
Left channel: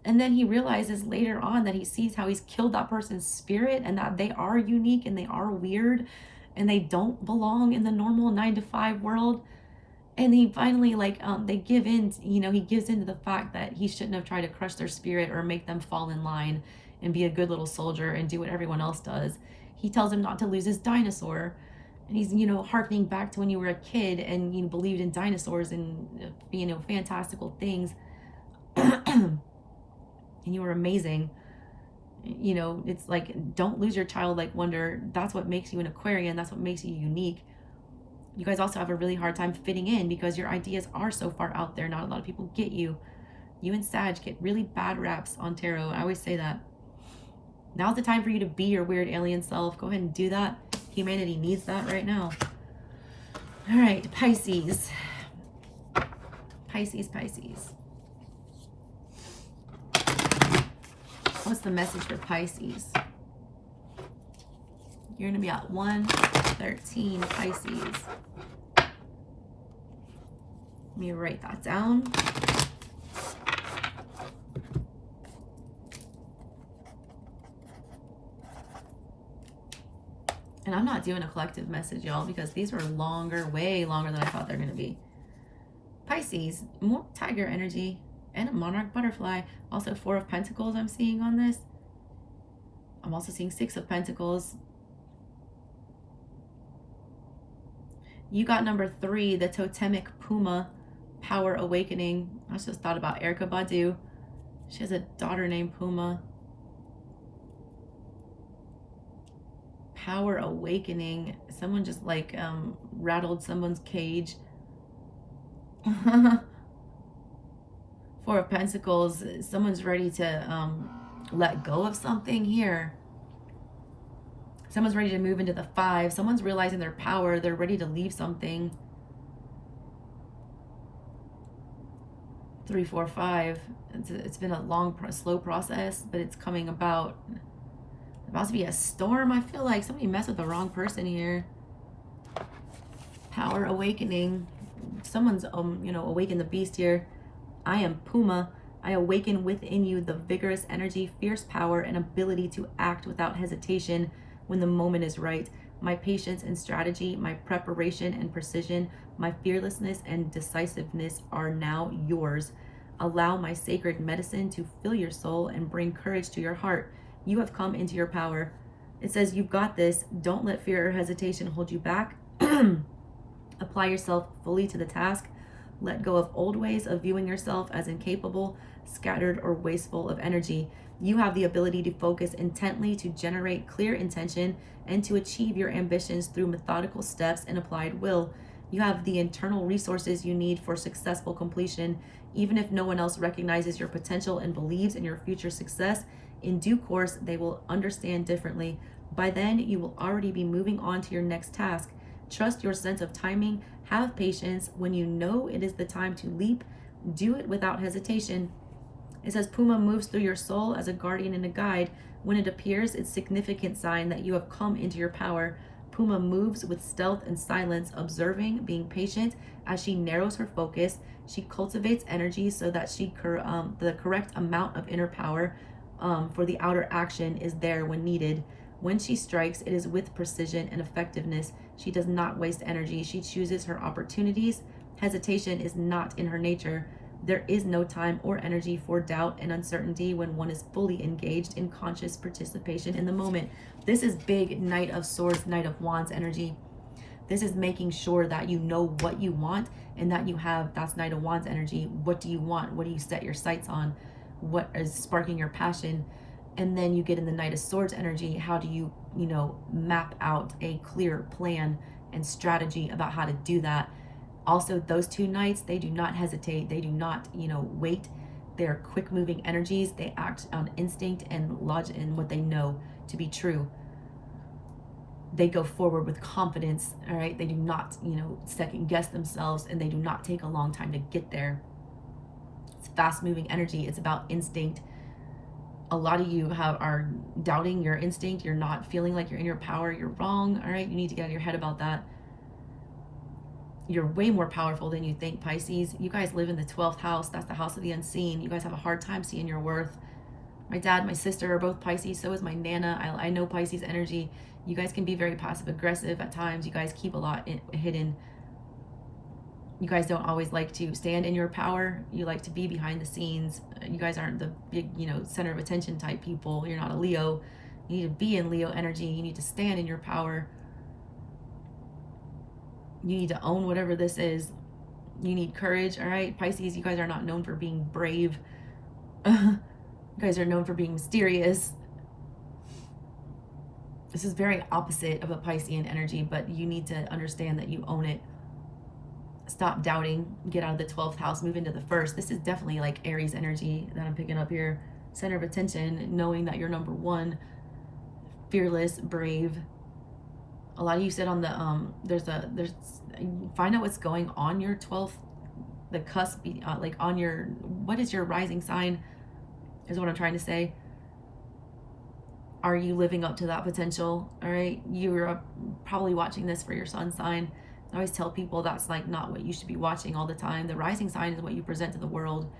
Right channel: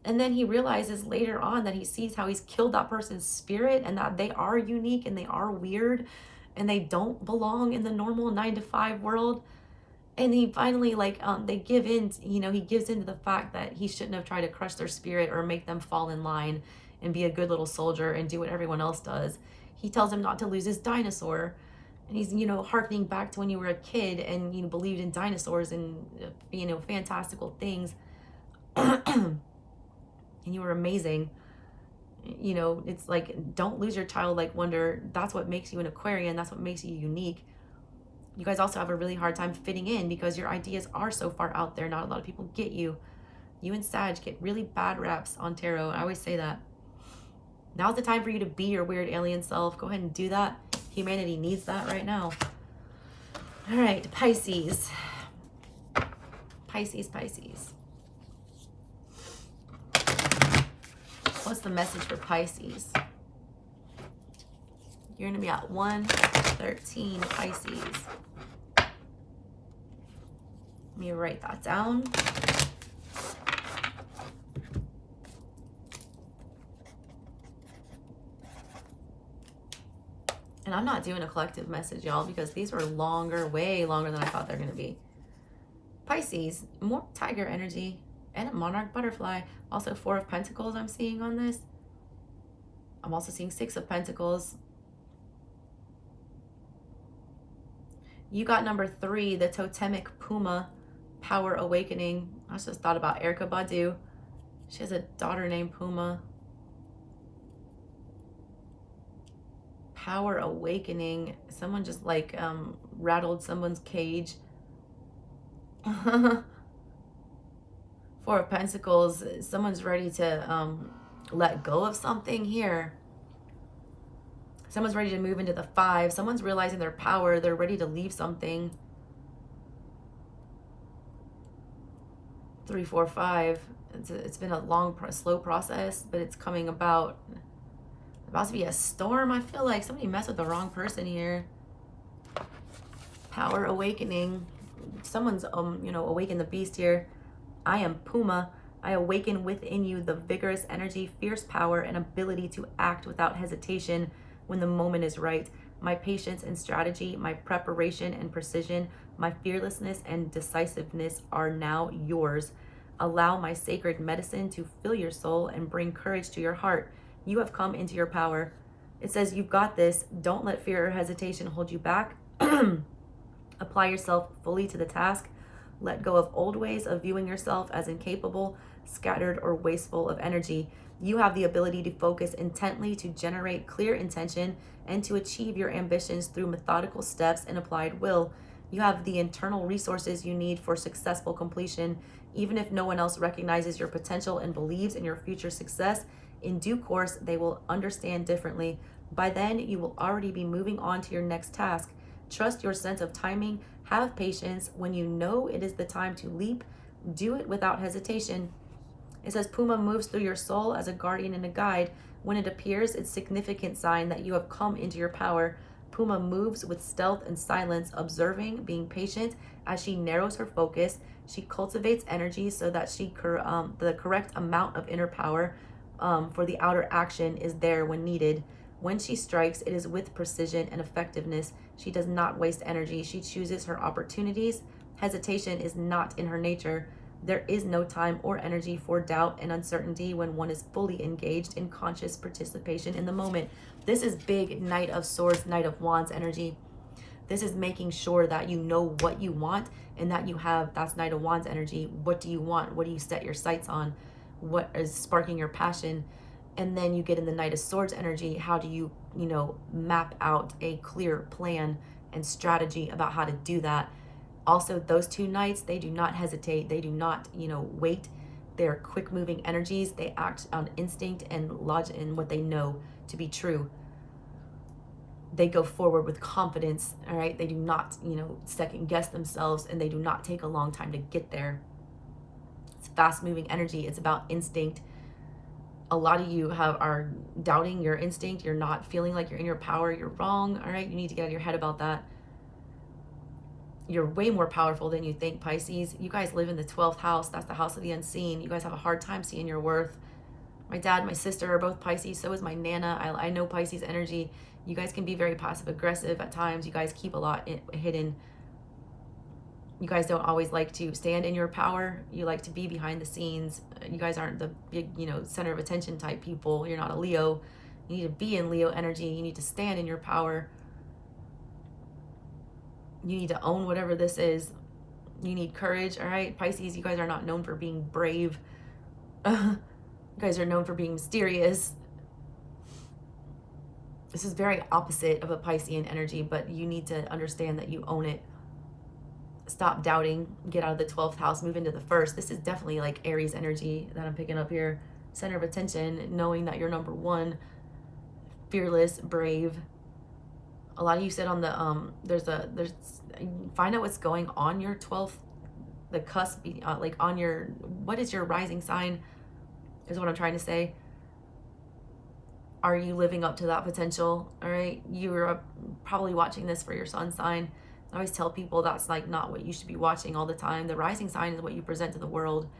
And then he realizes later on that he sees how he's killed that person's spirit and that they are unique and they are weird and they don't belong in the normal 9-to-5 world. And he finally, like, they give in, he gives into the fact that he shouldn't have tried to crush their spirit or make them fall in line and be a good little soldier and do what everyone else does. He tells him not to lose his dinosaur. And he's, hearkening back to when you were a kid and, believed in dinosaurs and, fantastical things. And you were amazing. It's like, don't lose your childlike wonder. That's what makes you an Aquarian. That's what makes you unique. You guys also have a really hard time fitting in because your ideas are so far out there. Not a lot of people get you. You and Sag get really bad raps on tarot. I always say that. Now's the time for you to be your weird alien self. Go ahead and do that. Humanity needs that right now. All right, Pisces. Pisces. What's the message for Pisces? You're going to be at 113, Pisces. Let me write that down. And I'm not doing a collective message, y'all, because these were longer, way longer than I thought they're going to be. Pisces, more tiger energy and a monarch butterfly. Also 4 of Pentacles I'm seeing on this. I'm also seeing 6 of Pentacles. You got number 3, the totemic puma, power awakening. I just thought about Erykah Badu. She has a daughter named Puma. Power awakening. Someone just like rattled someone's cage. 4 of Pentacles. Someone's ready to let go of something here. Someone's ready to move into the 5. Someone's realizing their power. They're ready to leave something. 3, 4, 5. It's been a long, slow process, but it's coming about. About to be a storm. I feel like somebody messed with the wrong person here. Power awakening. Someone's awaken the beast here. I am Puma. I awaken within you the vigorous energy, fierce power, and ability to act without hesitation when the moment is right. My patience and strategy, my preparation and precision, my fearlessness and decisiveness are now yours. Allow my sacred medicine to fill your soul and bring courage to your heart. You have come into your power. It says, you've got this. Don't let fear or hesitation hold you back. Apply yourself fully to the task. Let go of old ways of viewing yourself as incapable, scattered, or wasteful of energy. You have the ability to focus intently, to generate clear intention, and to achieve your ambitions through methodical steps and applied will. You have the internal resources you need for successful completion. Even if no one else recognizes your potential and believes in your future success, in due course, they will understand differently. By then, you will already be moving on to your next task. Trust your sense of timing. Have patience. When you know it is the time to leap, do it without hesitation. It says Puma moves through your soul as a guardian and a guide. When it appears, it's a significant sign that you have come into your power. Puma moves with stealth and silence, observing, being patient as she narrows her focus. She cultivates energy so that the correct amount of inner power for the outer action is there when needed. When she strikes, it is with precision and effectiveness. She does not waste energy. She chooses her opportunities. Hesitation is not in her nature. There is no time or energy for doubt and uncertainty when one is fully engaged in conscious participation in the moment. This is big Knight of Swords, Knight of Wands energy. This is making sure that you know what you want and that you have, that's Knight of Wands energy. What do you want? What do you set your sights on? What is sparking your passion? And then you get in the Knight of Swords energy. How do you, map out a clear plan and strategy about how to do that? Also, those two knights, they do not hesitate. They do not, wait. They're quick moving energies. They act on instinct and logic and what they know to be true. They go forward with confidence, all right? They do not, second guess themselves, and they do not take a long time to get there. It's fast moving energy. It's about instinct. A lot of you are doubting your instinct. You're not feeling like you're in your power. You're wrong, all right? You need to get out of your head about that. You're way more powerful than you think, Pisces. You guys live in the 12th house. That's the house of the unseen. You guys have a hard time seeing your worth. My dad, my sister are both Pisces. So is my Nana. I know Pisces energy. You guys can be very passive aggressive at times. You guys keep a lot hidden. You guys don't always like to stand in your power. You like to be behind the scenes. You guys aren't the big, center of attention type people. You're not a Leo. You need to be in Leo energy. You need to stand in your power. You need to own whatever this is. You need courage, all right? Pisces, you guys are not known for being brave. You guys are known for being mysterious. This is very opposite of a Piscean energy, but you need to understand that you own it. Stop doubting. Get out of the 12th house. Move into the 1st. This is definitely like Aries energy that I'm picking up here. Center of attention, knowing that you're number one. Fearless, brave. A lot of you said on the find out what's going on your 12th, the cusp, like on your, what is your rising sign is what I'm trying to say. Are you living up to that potential? All right, you're probably watching this for your sun sign. I always tell people that's like not what you should be watching all the time. The rising sign is what you present to the world.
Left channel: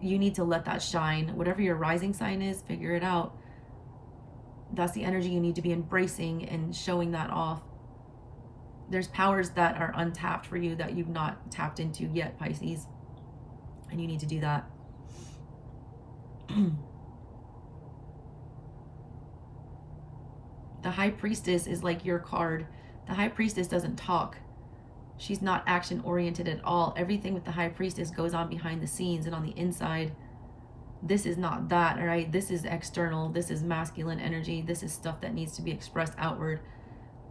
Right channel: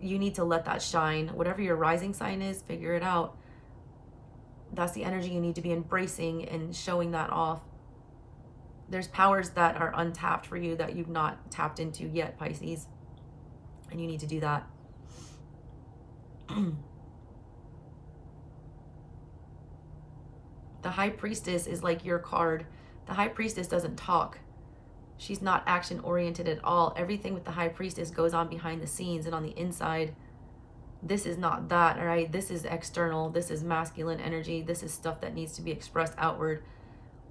You need to let that shine. Whatever your rising sign is, figure it out. That's the energy you need to be embracing and showing that off. There's powers that are untapped for you that you've not tapped into yet, Pisces. And you need to do that. The High Priestess is like your card. The High Priestess doesn't talk. She's not action oriented at all. Everything with the High Priestess goes on behind the scenes and on the inside. This is not that, all right? This is external. This is masculine energy. This is stuff that needs to be expressed outward.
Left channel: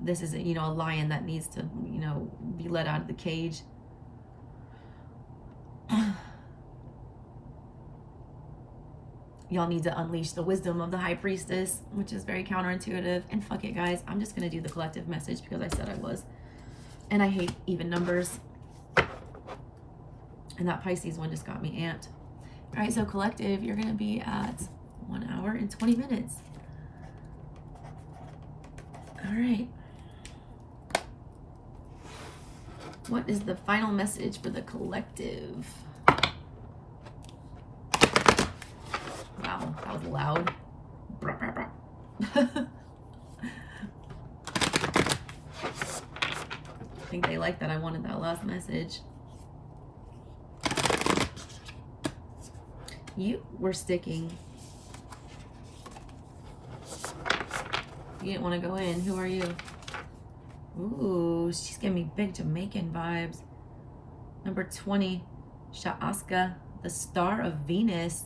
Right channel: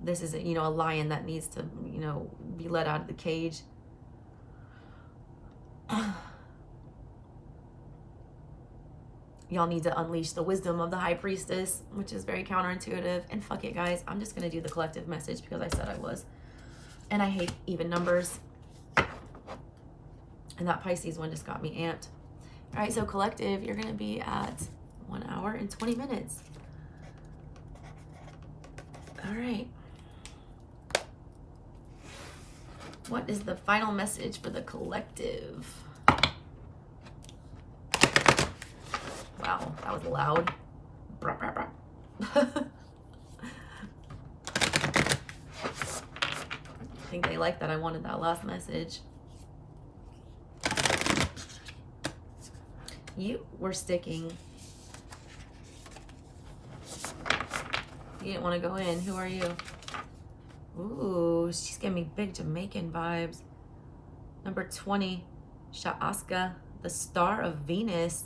This is, a lion that needs to, be let out of the cage. y'all need to unleash the wisdom of the High Priestess, which is very counterintuitive. And fuck it, guys. I'm just going to do the collective message because I said I was. And I hate even numbers. And that Pisces one just got me amped. All right, so collective, you're going to be at 1 hour and 20 minutes. All right. What is the final message for the collective? Wow, that was loud. I think they like that I wanted that last message. You were sticking. You didn't want to go in. Who are you? Ooh, she's giving me big Jamaican vibes. Number 20, Sha'aska, the star of Venus.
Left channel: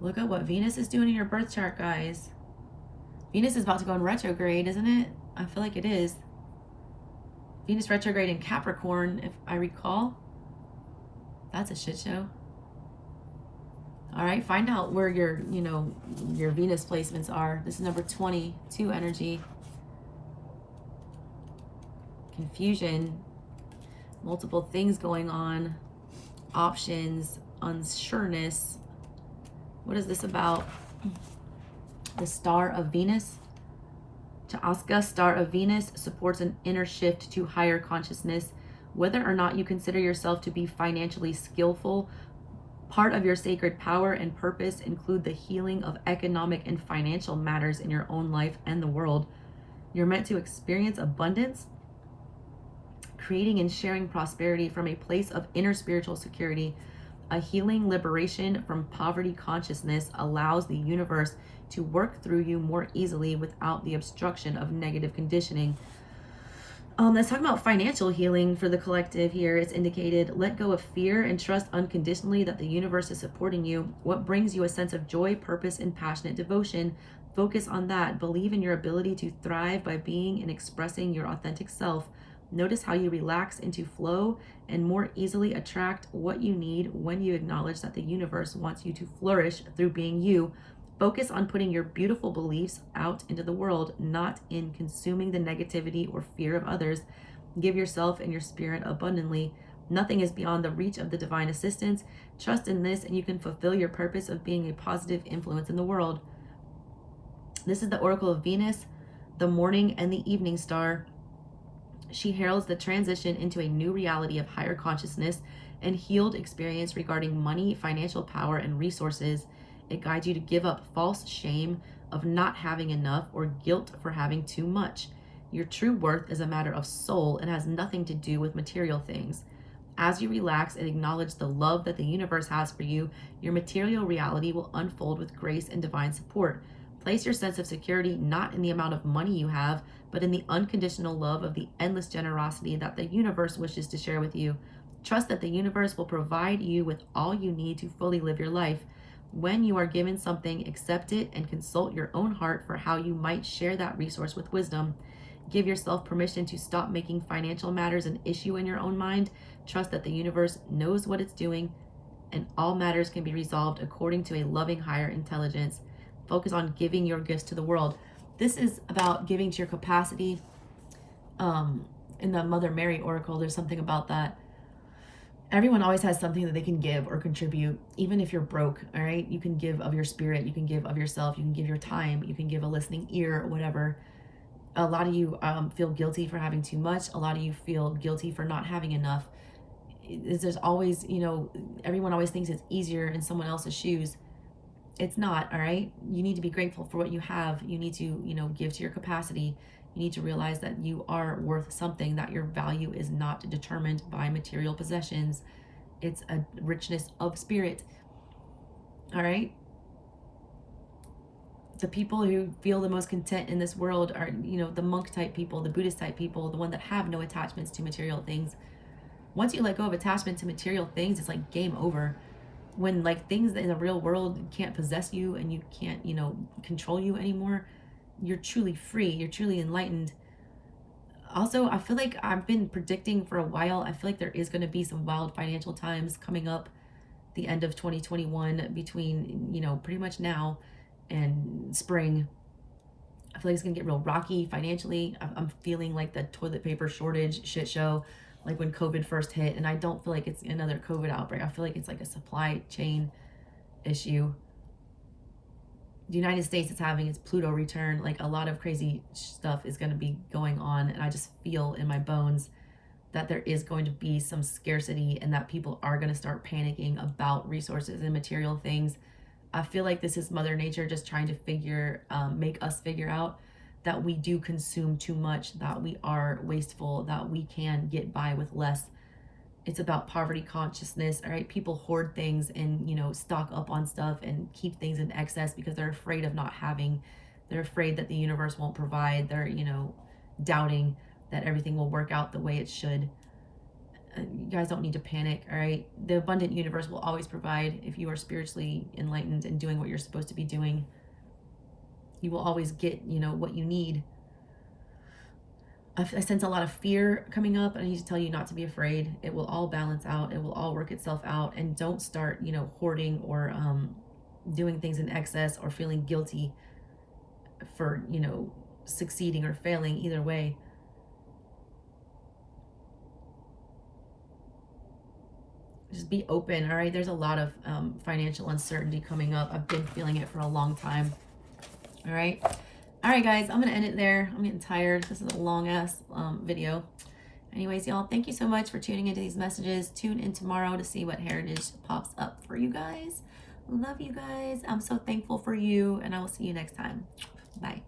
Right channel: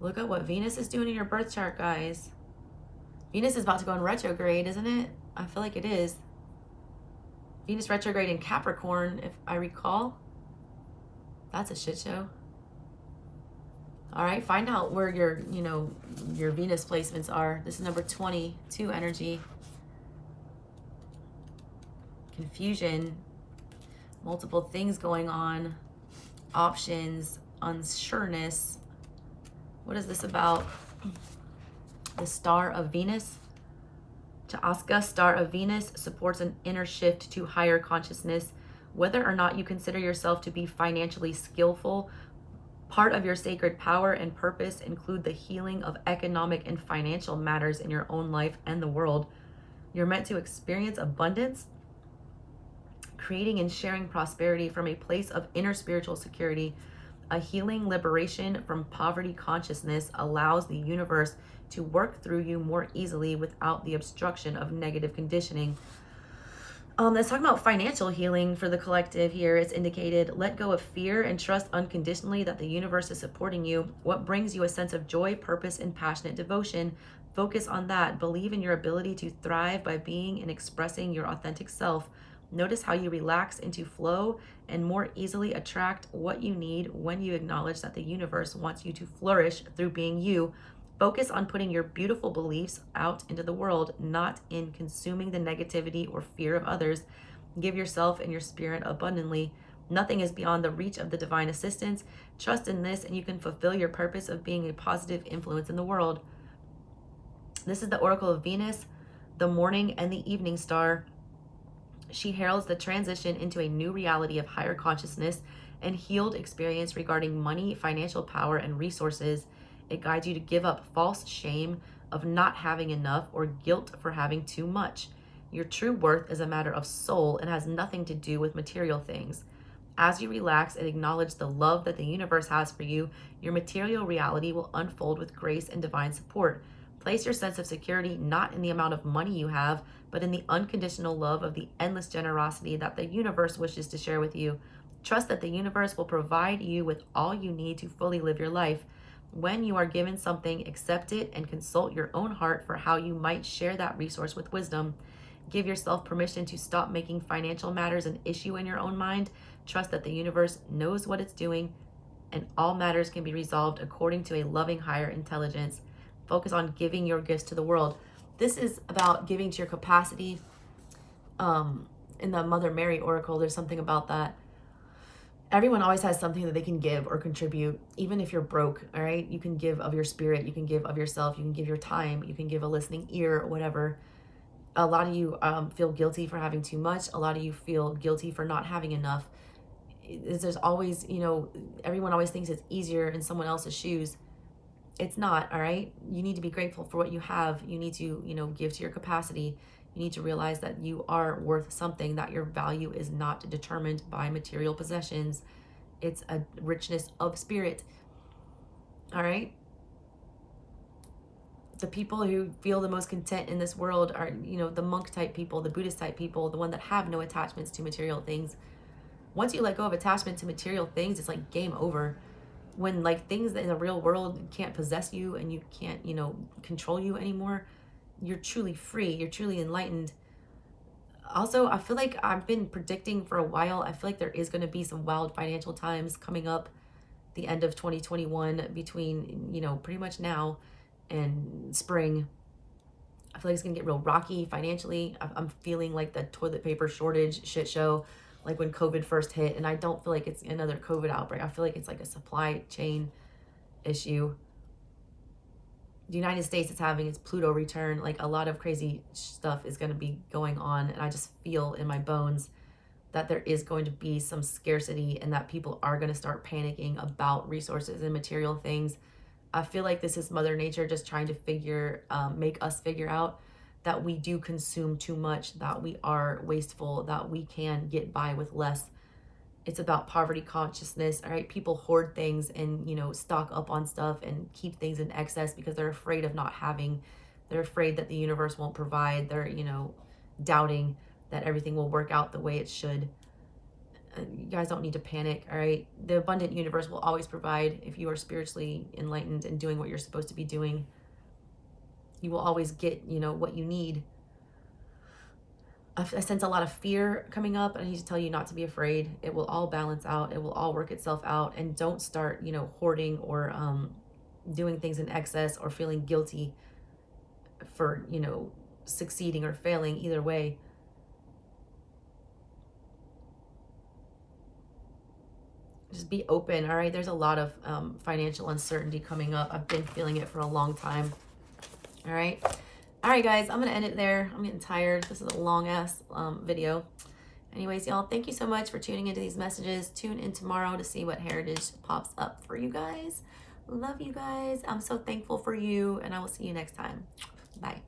Look at what Venus is doing in your birth chart, guys. Venus is about to go in retrograde, isn't it? I feel like it is. Venus retrograde in Capricorn, if I recall. That's a shit show. All right, find out where your, your Venus placements are. This is number 22 energy. Confusion, multiple things going on, options, unsureness. What is this about? The star of Venus. Sha'aska, star of Venus, supports an inner shift to higher consciousness. Whether or not you consider yourself to be financially skillful, part of your sacred power and purpose include the healing of economic and financial matters in your own life and the world. You're meant to experience abundance, creating and sharing prosperity from a place of inner spiritual security. A healing liberation from poverty consciousness allows the universe to work through you more easily without the obstruction of negative conditioning. Let's talk about financial healing for the collective here. It's indicated, let go of fear and trust unconditionally that the universe is supporting you. What brings you a sense of joy, purpose, and passionate devotion? Focus on that. Believe in your ability to thrive by being and expressing your authentic self. Notice how you relax into flow and more easily attract what you need when you acknowledge that the universe wants you to flourish through being you. Focus on putting your beautiful beliefs out into the world, not in consuming the negativity or fear of others. Give yourself and your spirit abundantly. Nothing is beyond the reach of the divine assistance. Trust in this and you can fulfill your purpose of being a positive influence in the world. This is the Oracle of Venus, the morning and the evening star. She heralds the transition into a new reality of higher consciousness and healed experience regarding money, financial power, and resources. It guides you to give up false shame of not having enough or guilt for having too much. Your true worth is a matter of soul and has nothing to do with material things. As you relax and acknowledge the love that the universe has for you, your material reality will unfold with grace and divine support. Place your sense of security not in the amount of money you have, but in the unconditional love of the endless generosity that the universe wishes to share with you. Trust that the universe will provide you with all you need to fully live your life. When you are given something, accept it and consult your own heart for how you might share that resource with wisdom. Give yourself permission to stop making financial matters an issue in your own mind. Trust that the universe knows what it's doing and all matters can be resolved according to a loving higher intelligence. Focus on giving your gifts to the world. This is about giving to your capacity. In the Mother Mary Oracle, there's something about that. Everyone always has something that they can give or contribute, even if you're broke, all right? You can give of your spirit, you can give of yourself, you can give your time, you can give a listening ear or whatever. A lot of you feel guilty for having too much. A lot of you feel guilty for not having enough. There's always, everyone always thinks it's easier in someone else's shoes. It's not, all right? You need to be grateful for what you have. You need to, give to your capacity. You need to realize that you are worth something, that your value is not determined by material possessions. It's a richness of spirit, all right? The people who feel the most content in this world are, the monk type people, the Buddhist type people, the one that have no attachments to material things. Once you let go of attachment to material things, it's like game over. When things in the real world can't possess you and you can't, control you anymore, you're truly free, you're truly enlightened. Also, I feel like I've been predicting for a while, I feel like there is going to be some wild financial times coming up. the end of 2021, between, you know, pretty much now and spring. I feel like it's gonna get real rocky financially. I'm feeling like the toilet paper shortage shit show, like when COVID first hit. And I don't feel like it's another COVID outbreak. I feel like it's like a supply chain issue. The United States is having its Pluto return. Like, a lot of crazy stuff is going to be going on. And I just feel in my bones that there is going to be some scarcity and that people are going to start panicking about resources and material things. I feel like this is Mother Nature just trying to make us figure out that we do consume too much, that we are wasteful, that we can get by with less. It's about poverty consciousness, all right? People hoard things and, you know, stock up on stuff and keep things in excess because they're afraid of not having. They're afraid that the universe won't provide. They're, you know, doubting that everything will work out the way it should. You guys don't need to panic, all right? The abundant universe will always provide if you are spiritually enlightened and doing what you're supposed to be doing. You will always get, you know, what you need. I sense a lot of fear coming up, and I need to tell you not to be afraid. It will all balance out. It will all work itself out. And don't start, you know, hoarding or doing things in excess or feeling guilty for, you know, succeeding or failing either way. Just be open, all right? There's a lot of financial uncertainty coming up. I've been feeling it for a long time, all right? All right, guys, I'm going to end it there. I'm getting tired. This is a long-ass video. Anyways, y'all, thank you so much for tuning into these messages. Tune in tomorrow to see what heritage pops up for you guys. Love you guys. I'm so thankful for you, and I will see you next time. Bye.